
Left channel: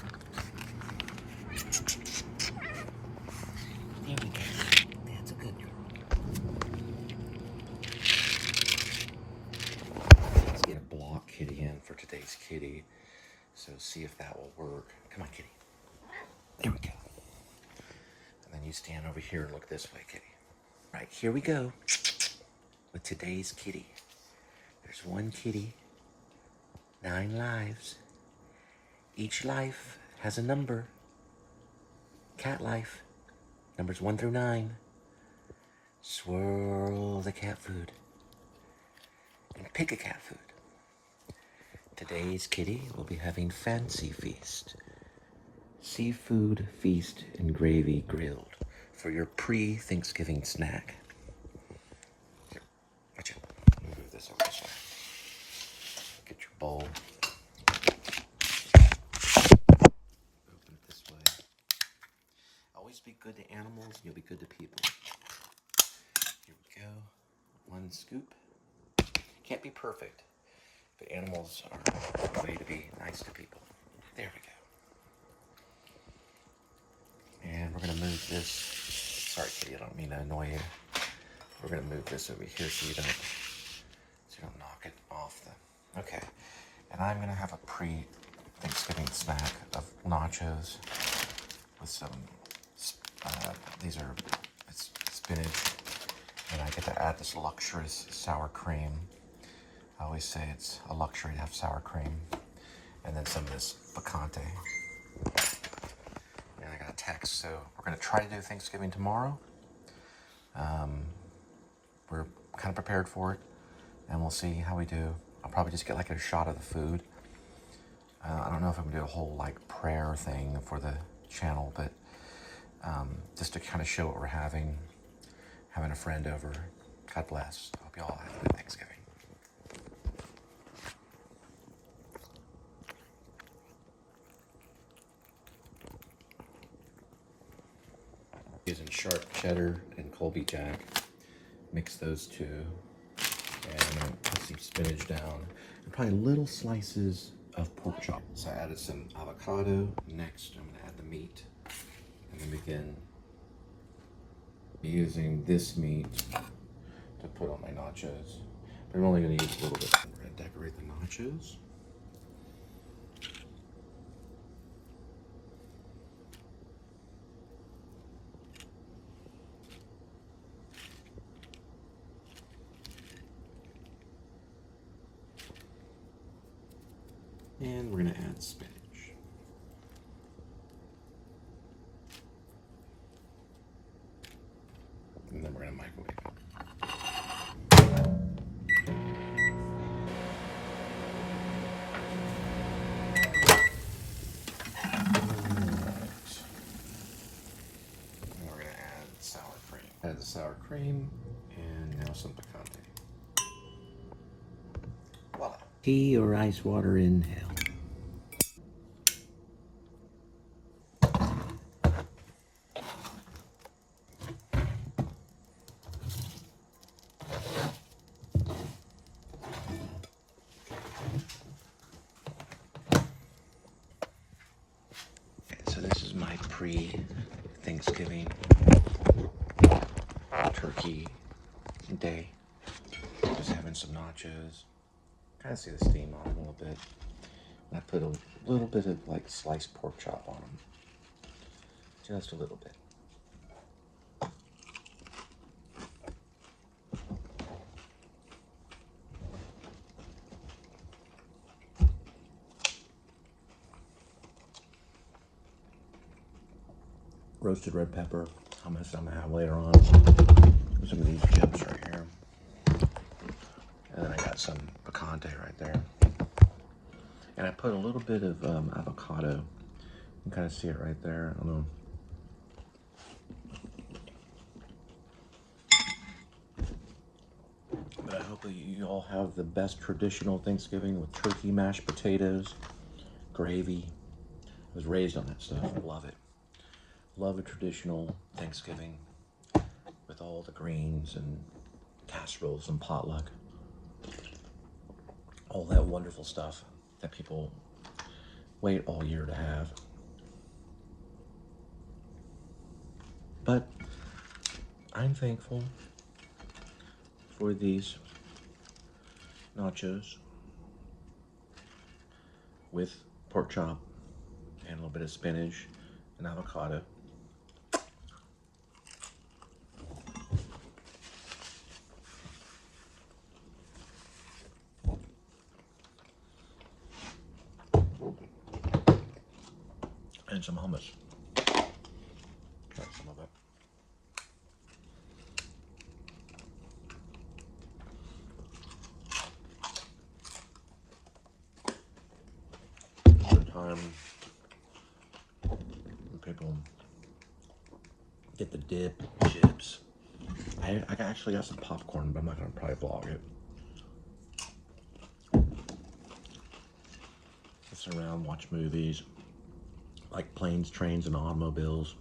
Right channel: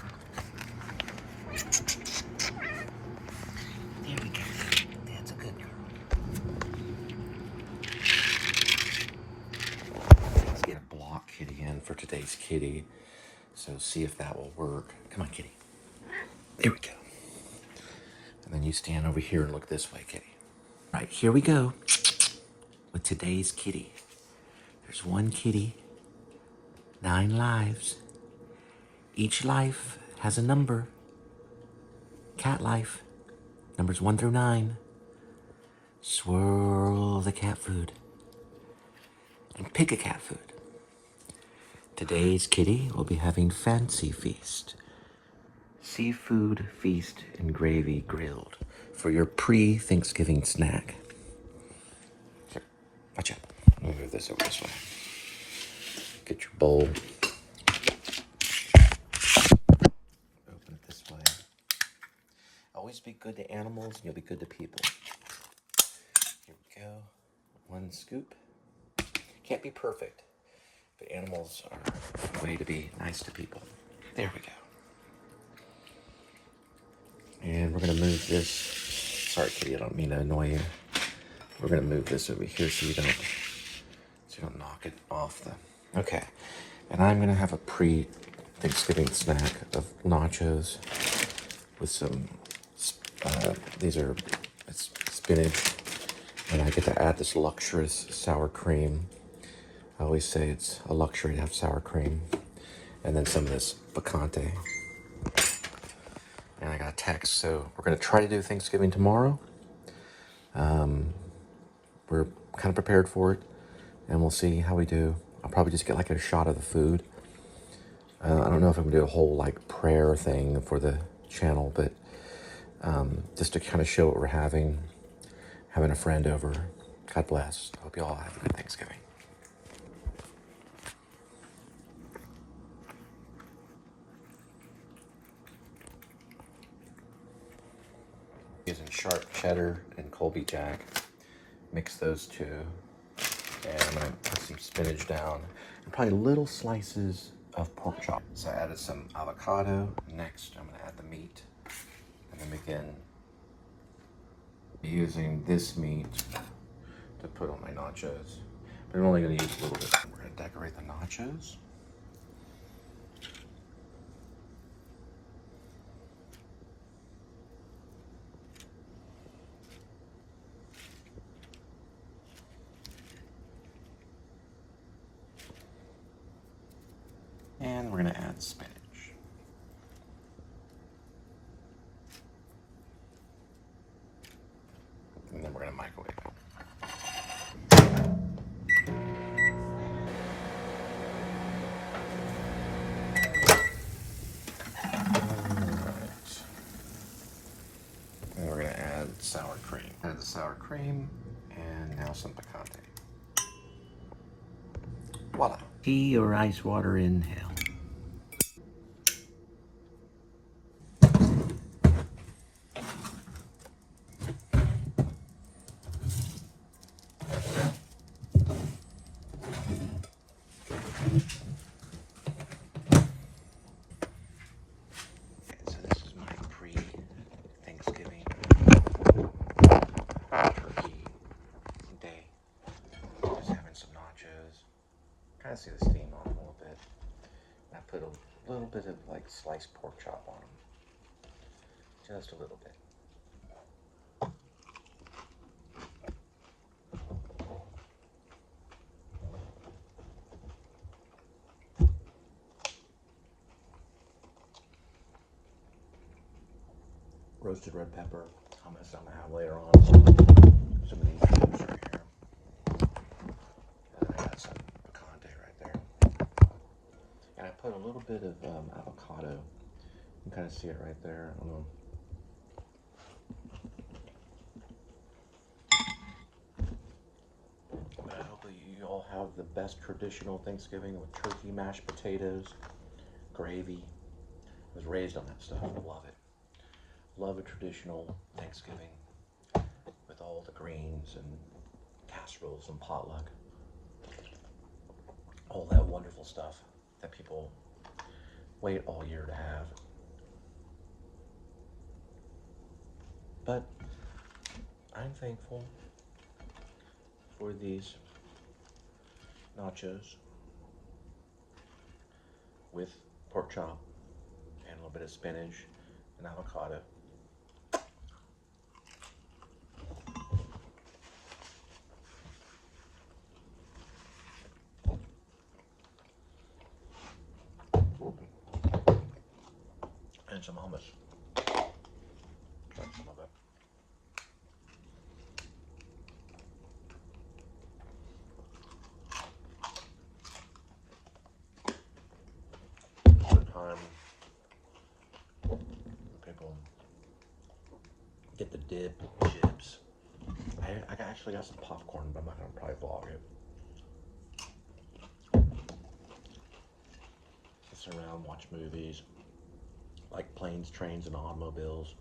There we go. That's a good girl. Let's get a block Kitty in for today's kitty. So see if that will work. Come on, Kitty. There we go. And then you stand over here and look this way, Kitty. All right, here we go with today's kitty. There's one kitty, 9 lives. Each life has a number. Cat life, numbers 1 through 9. Swirl the cat food and pick a cat food. Today's kitty will be having fancy feast. Seafood feast and gravy grilled for your pre-Thanksgiving snack. Here, watch out. Let me move this over this way. Get your bowl. Always be good to animals, and you'll be good to people. Here we go. 1 scoop. Can't be perfect, but animals are a way to be nice to people. There we go. And we're going to move this. Sorry, Kitty, I don't mean to annoy you. We're going to move this over here so you don't knock it off the... Okay. And I'm going to have a pre-Thanksgiving snack of nachos with some... it's spinach, and I get to add this luxurious sour cream. I always say it's a luxury to have sour cream. And then some of this picante. And I got a text, so we're gonna try to do Thanksgiving tomorrow. We're kind of prepared for it, and we'll see how we do. I'll probably just get like a shot of the food. I don't know if I'm gonna do a whole like prayer thing for the channel, but just to kind of show what we're having a friend over. God bless. I hope you all have a good Thanksgiving. Using sharp cheddar and Colby Jack. Mix those two. And I'm gonna put some spinach down. And probably little slices of pork chop. So I added some avocado. Next, I'm gonna add the meat. And then begin using this meat to put on my nachos. But I'm only gonna use a little bit. We're gonna decorate the nachos. And we're gonna add spinach. And then we're gonna microwave it. And we're gonna add sour cream. Add the sour cream, and now some picante. Voila. Tea or ice water in hell. So this is my pre-Thanksgiving turkey day. Just having some nachos. Kind of see the steam on a little bit. I put a little bit of like sliced pork chop on them. Just a little bit. Roasted red pepper, hummus I'm gonna have later on. Some of these chips right here. And then I got some picante right there. And I put a little bit of avocado. You can kind of see it right there. I don't know. But I hope that you all have the best traditional Thanksgiving with turkey, mashed potatoes, gravy. I was raised on that stuff. I love it. Love a traditional Thanksgiving with all the greens and casseroles and potluck. All that wonderful stuff that people wait all year to have. But I'm thankful for these nachos with pork chop and a little bit of spinach and avocado. And some hummus. That's some of it. The time when people get the dip, chips. I actually got some popcorn, but I'm not gonna probably vlog it. Sit around, watch movies, like Planes, Trains, and Automobiles,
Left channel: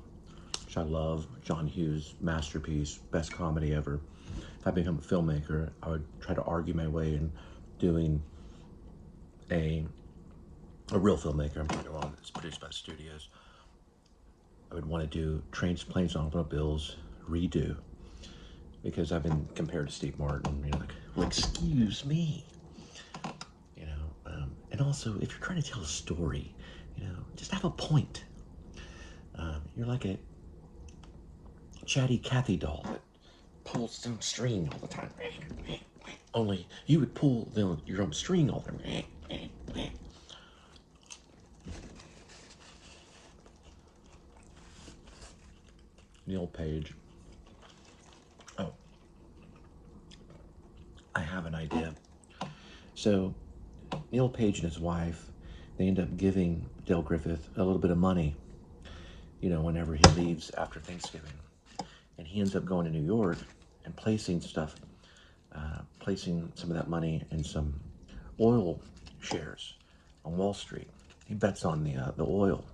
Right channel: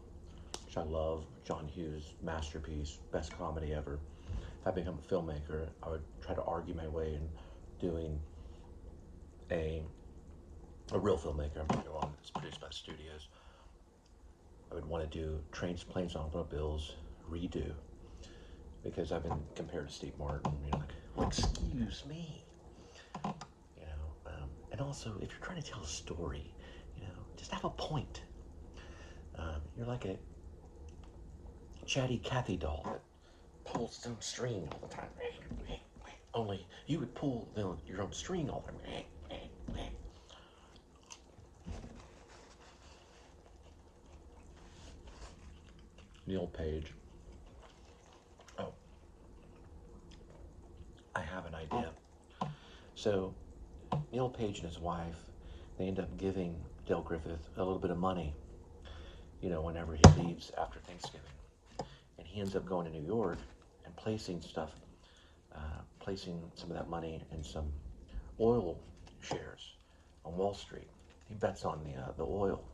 which I love. John Hughes' masterpiece, best comedy ever. If I become a filmmaker, I would try to argue my way in doing a real filmmaker. I'm talking about it's produced by studios. I would want to do Trains, Planes, and Automobiles redo, because I've been compared to Steve Martin. You know, like excuse me. You know, and also if you're trying to tell a story, you know, just have a point. You're like a chatty Cathy doll that pulls some string all the time. Only you would pull your own string all the time. Neil Page. Oh, I have an idea. So Neil Page and his wife, they end up giving Dale Griffith a little bit of money, you know, whenever he leaves after Thanksgiving. And he ends up going to New York and placing stuff, placing some of that money in some oil shares on Wall Street. He bets on the oil.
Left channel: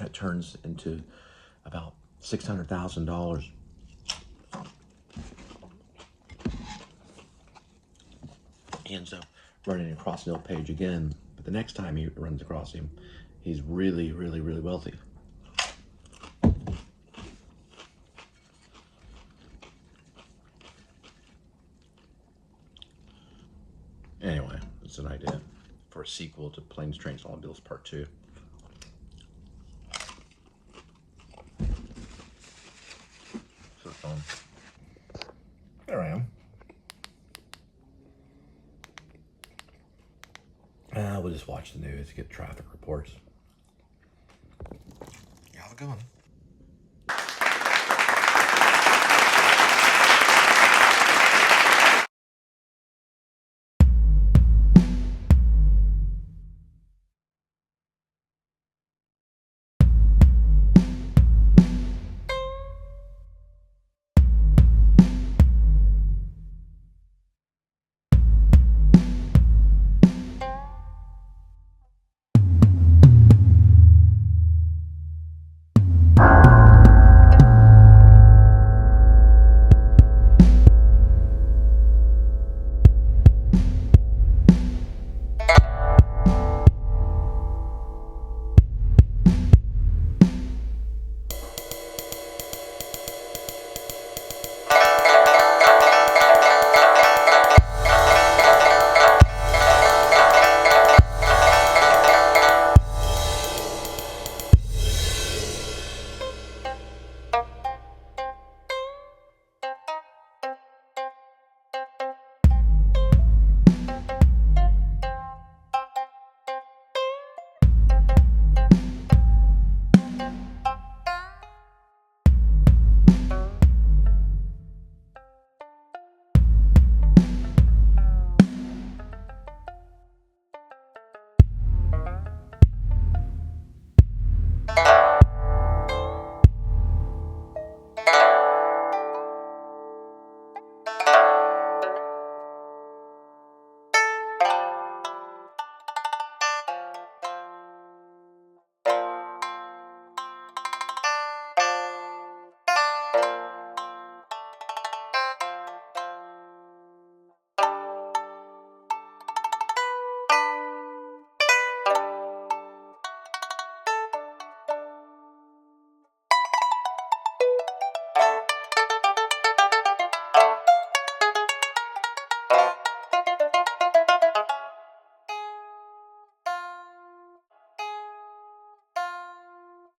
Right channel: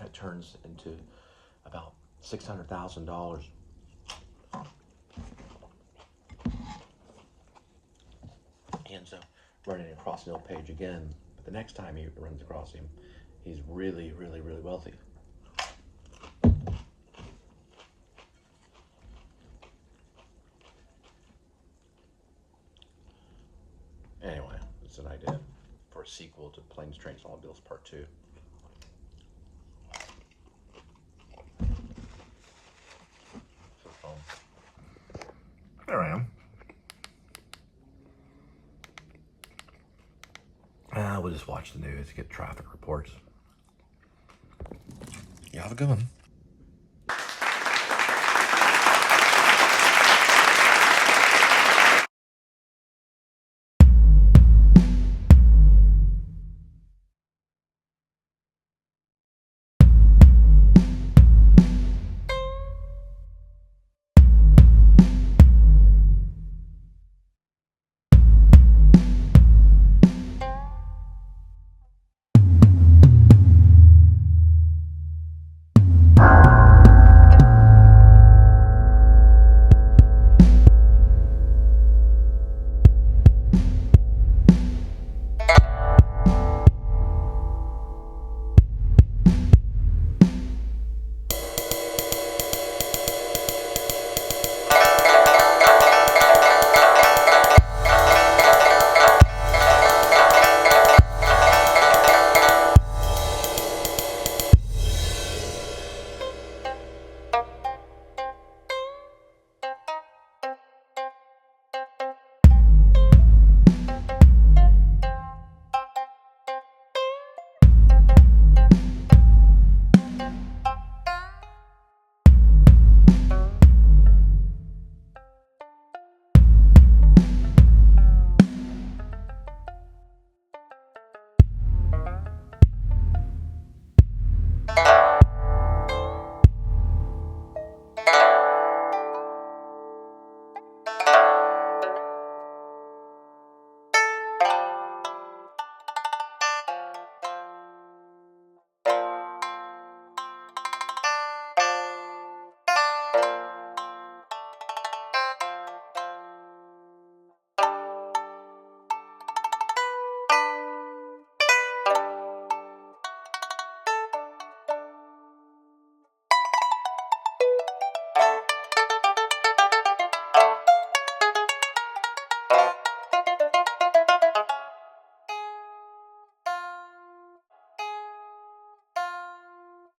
That turns into about $600,000. He ends up running across Neil Page again, but the next time he runs across him, he's really, really, really wealthy. Anyway, it's an idea for a sequel to Planes, Trains, and Automobiles Part 2. There I am. We'll just watch the news, get traffic reports. You have a good one. Bye.